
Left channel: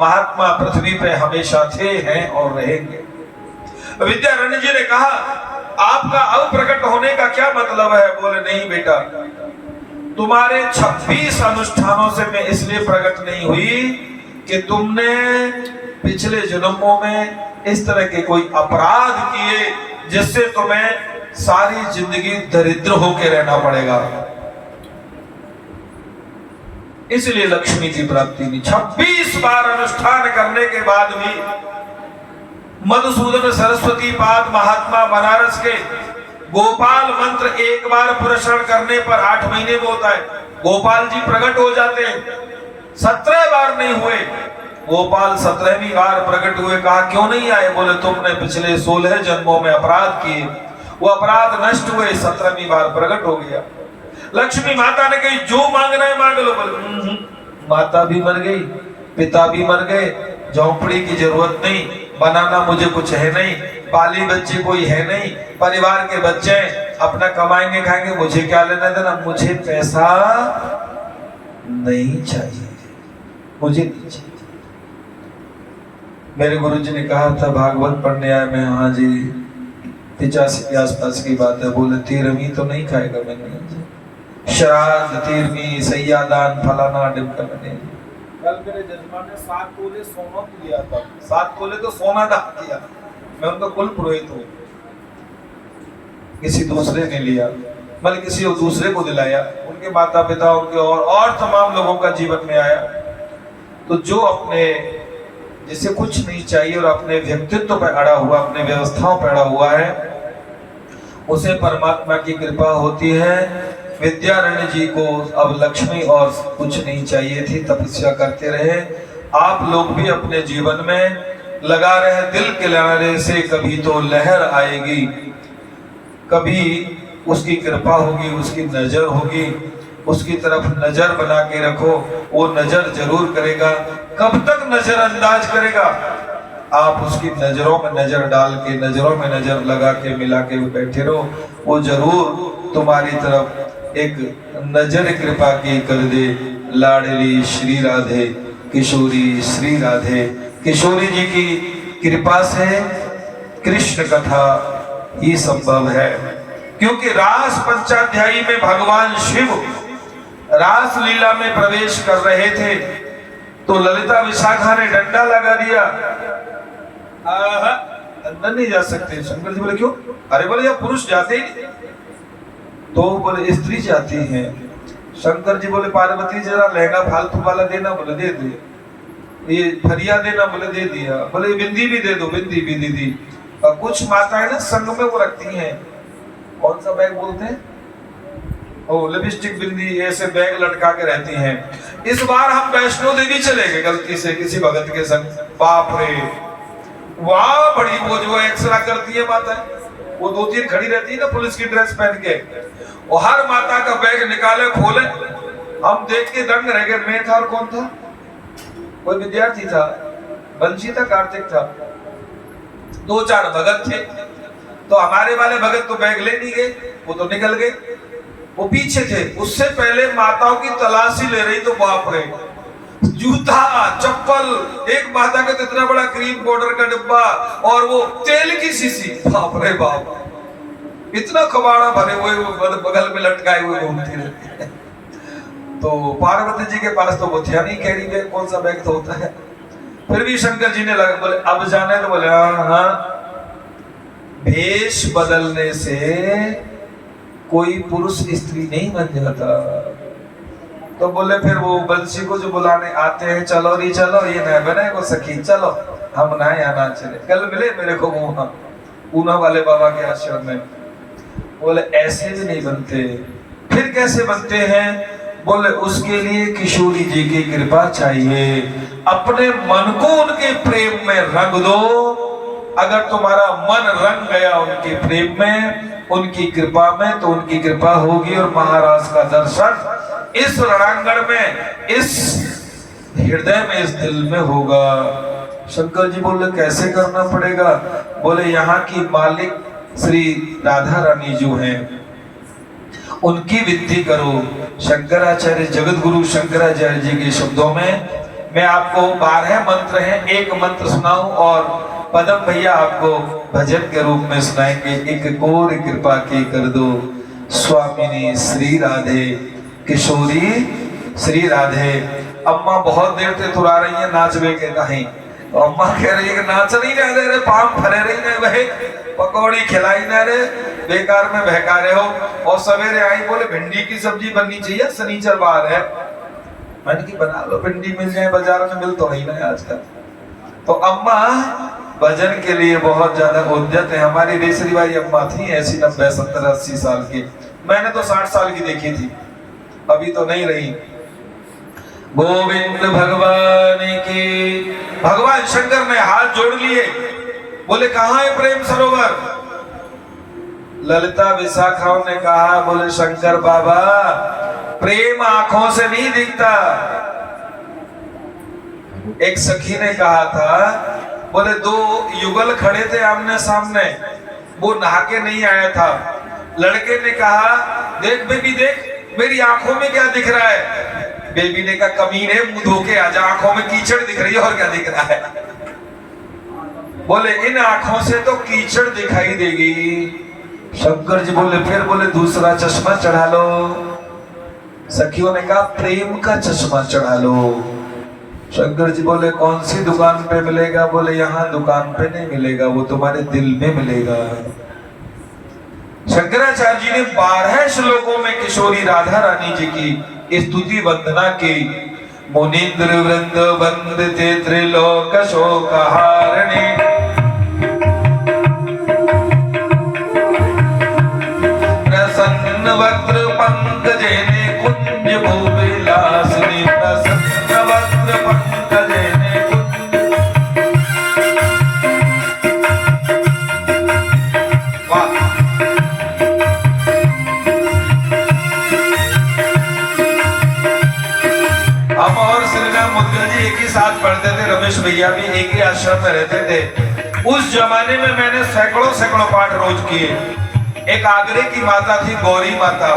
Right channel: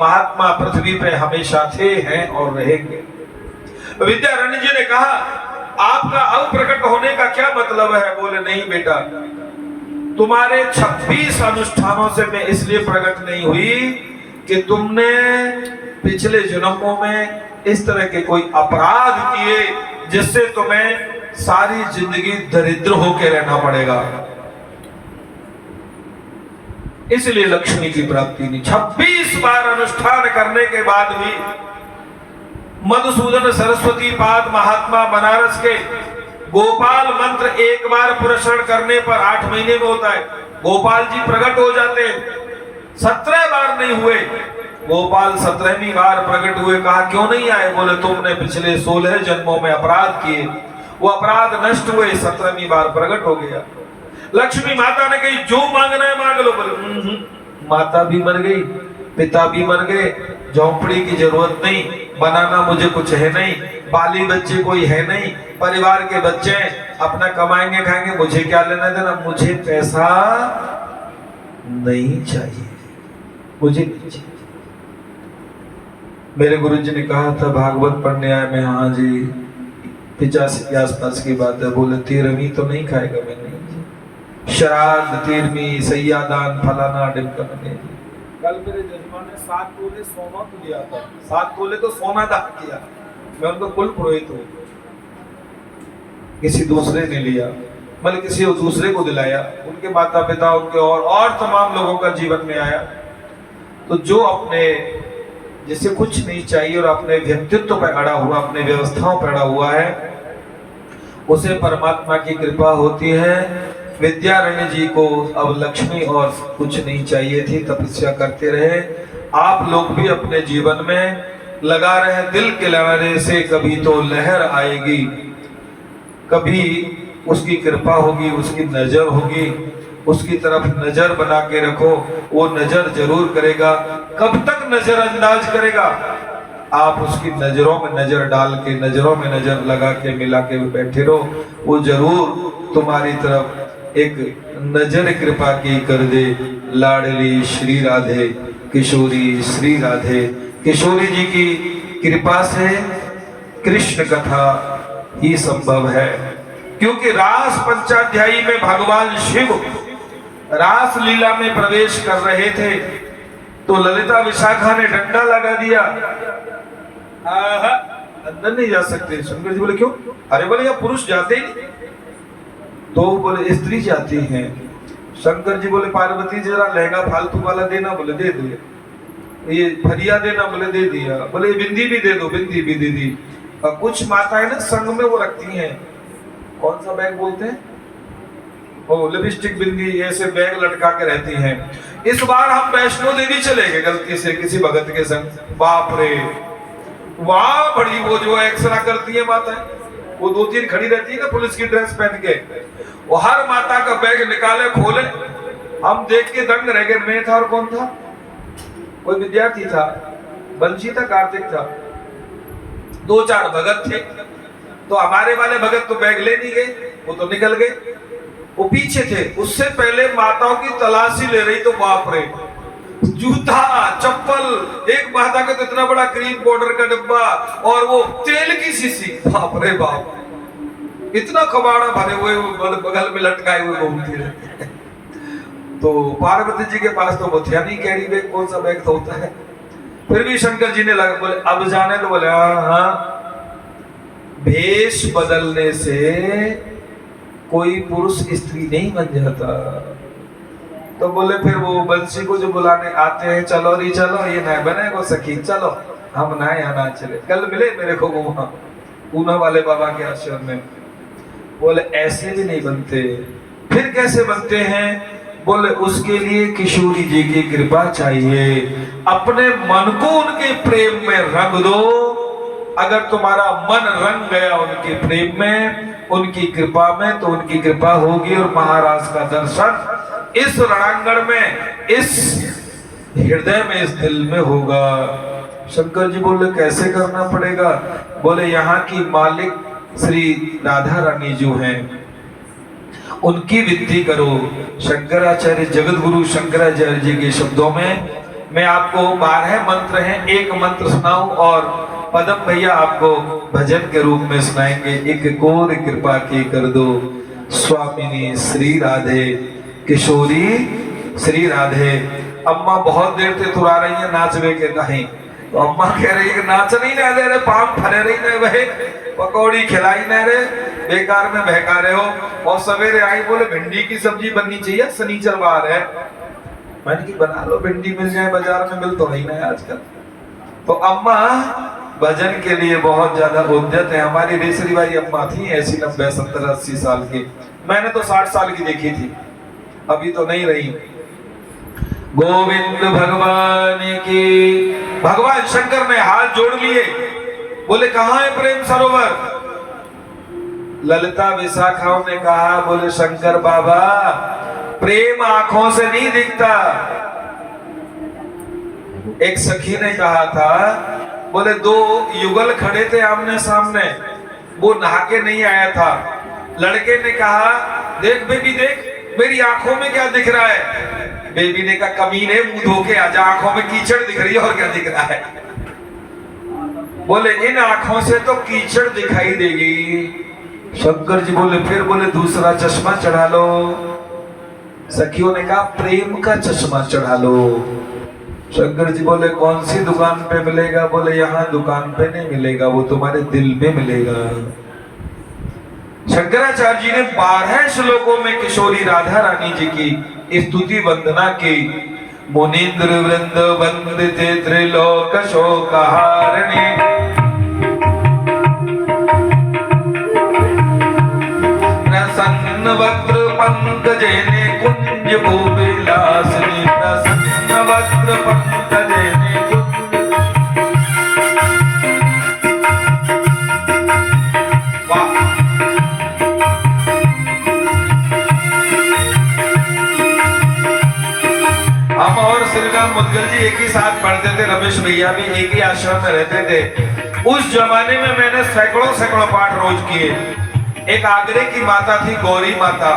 महात्मा पृथ्वी पे हमेशा थे, हैं और रहेंगे। विद्यारण्य जी ने कहा, आपका अब प्रकट होने का क्या मतलब है? बोले नहीं बेटा, तुम्हारे 26 अनुष्ठानों से मैं इसलिए प्रकट नहीं हुई कि तुमने पिछले जन्मों में इस तरह के कोई अपराध किए जिससे तुम्हें सारी जिंदगी दरिद्र होकर रहना पड़ेगा, इसलिए लक्ष्मी की प्राप्ति नहीं। 26 बार अनुष्ठान करने के बाद भी मधुसूदन सरस्वती पाद महात्मा बनारस के गोपाल मंत्र एक बार पुरस्कार करने पर 8 महीने में होता है। गोपाल जी प्रकट हो जाते हैं। 17 बार नहीं हुए, गोपाल 17वीं बार प्रकट हुए। कहा क्यों नहीं आए? बोले तुमने पिछले 16 जन्मों में अपराध किए, वो अपराध नष्ट हुए, 17वीं बार प्रकट हो गया। लक्ष्मी माता ने कही जो मांगना है मांग लो। बोले माता भी मर गई, पिता भी मर गए, झोंपड़ी की जरूरत नहीं, बनाना मुझे कुछ है नहीं, बाली बच्चे कोई है नहीं, परिवार के बच्चे अपना कमाएंगे खाएंगे, मुझे क्या लेना देना, मुझे पैसा नहीं चाहिए, मुझे नहीं चाहिए। मेरे गुरुजी ने कहा था भागवत पढ़ने आए मैं, हाँ जी 85 के आसपास की बात है। बोले 13वीं तो नहीं खाएगा मैं? नहीं जी। श्राद्ध 13वीं, सैयादान फलाना डिमका मैंने। कल मेरे जजमान ने 7 तोले सोना तो दिया था, 7 तोले तो सोना दान किया। मैं उनका कुल पुरोहित हूँ, किसी दूसरे ने लिया, बल्कि किसी दूसरे को दिलाया, उनके माता पिता उनके और तमाम लोगों का जीवन में आया। तो जो अपने जिसे कुछ नहीं चाहिए और अपने व्यक्तित्व पे अड़ा हुआ, अपने व्यवस्थाओं पे अड़ा हुआ है, उसे परमात्मा की कृपा होती है। विद्यारण्य जी को अब लक्ष्मी और कुछ नहीं चाहिए थी, तपस्या करते रहे। आप लोग भी अपने जीवन में लगा रहे, दिल के लहरे से कभी तो लहर आएगी, कभी उसकी कृपा होगी, उसकी नजर होगी, उसकी तरफ नजर बना के रखो, वो नजर जरूर करेगा। कब तक नजरअंदाज करेगा? आप उसकी नजरों में नजर डाल के, नजरों में नजर लगा के, मिला के बैठे रहो, वो जरूर तुम्हारी तरफ एक नजर कृपा की कर दे। लाडली श्री राधे किशोरी श्री राधे। किशोरी जी की कृपा से कृष्ण कथा ही संभव है, क्योंकि रास पंचाध्यायी में भगवान शिव रास लीला में प्रवेश कर रहे थे तो ललिता विशाखा ने डंडा लगा दिया। अंदर नहीं जा सकते। शंकर जी बोले क्यों? अरे बोले या पुरुष जाते ही नहीं, तो बोले स्त्री जाती हैं। शंकर जी बोले पार्वती जरा लहंगा फालतू वाला देना, बोले दे दिया। ये फरिया देना, बोले दे दिया। बोले बिंदी भी दे दो, बिंदी भी दे दी। और कुछ माताएं ना संग में वो रखती हैं, कौन सा बैग बोलते हैं, ओ लिपस्टिक बिंदी, ऐसे बैग लटका के रहती हैं। इस बार हम वैष्णो देवी चले गए गलती से किसी भगत के संग। बाप रे, वाह बड़ी वो जो एक्सरा करती है माता, वो 2-3 खड़ी रहती है ना पुलिस की ड्रेस पहन के, वो हर माता का बैग निकाले खोले। हम देख के दंग रह गए। मैं था और कौन था? कोई विद्यार्थी था, बंशी था, कार्तिक था, 2-4 भगत थे। तो हमारे वाले भगत तो बैग ले नहीं गए, वो तो निकल गए, वो पीछे थे। उससे पहले माताओं की तलाशी ले रही, तो बाप रे, जूता चप्पल, एक माता का तो इतना बड़ा क्रीम पाउडर का डिब्बा और वो तेल की शीशी, बाप रे बाप, इतना कबाड़ा भरे हुए बगल में लटकाए हुए घूमती रहती है। तो पार्वती जी के पास तो वो था नहीं कैरी बैग, कौन सा बैग तो होता है। फिर भी शंकर जी ने लगा, बोले अब जाने तो, बोले हाँ, भेष बदलने से कोई पुरुष स्त्री नहीं बन जाता। तो बोले फिर वो बंसी को जो बुलाने आते हैं, चलो री चलो, ये नए बने को सखी, चलो हम ना यहाँ ना चले। कल मिले मेरे को वहां पूना वाले बाबा के आश्रम में। बोले ऐसे भी नहीं बनते। फिर कैसे बनते हैं? बोले उसके लिए किशोरी जी की कृपा चाहिए। अपने मन को उनके प्रेम में रंग दो। अगर तुम्हारा मन रंग गया उनके प्रेम में, उनकी कृपा में, तो उनकी कृपा होगी और महाराज का दर्शन इस रणांगण में, इस हृदय में, इस दिल में होगा। शंकर जी बोले कैसे करना पड़ेगा? बोले यहाँ की मालिक श्री राधा रानी जो हैं उनकी विनती करो। शंकराचार्य जगत गुरु शंकराचार्य जी के शब्दों में मैं आपको 12 मंत्र हैं, एक मंत्र सुनाऊं और पदम भैया आपको भजन के रूप में सुनाएंगे। एक कोर कृपा की कर दो स्वामिनी श्री राधे, किशोरी श्री राधे। अम्मा बहुत देर से तुरा रही है नाचवे के नहीं, तो अम्मा कह रही है कि नाच नहीं रहे रे, पाम फरे रही ने वहे, पकौड़ी खिलाई न रे, बेकार में बहका रहे हो। और सवेरे आई बोले भिंडी की सब्जी बननी चाहिए, शनिचरवार है। मैंने की बना लो, भिंडी मिल जाए, बाजार में मिल तो नहीं ना आजकल। तो अम्मा भजन के लिए बहुत ज्यादा उद्यत है। हमारी रेसरी बाई अम्मा थी ऐसी 90, 70, 80 साल की। मैंने तो 60 साल की देखी थी, अभी तो नहीं रही। गोविंद भगवान की। भगवान शंकर ने हाथ जोड़ लिए, बोले कहाँ है प्रेम सरोवर? ललिता विशाखाओं ने कहा, बोले शंकर बाबा प्रेम आंखों से नहीं दिखता। एक सखी ने कहा था, बोले 2 युगल खड़े थे आमने सामने, वो नहा के नहीं आया था। लड़के ने कहा देख बेबी देख, मेरी आंखों में क्या दिख रहा है? बेबी ने कहा कमीने मुंह धो के आजा, आंखों में कीचड़ दिख रही है और क्या दिख रहा है? बोले इन आंखों से तो कीचड़ दिखाई देगी। शंकर जी बोले फिर, बोले दूसरा चश्मा चढ़ा लो। सखियों ने कहा प्रेम का चश्मा चढ़ा लो। शंकर जी बोले कौन सी दुकान पे मिलेगा? बोले यहाँ दुकान पे नहीं मिलेगा, वो तुम्हारे दिल में मिलेगा। शंकराचार्य जी ने 12 श्लोकों में किशोरी राधा रानी जी की स्तुति वंदना की। मुनीन्द्र वृंद वंदते त्रिलोक शोकहारिणी, प्रसन्न वक्त्र पंकजेने कुंज भूविलासिनी, प्रसन्न वक्त्र पंकजेने कुंज। वाह! हम और श्रीराम मुद्गल जी एक ही साथ पढ़ते थे, रमेश भैया भी एक ही आश्रम में रहते थे। उस जमाने में मैंने सैकड़ों पाठ रोज किए। एक आगरे की माता थी गौरी माता,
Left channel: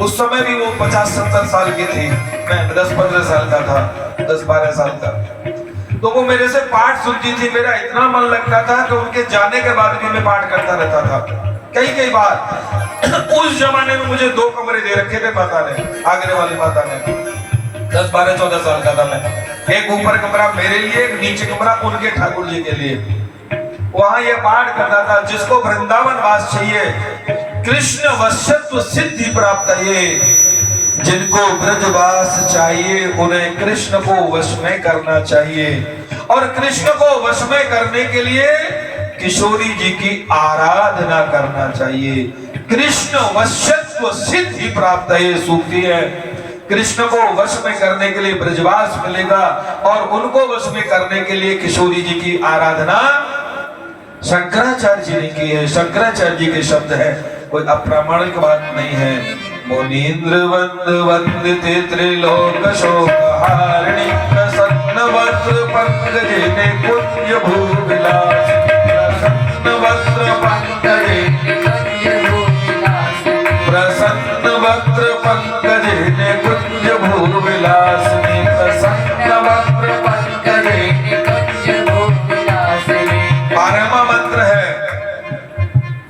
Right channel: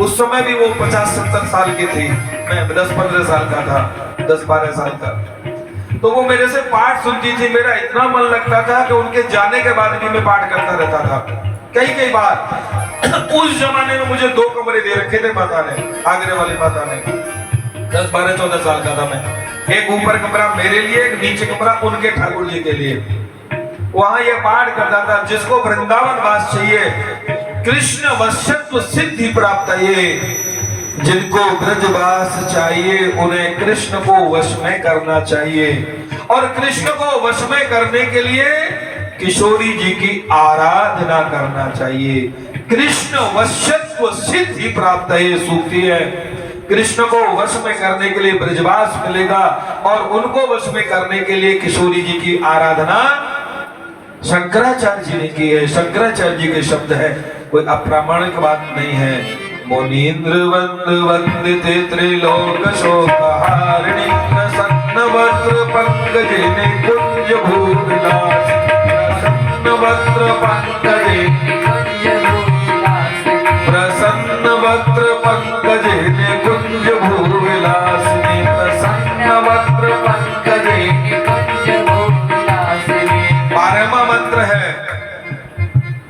उस समय भी वो 50-70 साल की थी, मैं 10-15 साल का था, 10-12 साल का। तो वो मेरे से पाठ सुनती थी, मेरा इतना मन लगता था कि उनके जाने के बाद भी मैं पाठ करता रहता था कई बार। उस जमाने में मुझे 2 कमरे दे रखे थे माता ने, आगरे वाली माता ने। 10-12-14 साल का था मैं। एक ऊपर कमरा मेरे लिए, एक नीचे कमरा उनके ठाकुर जी के लिए। वहां ये पाठ करता था, जिसको वृंदावन वास चाहिए, कृष्ण वशत्व सिद्धि प्राप्त है, जिनको ब्रजवास चाहिए उन्हें कृष्ण को वश में करना चाहिए। और कृष्ण को वश में करने के लिए किशोरी जी की आराधना करना चाहिए। कृष्ण वशत्व सिद्धि प्राप्त है सूक्ति है। कृष्ण को वश में करने के लिए ब्रजवास मिलेगा और उनको वश में करने के लिए किशोरी जी की आराधना शंकराचार्य जी ने की है। शंकराचार्य जी के शब्द है, कोई अप्रामाणिक बात नहीं है। मुनीन्द्र वंद वंदिते त्रिलोक शोकहारिणी, प्रसन्न वक्त्र पंकजेने कुंज भूविलास, प्रसन्न वक्त्र पंकजेने प्रसन्न वक्त्र पंकजेने कुंज भूविलासिनी, प्रसन्न वक्त्र पंकजेने कुंज भूविलासिनी। 12वां मंत्र है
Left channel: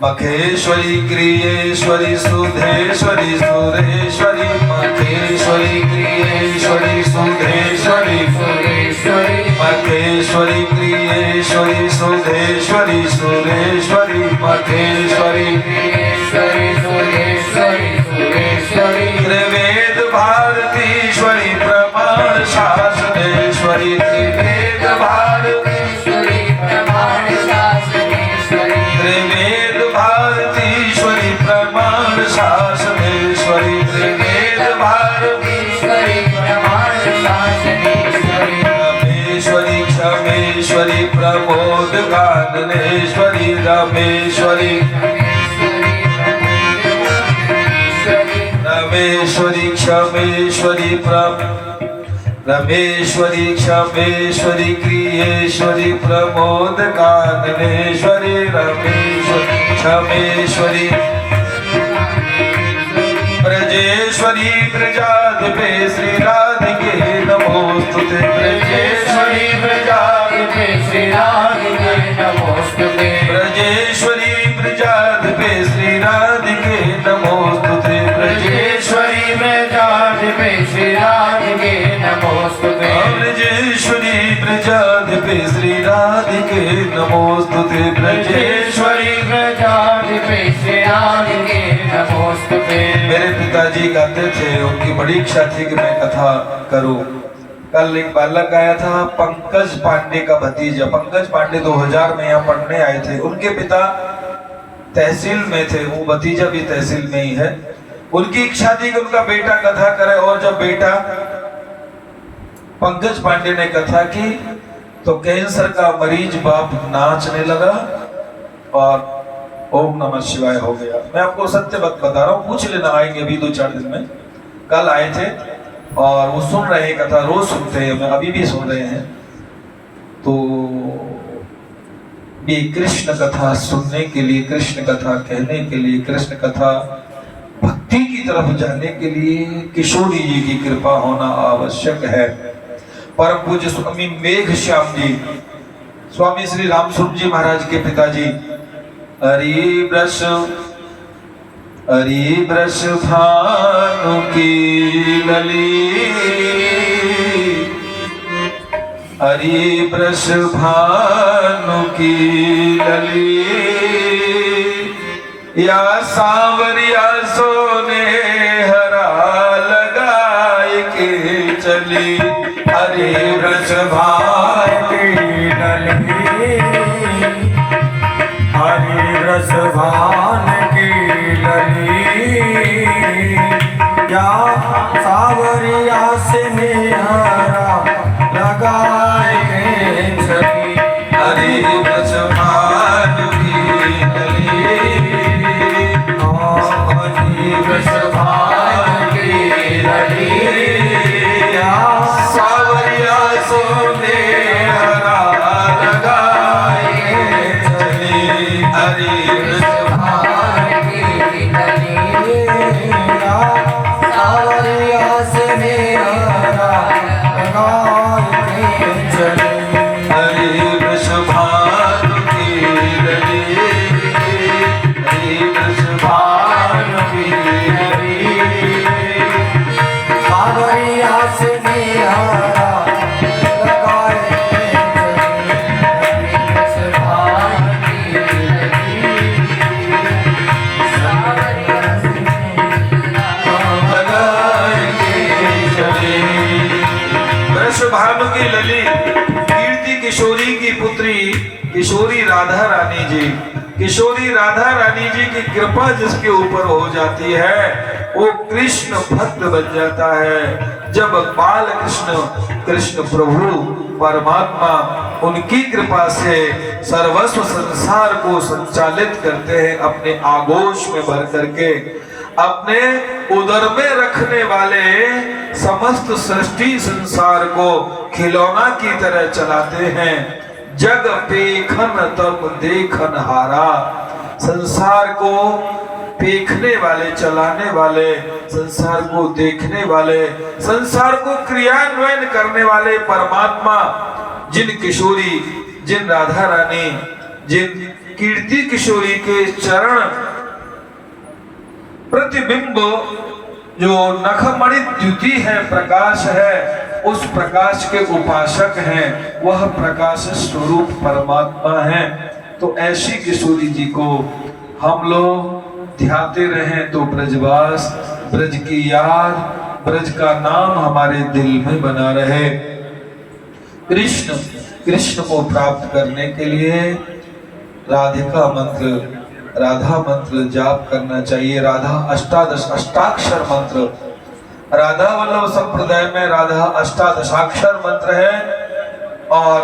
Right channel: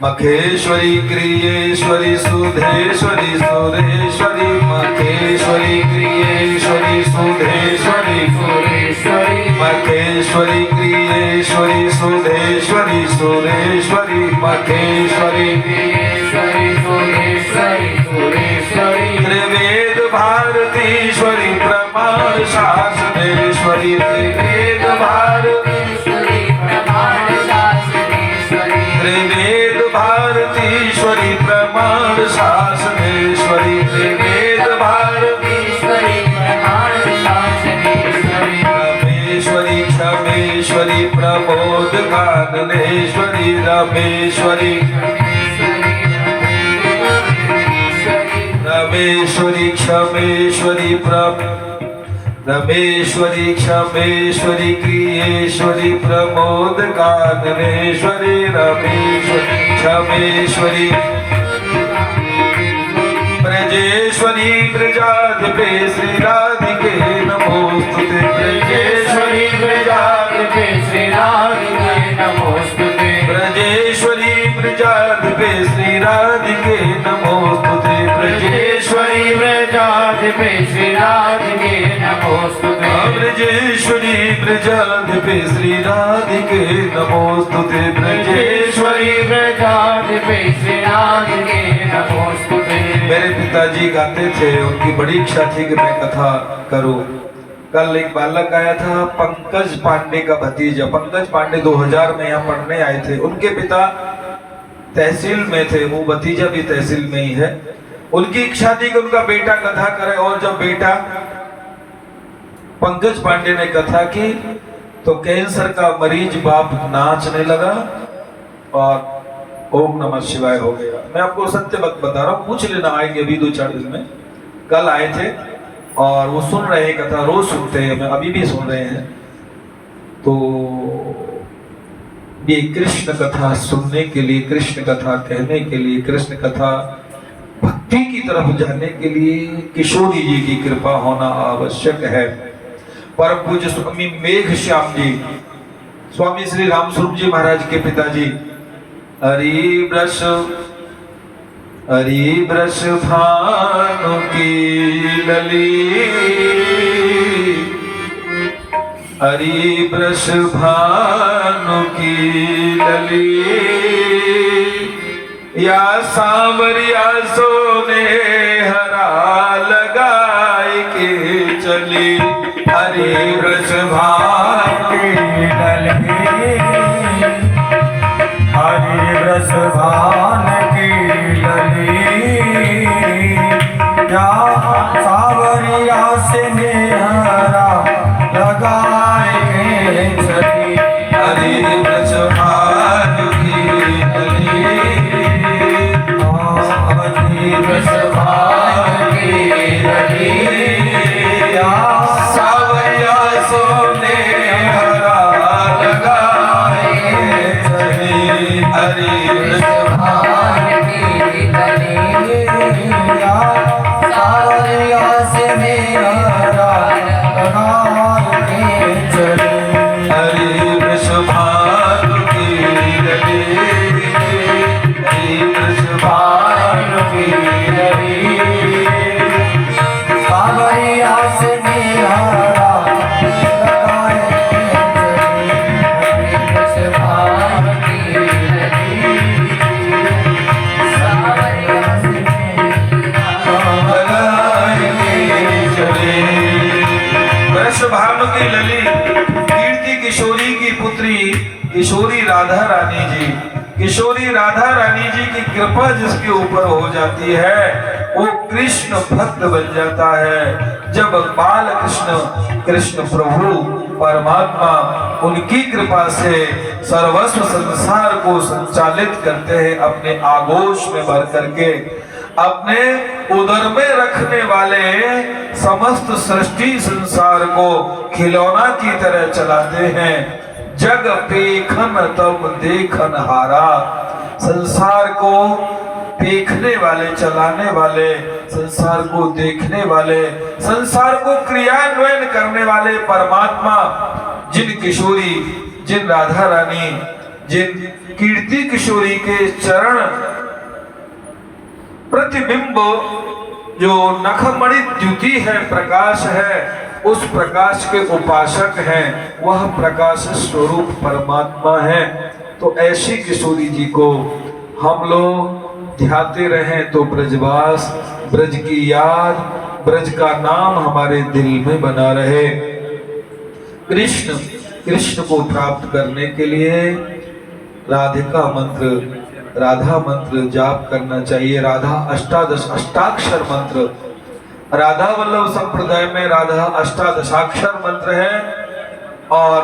मखेश्वरी क्रियेश्वरी सुधेश्वरी सुरेश्वरी, मखेश्वरी क्रियेश्वरी सुधेश्वरी सुरेश्वरी, मखेश्वरी क्रियेश्वरी सुधेश्वरी सुरेश्वरी, मखेश्वरी क्रियेश्वरी सुधेश्वरी सुरेश्वरी, त्रिवेद भारतीश्वरी प्रमाण शासनेश्वरी, त्रिवेद भारतीश्वरी प्रमाण शासनेश्वरी, त्रिवेद भारतीश्वरी प्रमाण शासनेश्वरी, त्रिवेद भारतीश्वरी काननेश्वरी रमेश्वरी रमेश्वरी क्षमेश्वरी रमेश्वरी क्षमेश्वरी क्रियेश्वरी प्रमोद काननेश्वरी रमेश्वरी क्षमेश्वरी ब्रजेश्वरी ब्रजाधिपे श्री राधिके नमोस्तुते ब्रजेश्वरी ब्रजाधिपे श्री राधिके नमोस्तुते ब्रजेश्वरी ब्रजाधिपे श्री राधिके नमोस्तुते ब्रजेश्वरी ब्रजाधिपे श्री राधिके नमोस्तुते ब्रजेश्वरी ब्रजाधिपे श्री राधिके नमोस्तुते ब्रजेश्वरी ब्रजाधिपे श्री राधिके नमोस्तुते। मेरे पिताजी गाते थे, उनकी बड़ी इच्छा थी कि मैं कथा करूं। कल एक बालक आया था, पंकज पांडे का भतीजा। पंकज पांडे 2000 में यहाँ पढ़ने आए थे। उनके पिता तहसील में थे, वो भतीजा भी तहसील में ही है। उनकी इच्छा थी कि उनका बेटा कथा करे, और जब बेटा पंकज पांडे ने कथा की तो कैंसर का मरीज बाप नाचने लगा और ओम नमः शिवाय हो गया। मैं आपको सत्य बता रहा हूँ, पूछ लेना, आएंगे अभी 2-4 दिन में। कल आए थे और वो सुन रहे कथा, रोज सुनते हैं, मैं अभी भी सुन रहे हैं। तो ये कृष्ण कथा सुनने के लिए, कृष्ण कथा कहने के लिए, कृष्ण कथा भक्ति की तरफ जाने के लिए किशोरी जी की कृपा होना आवश्यक है। परम पूज्य स्वामी मेघ श्याम जी, स्वामी श्री रामस्वरूप जी महाराज के पिताजी, हरि ब्रश भानु की लली, हरि ब्रश भानु की लली, या सांवरिया सोने हरा लगाए के चली, हरि ब्रश भानु की लली, हरि रस भान की लली, या सावरिया से मेहरा लगाए के चली, हरि ब्रश भानु की लली, हरि रस भान की लली, या सावरिया सोने हरा लगाए के चली, हरि ब्रश भान की लली, या सावरिया से मेहरा लगाए के चली, हरि ब्रश भानु की लली, हरि ब्रश भानु की लली, सावरिया से मेहरा लगाए के चली, हरि रस भान की लली, सावरिया से लगाए के चले। ब्रश भानु की लली, कीर्ति किशोरी की पुत्री किशोरी राधा रानी जी। किशोरी राधा रानी जी की कृपा जिसके ऊपर हो जाती है वो कृष्ण भक्त बन जाता है। जब बाल कृष्ण, कृष्ण प्रभु परमात्मा उनकी कृपा से सर्वस्व संसार को संचालित करते हैं, अपने आगोश में भर करके अपने उदर में रखने वाले समस्त सृष्टि संसार को खिलौना की तरह चलाते हैं। जग पेखन तब देखन हारा, संसार को देखने वाले, चलाने वाले, संसार को देखने वाले, संसार को क्रियान्वयन करने वाले परमात्मा जिन किशोरी, जिन राधा रानी, जिन कीर्ति किशोरी के चरण प्रतिबिंब जो नखमणि द्युति है, प्रकाश है, उस प्रकाश के उपासक हैं, वह प्रकाश स्वरूप परमात्मा है। तो ऐसी किशोरी जी को हम लोग ध्याते रहें तो ब्रजवास, ब्रज की याद, ब्रज का नाम हमारे दिल में बना रहे। कृष्ण, कृष्ण को प्राप्त करने के लिए राधिका मंत्र, राधा मंत्र जाप करना चाहिए। राधा अष्टादश अष्टाक्षर मंत्र, राधा वल्लभ संप्रदाय में राधा अष्टादशाक्षर मंत्र है और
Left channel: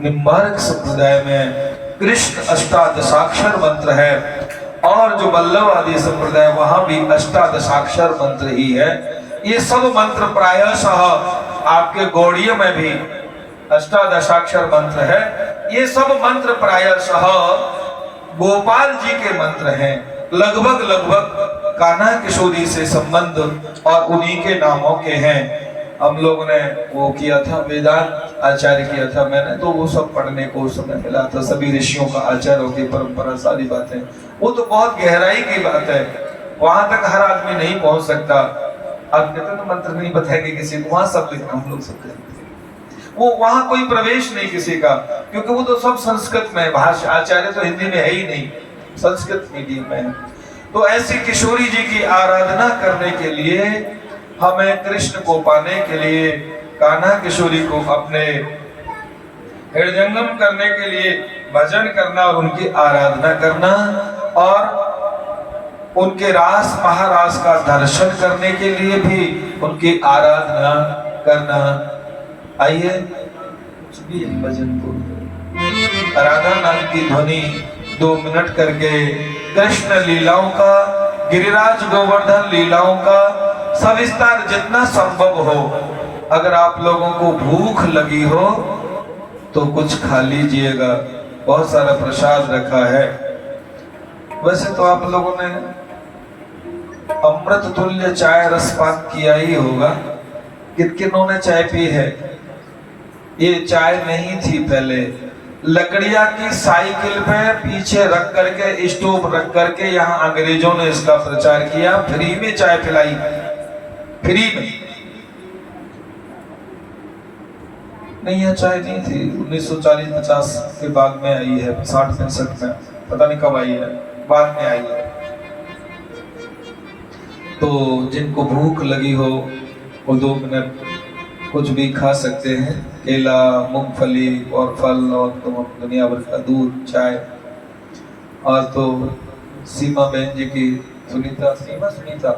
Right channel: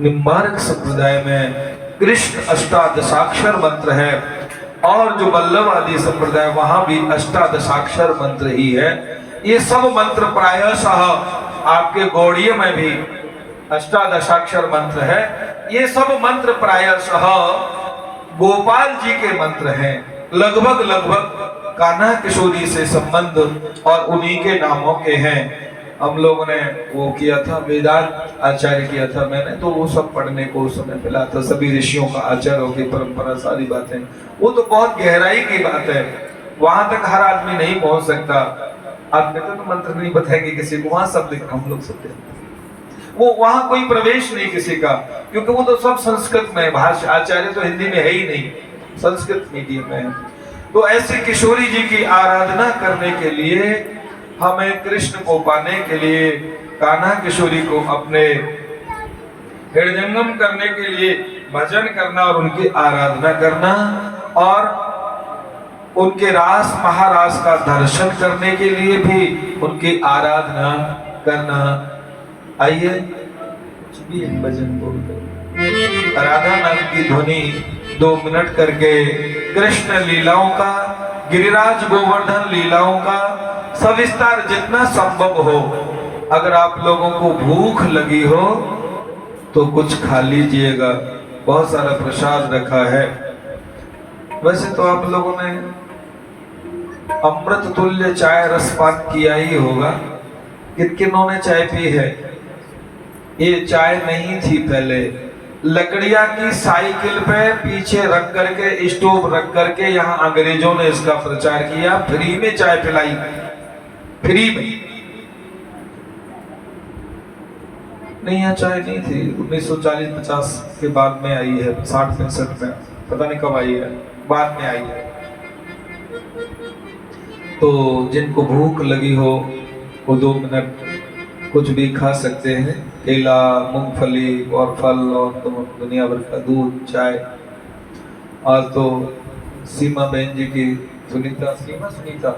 निम्बार्क संप्रदाय में कृष्ण अष्टादशाक्षर मंत्र है, और जो वल्लभ आदि संप्रदाय वहां भी अष्टादशाक्षर मंत्र ही है। ये सब मंत्र प्रायशः आपके गौड़ीय में भी अष्टादशाक्षर मंत्र है। ये सब मंत्र प्रायशः गोपाल जी के मंत्र हैं, लगभग कान्हा किशोरी से संबंध और उन्हीं के नामों के हैं। हम लोगों ने वो किया था, वेदांत आचार्य किया था मैंने, तो वो सब पढ़ने को उस समय मिला था, सभी ऋषियों का आचार्यों की परंपरा, सारी बातें। वो तो बहुत गहराई की बात है, वहां तक हर आदमी नहीं पहुंच सकता। आप कहते तो मंत्र नहीं बताएंगे किसी को, वहां सब लिखा, हम लोग सब वो वहां कोई प्रवेश नहीं किसी का, क्योंकि वो तो सब संस्कृत में है, भाषा आचार्य तो हिंदी में है ही नहीं, संस्कृत मीडियम में है। तो ऐसी किशोरी जी की आराधना करने के लिए, हमें कृष्ण को पाने के लिए, कान्हा किशोरी को अपने हृदयंगम करने के लिए भजन करना और उनकी आराधना करना, और उनके रास महारास का दर्शन करने के लिए भी उनकी आराधना करना। आइए कुछ भी भजन बोलते, राधा नाम की ध्वनि 2 मिनट करके कृष्ण लीलाओं का, गिरिराज गोवर्धन लीलाओं का सविस्तार जितना संभव हो। अगर आप लोगों को भूख लगी हो तो कुछ खा लीजिएगा, बहुत सारा प्रसाद रखा है। वैसे तो आप लोगों ने अमृत तुल्य चाय रसपान किया ही होगा। किन किनों ने चाय पी है? ये चाय नहीं थी पहले, लकड़िया की साइकिल पे पीछे रख करके, स्टोव रख करके यहाँ अंग्रेजों ने इसका प्रचार किया, फ्री में चाय पिलाई, फ्री में। नहीं, यह चाय नहीं थी, 1940-50 के बाद में आई है, 60-65 में, पता नहीं कब आई है, बाद में आई है। तो जिनको भूख लगी हो वो 2 मिनट कुछ भी खा सकते हैं, केला, मूंगफली और फल, और तो दुनिया भर का दूध, चाय। और तो सीमा बहन जी की, सुनीता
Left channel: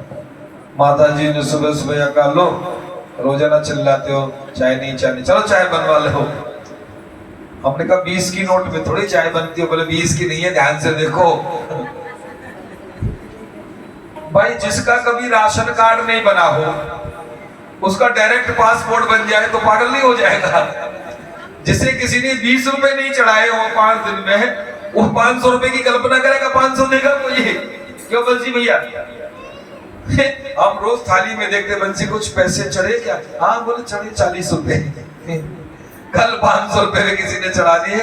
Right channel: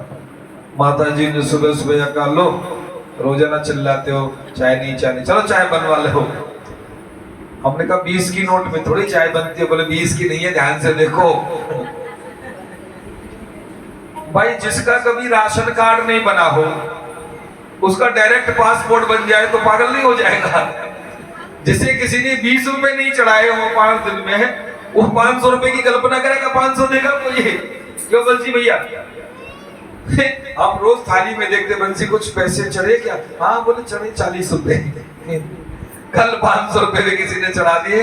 माता जी ने सुबह सुबह कहा, लो रोजाना चिल्लाते हो चाय नहीं, चलो चाय बनवा लो। हमने कहा 20 की नोट में थोड़ी चाय बनती है। बोले 20 की नहीं है, ध्यान से देखो। भाई जिसका कभी राशन कार्ड नहीं बना हो, उसका डायरेक्ट पासपोर्ट बन जाए तो पागल नहीं हो जाएगा? जिसे किसी ने 20 रुपए नहीं चढ़ाए हो 5 दिन में, वो 500 रुपए की कल्पना करेगा 500 देगा मुझे। क्यों बंसी भैया? हम रोज थाली में देखते, बंसी कुछ पैसे चढ़े क्या? हाँ बोले चढ़े 40 रुपए। कल 500 रुपए में किसी ने चढ़ा दिए,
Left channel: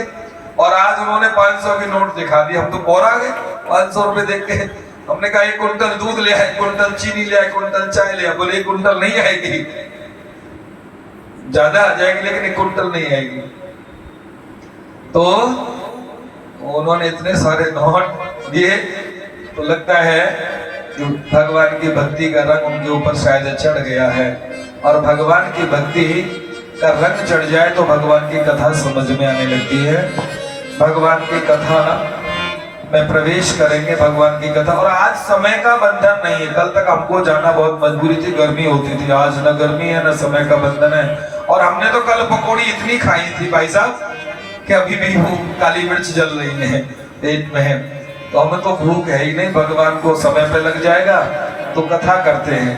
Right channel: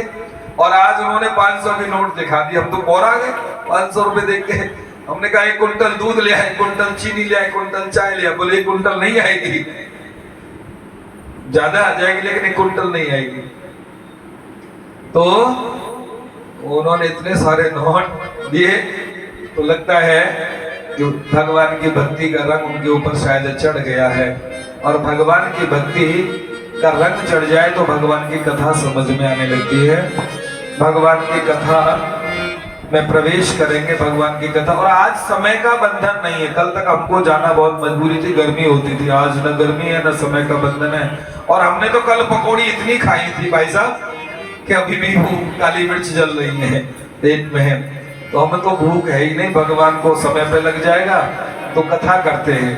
और आज उन्होंने 500 की नोट दिखा दी। हम तो बोरा गए 500 रुपए देख के। हमने कहा 1 कुंटल दूध ले आए, 1 कुंटल चीनी ले आए, 1 कुंटल चाय ले आए। बोले 1 कुंटल नहीं आएगी, ज्यादा आ जाएगी लेकिन 1 कुंटल नहीं आएगी। तो उन्होंने इतने सारे नोट दिए, तो लगता है कि भगवान की भक्ति का रंग उनके ऊपर शायद चढ़ गया है। और भगवान की भक्ति का रंग चढ़ जाए तो भगवान की कथा समझ में आने लगती है। भगवान की कथा में प्रवेश करेंगे, भगवान की कथा। और आज समय का बंधन नहीं है, कल तक हमको जाना बहुत मजबूरी थी, गर्मी होती थी। आज न गर्मी है न समय का बंधन है। और हमने तो कल पकौड़ी इतनी खाई थी भाई साहब कि अभी भी वो काली मिर्च जल रही है पेट में। तो हमें तो भूख है ही नहीं, भगवान को समय पे लग जाएगा। तो कथा करते हैं।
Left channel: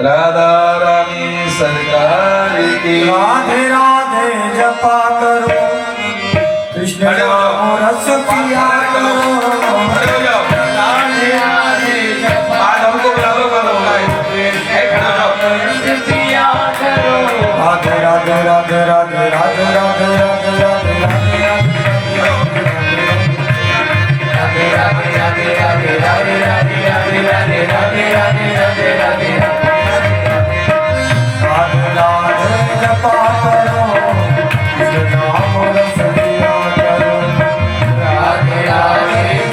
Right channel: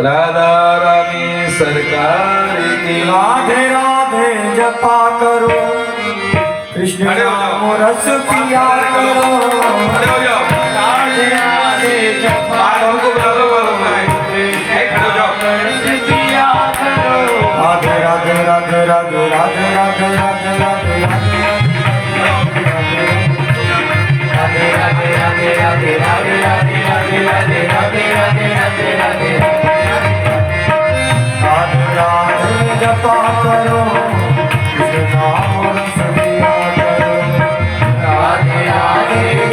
राधा रानी सरकार की, राधे राधे जपा करो, कृष्ण नाम रस पिया करो। खड़े हो जाओ, राधे राधे जपा आज हमको बुला लो, खड़े हो जाओ। रस पिया करो। राधे राधे राधे राधे राधे राधे राधे राधे राधे जपा करो, कृष्ण नाम रस पिया करो। राधे राधे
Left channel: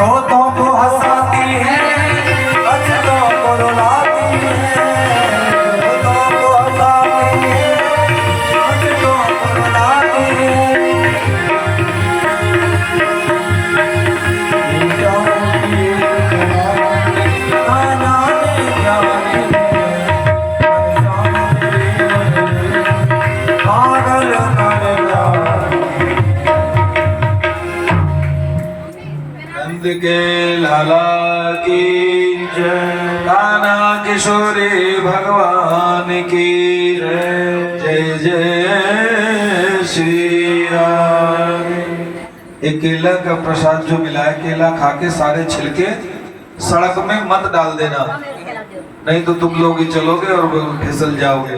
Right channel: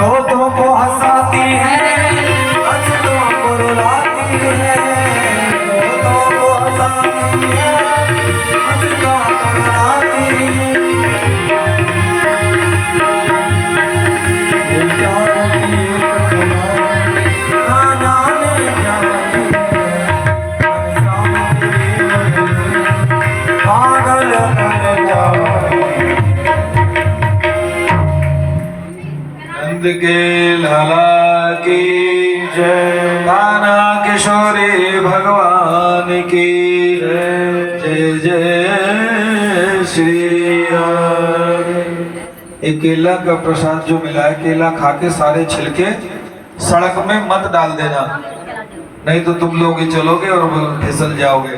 दोस्तों को हंसाती है, अच्छों को रुलाती है। दोस्तों को हंसाती है, अच्छों को रुलाती है। ये प्यारों की एक कहानी, खाना में जाती है। पागल कर जाती है। नंद के लाला की जय, कान्हा किशोरी भगवान की जय जय श्री राम। एक केला का प्रसाद जो मिला है, केला खा के सारे छिलके सड़क में मत डाल देना, नहीं तो तुम लोग ही चलोगे और फिसल जाओगे।